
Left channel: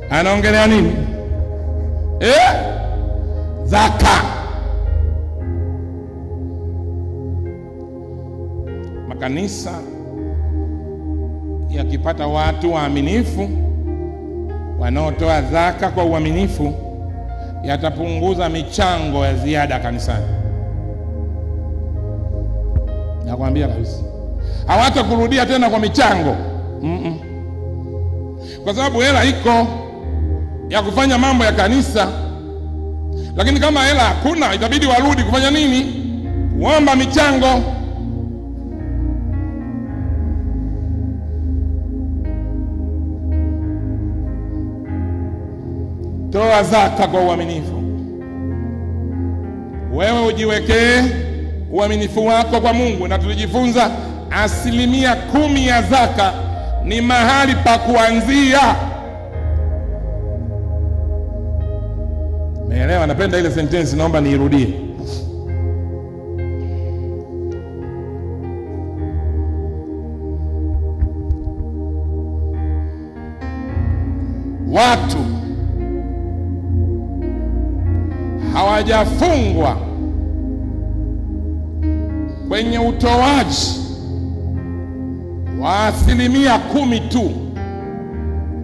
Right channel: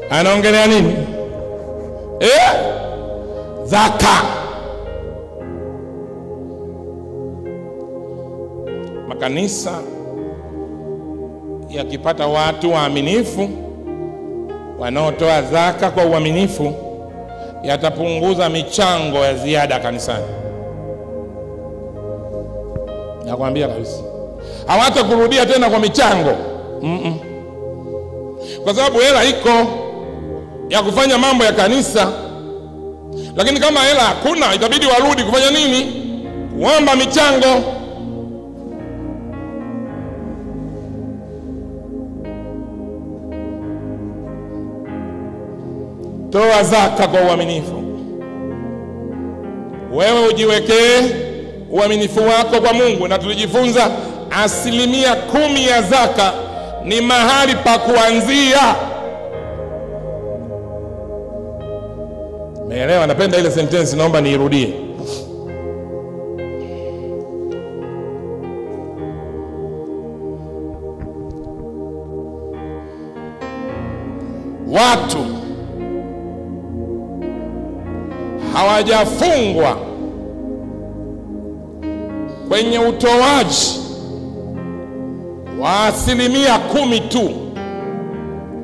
Anaongelea nini? Zaka. Makanisa yakipata watu waaminifu wanaotoa zaka kwa uaminifu, yatapunguza michango ya ziada kanisani. Nakwambia kabisa, hawatakurudia tena kwa michango. Kwa sababu hela iko ya kufanya mambo ya kanisa. Lakini kama hela hakuna, itabidi warudi kufanya nini? Kuomba michango. Toa zaka kwa uaminifu. Wewe ujiwekee uaminifu wako kwa Mungu, na tulijifunza 10% ya zaka ni mahali pa kuanzia. Meelewa? Napenda ile sentence, naomba niirudie. Watu hawajafungwa kwenye utoaji wa 10% tu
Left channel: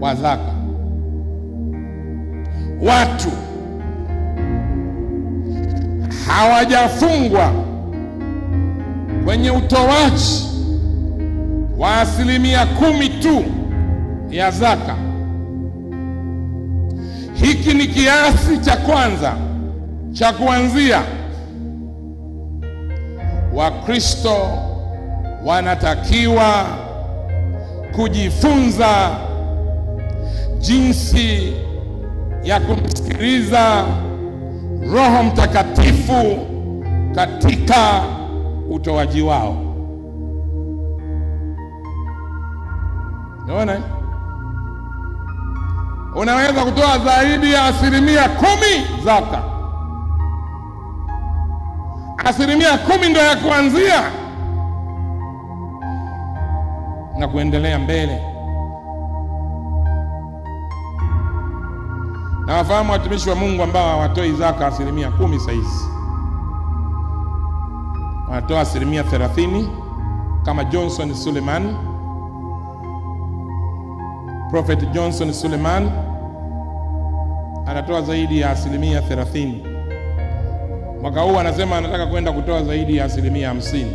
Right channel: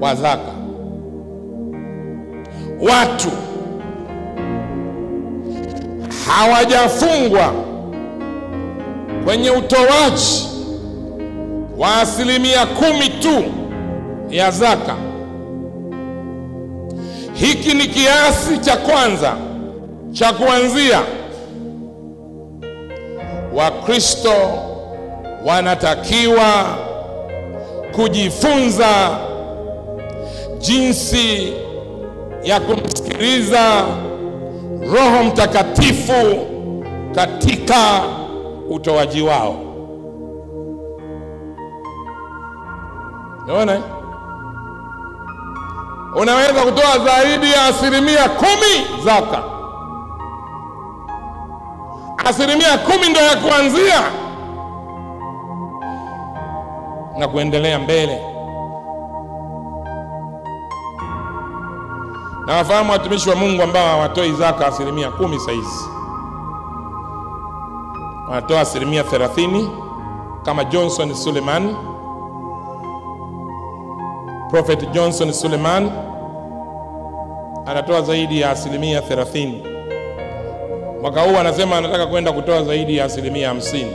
wa zaka. Watu hawajafungwa kwenye utoaji wa 10% tu ya zaka. Hiki ni kiasi cha kwanza cha kuanzia. Wakristo wanatakiwa kujifunza jinsi ya kumsikiliza Roho Mtakatifu katika utoaji wao. Unaona? Unaweza kutoa zaidi ya 10% zaka. 10% ndio ya kuanzia na kuendelea mbele. Na wafahamu watumishi wa Mungu ambao hawatoi zaka 10% saizi. Wanatoa 30% kama Johnson Suleiman. Prophet Johnson Suleiman anatoa zaidi ya 30%. Mwaka huu anasema anataka kwenda kutoa zaidi ya 50%.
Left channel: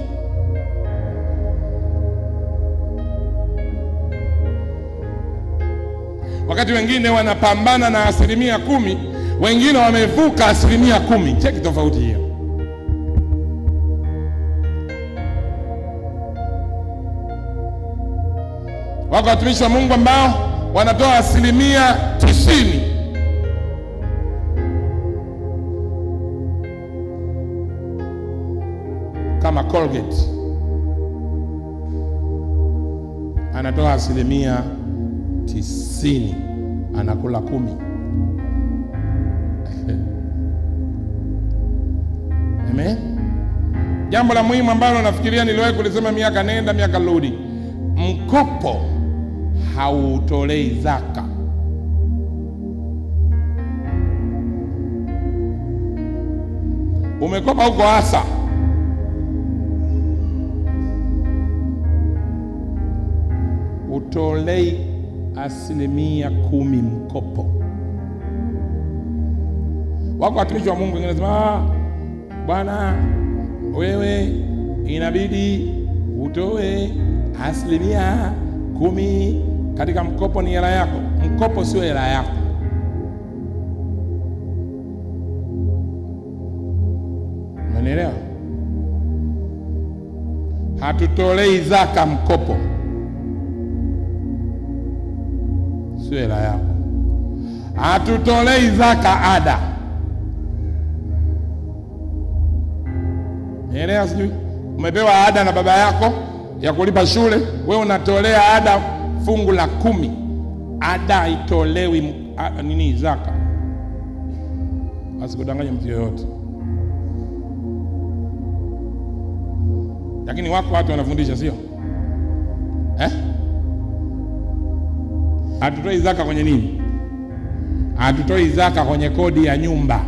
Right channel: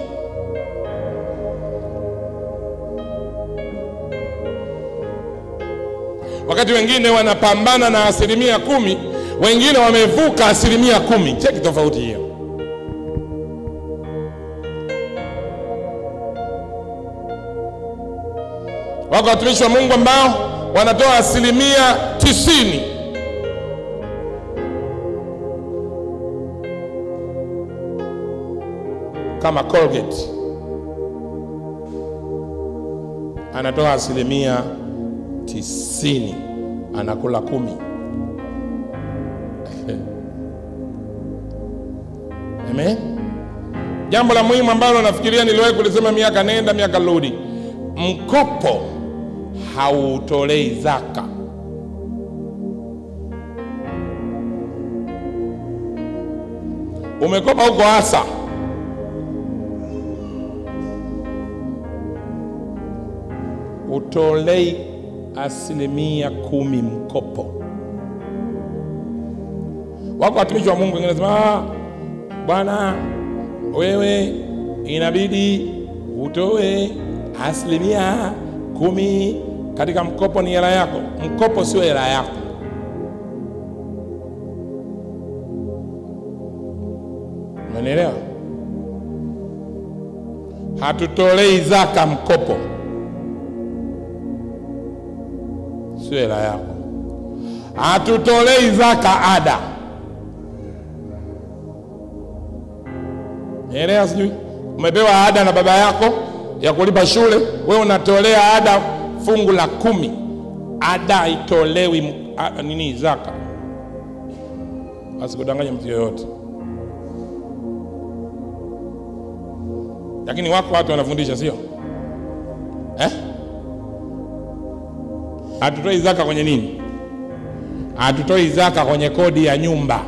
Wakati wengine wanapambana na 10%, wengine wamevuka 10%. Cheki tofauti hiyo. Wako watumishi wa Mungu ambao wanatoa 90%. Kama Colgate anatoa 90%, anakula 10. Amen. Jambo la muhimu ambalo nafikiria niliwahi kulisema miaka nenda miaka rudi, mkopo hautolei zaka. Umekopa huko hasa, utolei 10% mkopo. Wako watumishi wa Mungu wengine wanasema, bwana wewe inabidi utoe 10% katika mkopo, ni hela yako. Mkopo sio hela yako. Umeelewa? Hatutolei zaka mkopo, sio hela yako. Hatutolei zaka ada. Umeelewa? Sijui umepewa ada na baba yako ya kulipa shule, wewe unatolea ada fungu la 10. Ada itolewi zaka. Asikudanganye mtu yoyote. Lakini wako watu wanafundisha, sio? Hatutoi zaka kwenye nini? Hatutoi zaka kwenye kodi ya nyumba.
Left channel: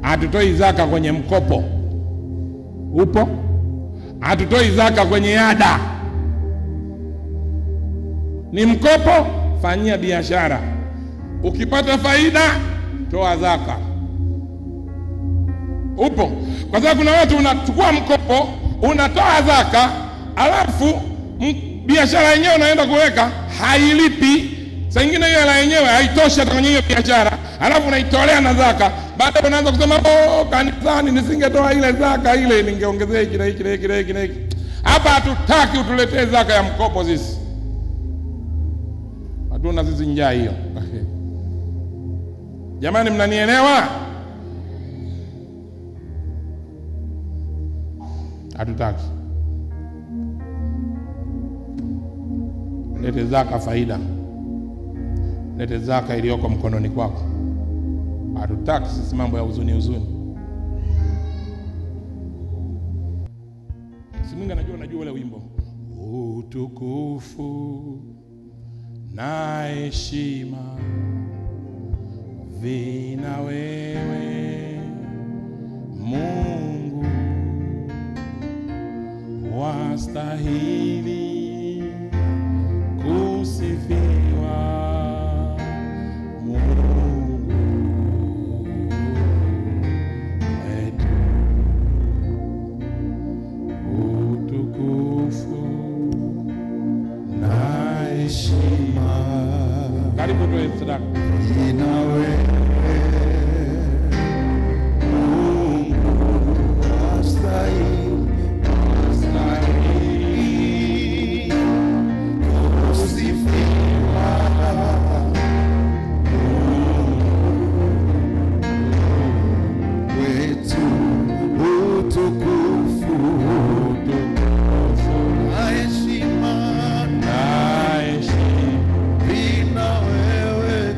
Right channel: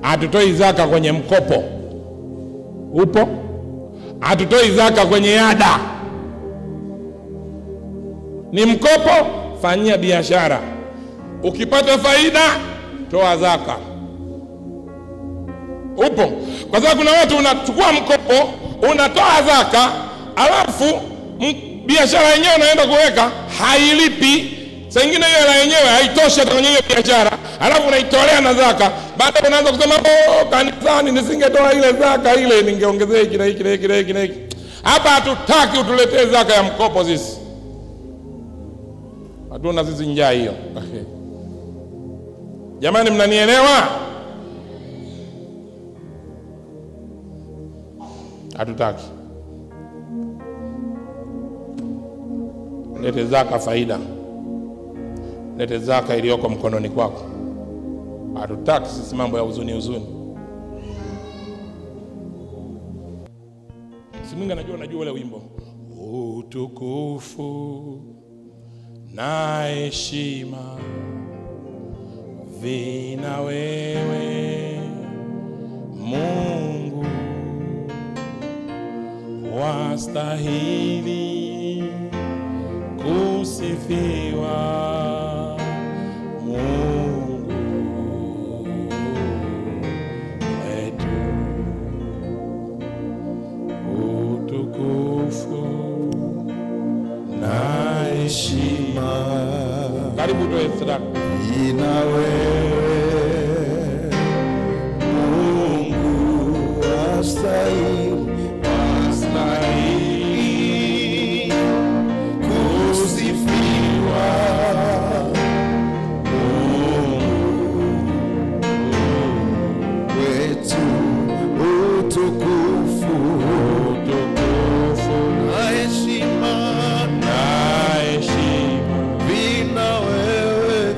Hatutoi zaka kwenye mkopo. Upo? Hatutoi zaka kwenye ada. Ni mkopo, fanyia biashara. Ukipata faida, toa zaka. Upo? Kwa sababu kuna watu unachukua mkopo, unatoa zaka, alafu biashara yenyewe unaenda kuweka hailipi. Saa nyingine hiyo hela yenyewe haitoshi hata kwenye hiyo biashara, alafu unaitolea na zaka. Baadaye unaanza kusema, kanisani nisingetoa ile zaka ile, ningeongezea hiki na hiki na hiki na hiki na hiki. Hapa hatutaki utuletee zaka ya mkopo sisi. Hatuna sisi njaa hiyo. Jamani, mnanielewa? Hatutaki. Lete zaka faida. Lete zaka iliyoko mkononi kwako. Hatutaki sisi mambo ya huzuni. Si Mungu anajua ule wimbo. Utukufu na heshima vina wewe Mungu, wastahili kusifiwa Mungu wetu. Utukufu na heshima, karibu tuwe sadaka, ina wewe Mungu, wastahili kusifiwa Mungu wetu. Utukufu na heshima vina wewe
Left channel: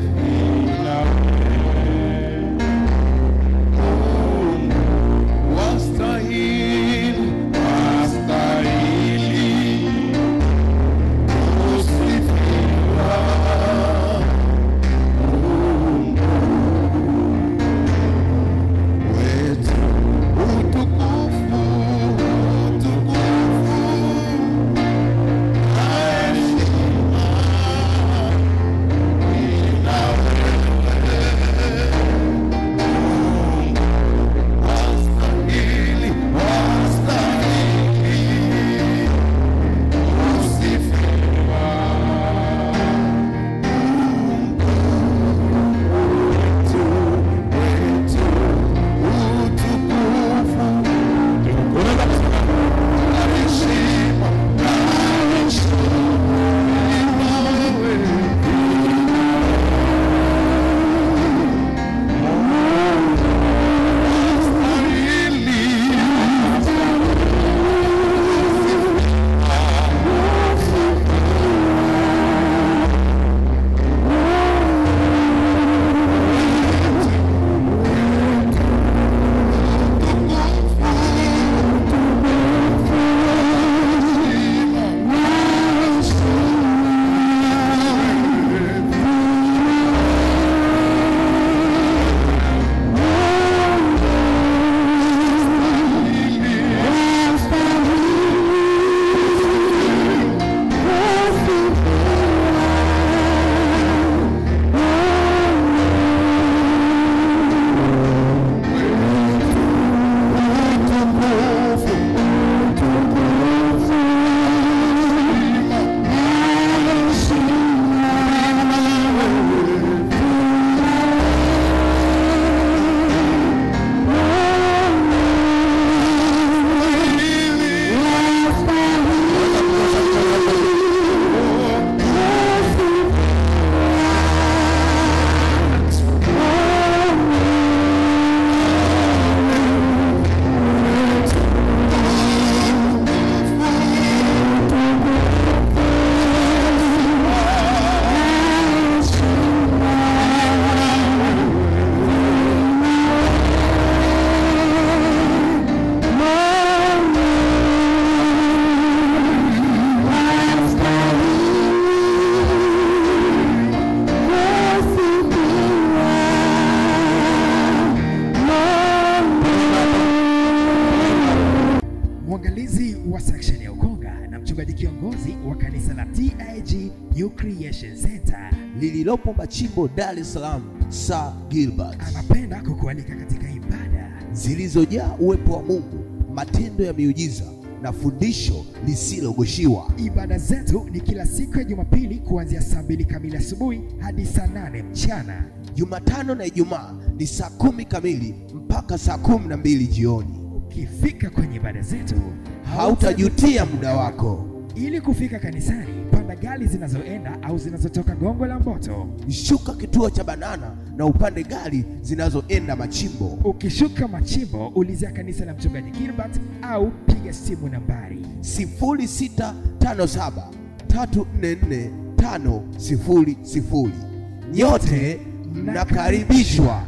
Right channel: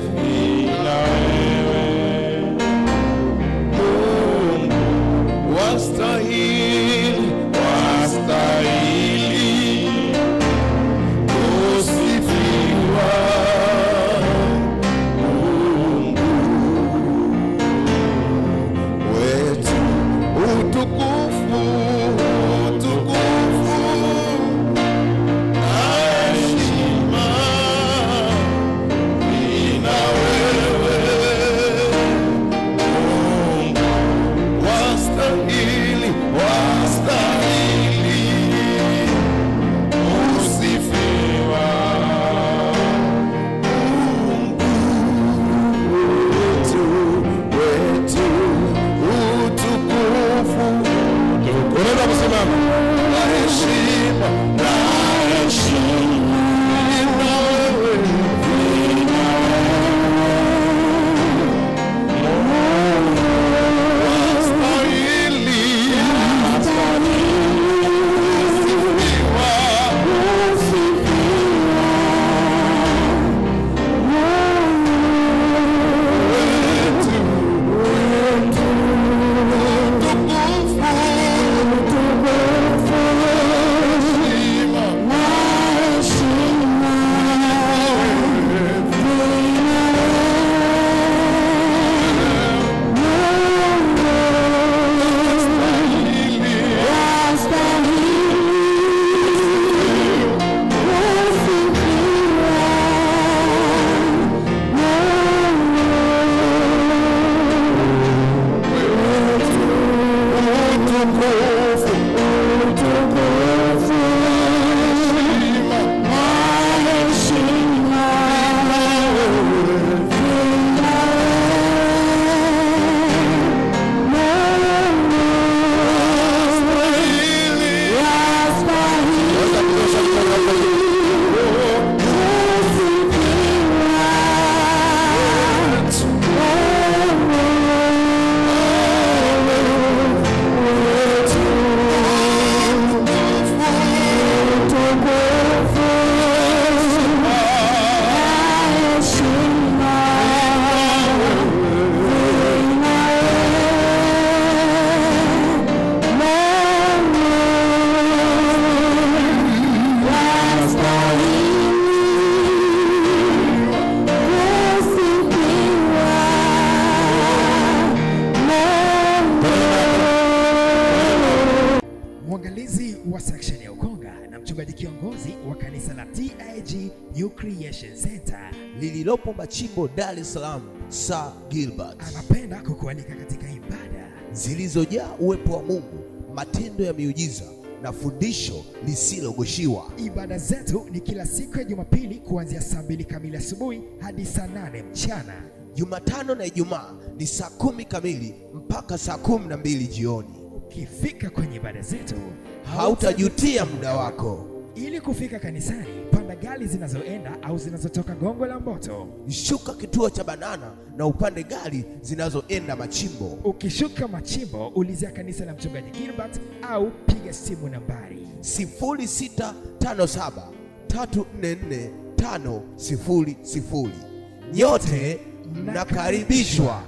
uimbaji New Creation Center lililopo Machimbo, Dar es Salaam. Sir Gilbert anapenda kukualika katika ibada zilizojaa uwepo wa Mungu, matendo ya miujiza na fundisho lisilogoshiwa. Ibada zetu ni kila siku ya Jumapili kuanzia saa 2 kamili asubuhi hadi saa 8 mchana. Jumatano na Ijumaa ni saa 10 kamili mpaka saa 12 jioni. Ukifika kwenye ibada zetu hautajutia muda wako. Ili kufika kanisani, panda gari zinazoenda au zinazotoka Gongo la Mboto. Shuka kituo cha Banana na upande gari zinazoenda Machimbo. Ukishuka Machimbo, ulizia kanisa la Mchungaji Gilbert au piga simu nambari 0657 344 500. Nyote mnakaribishwa.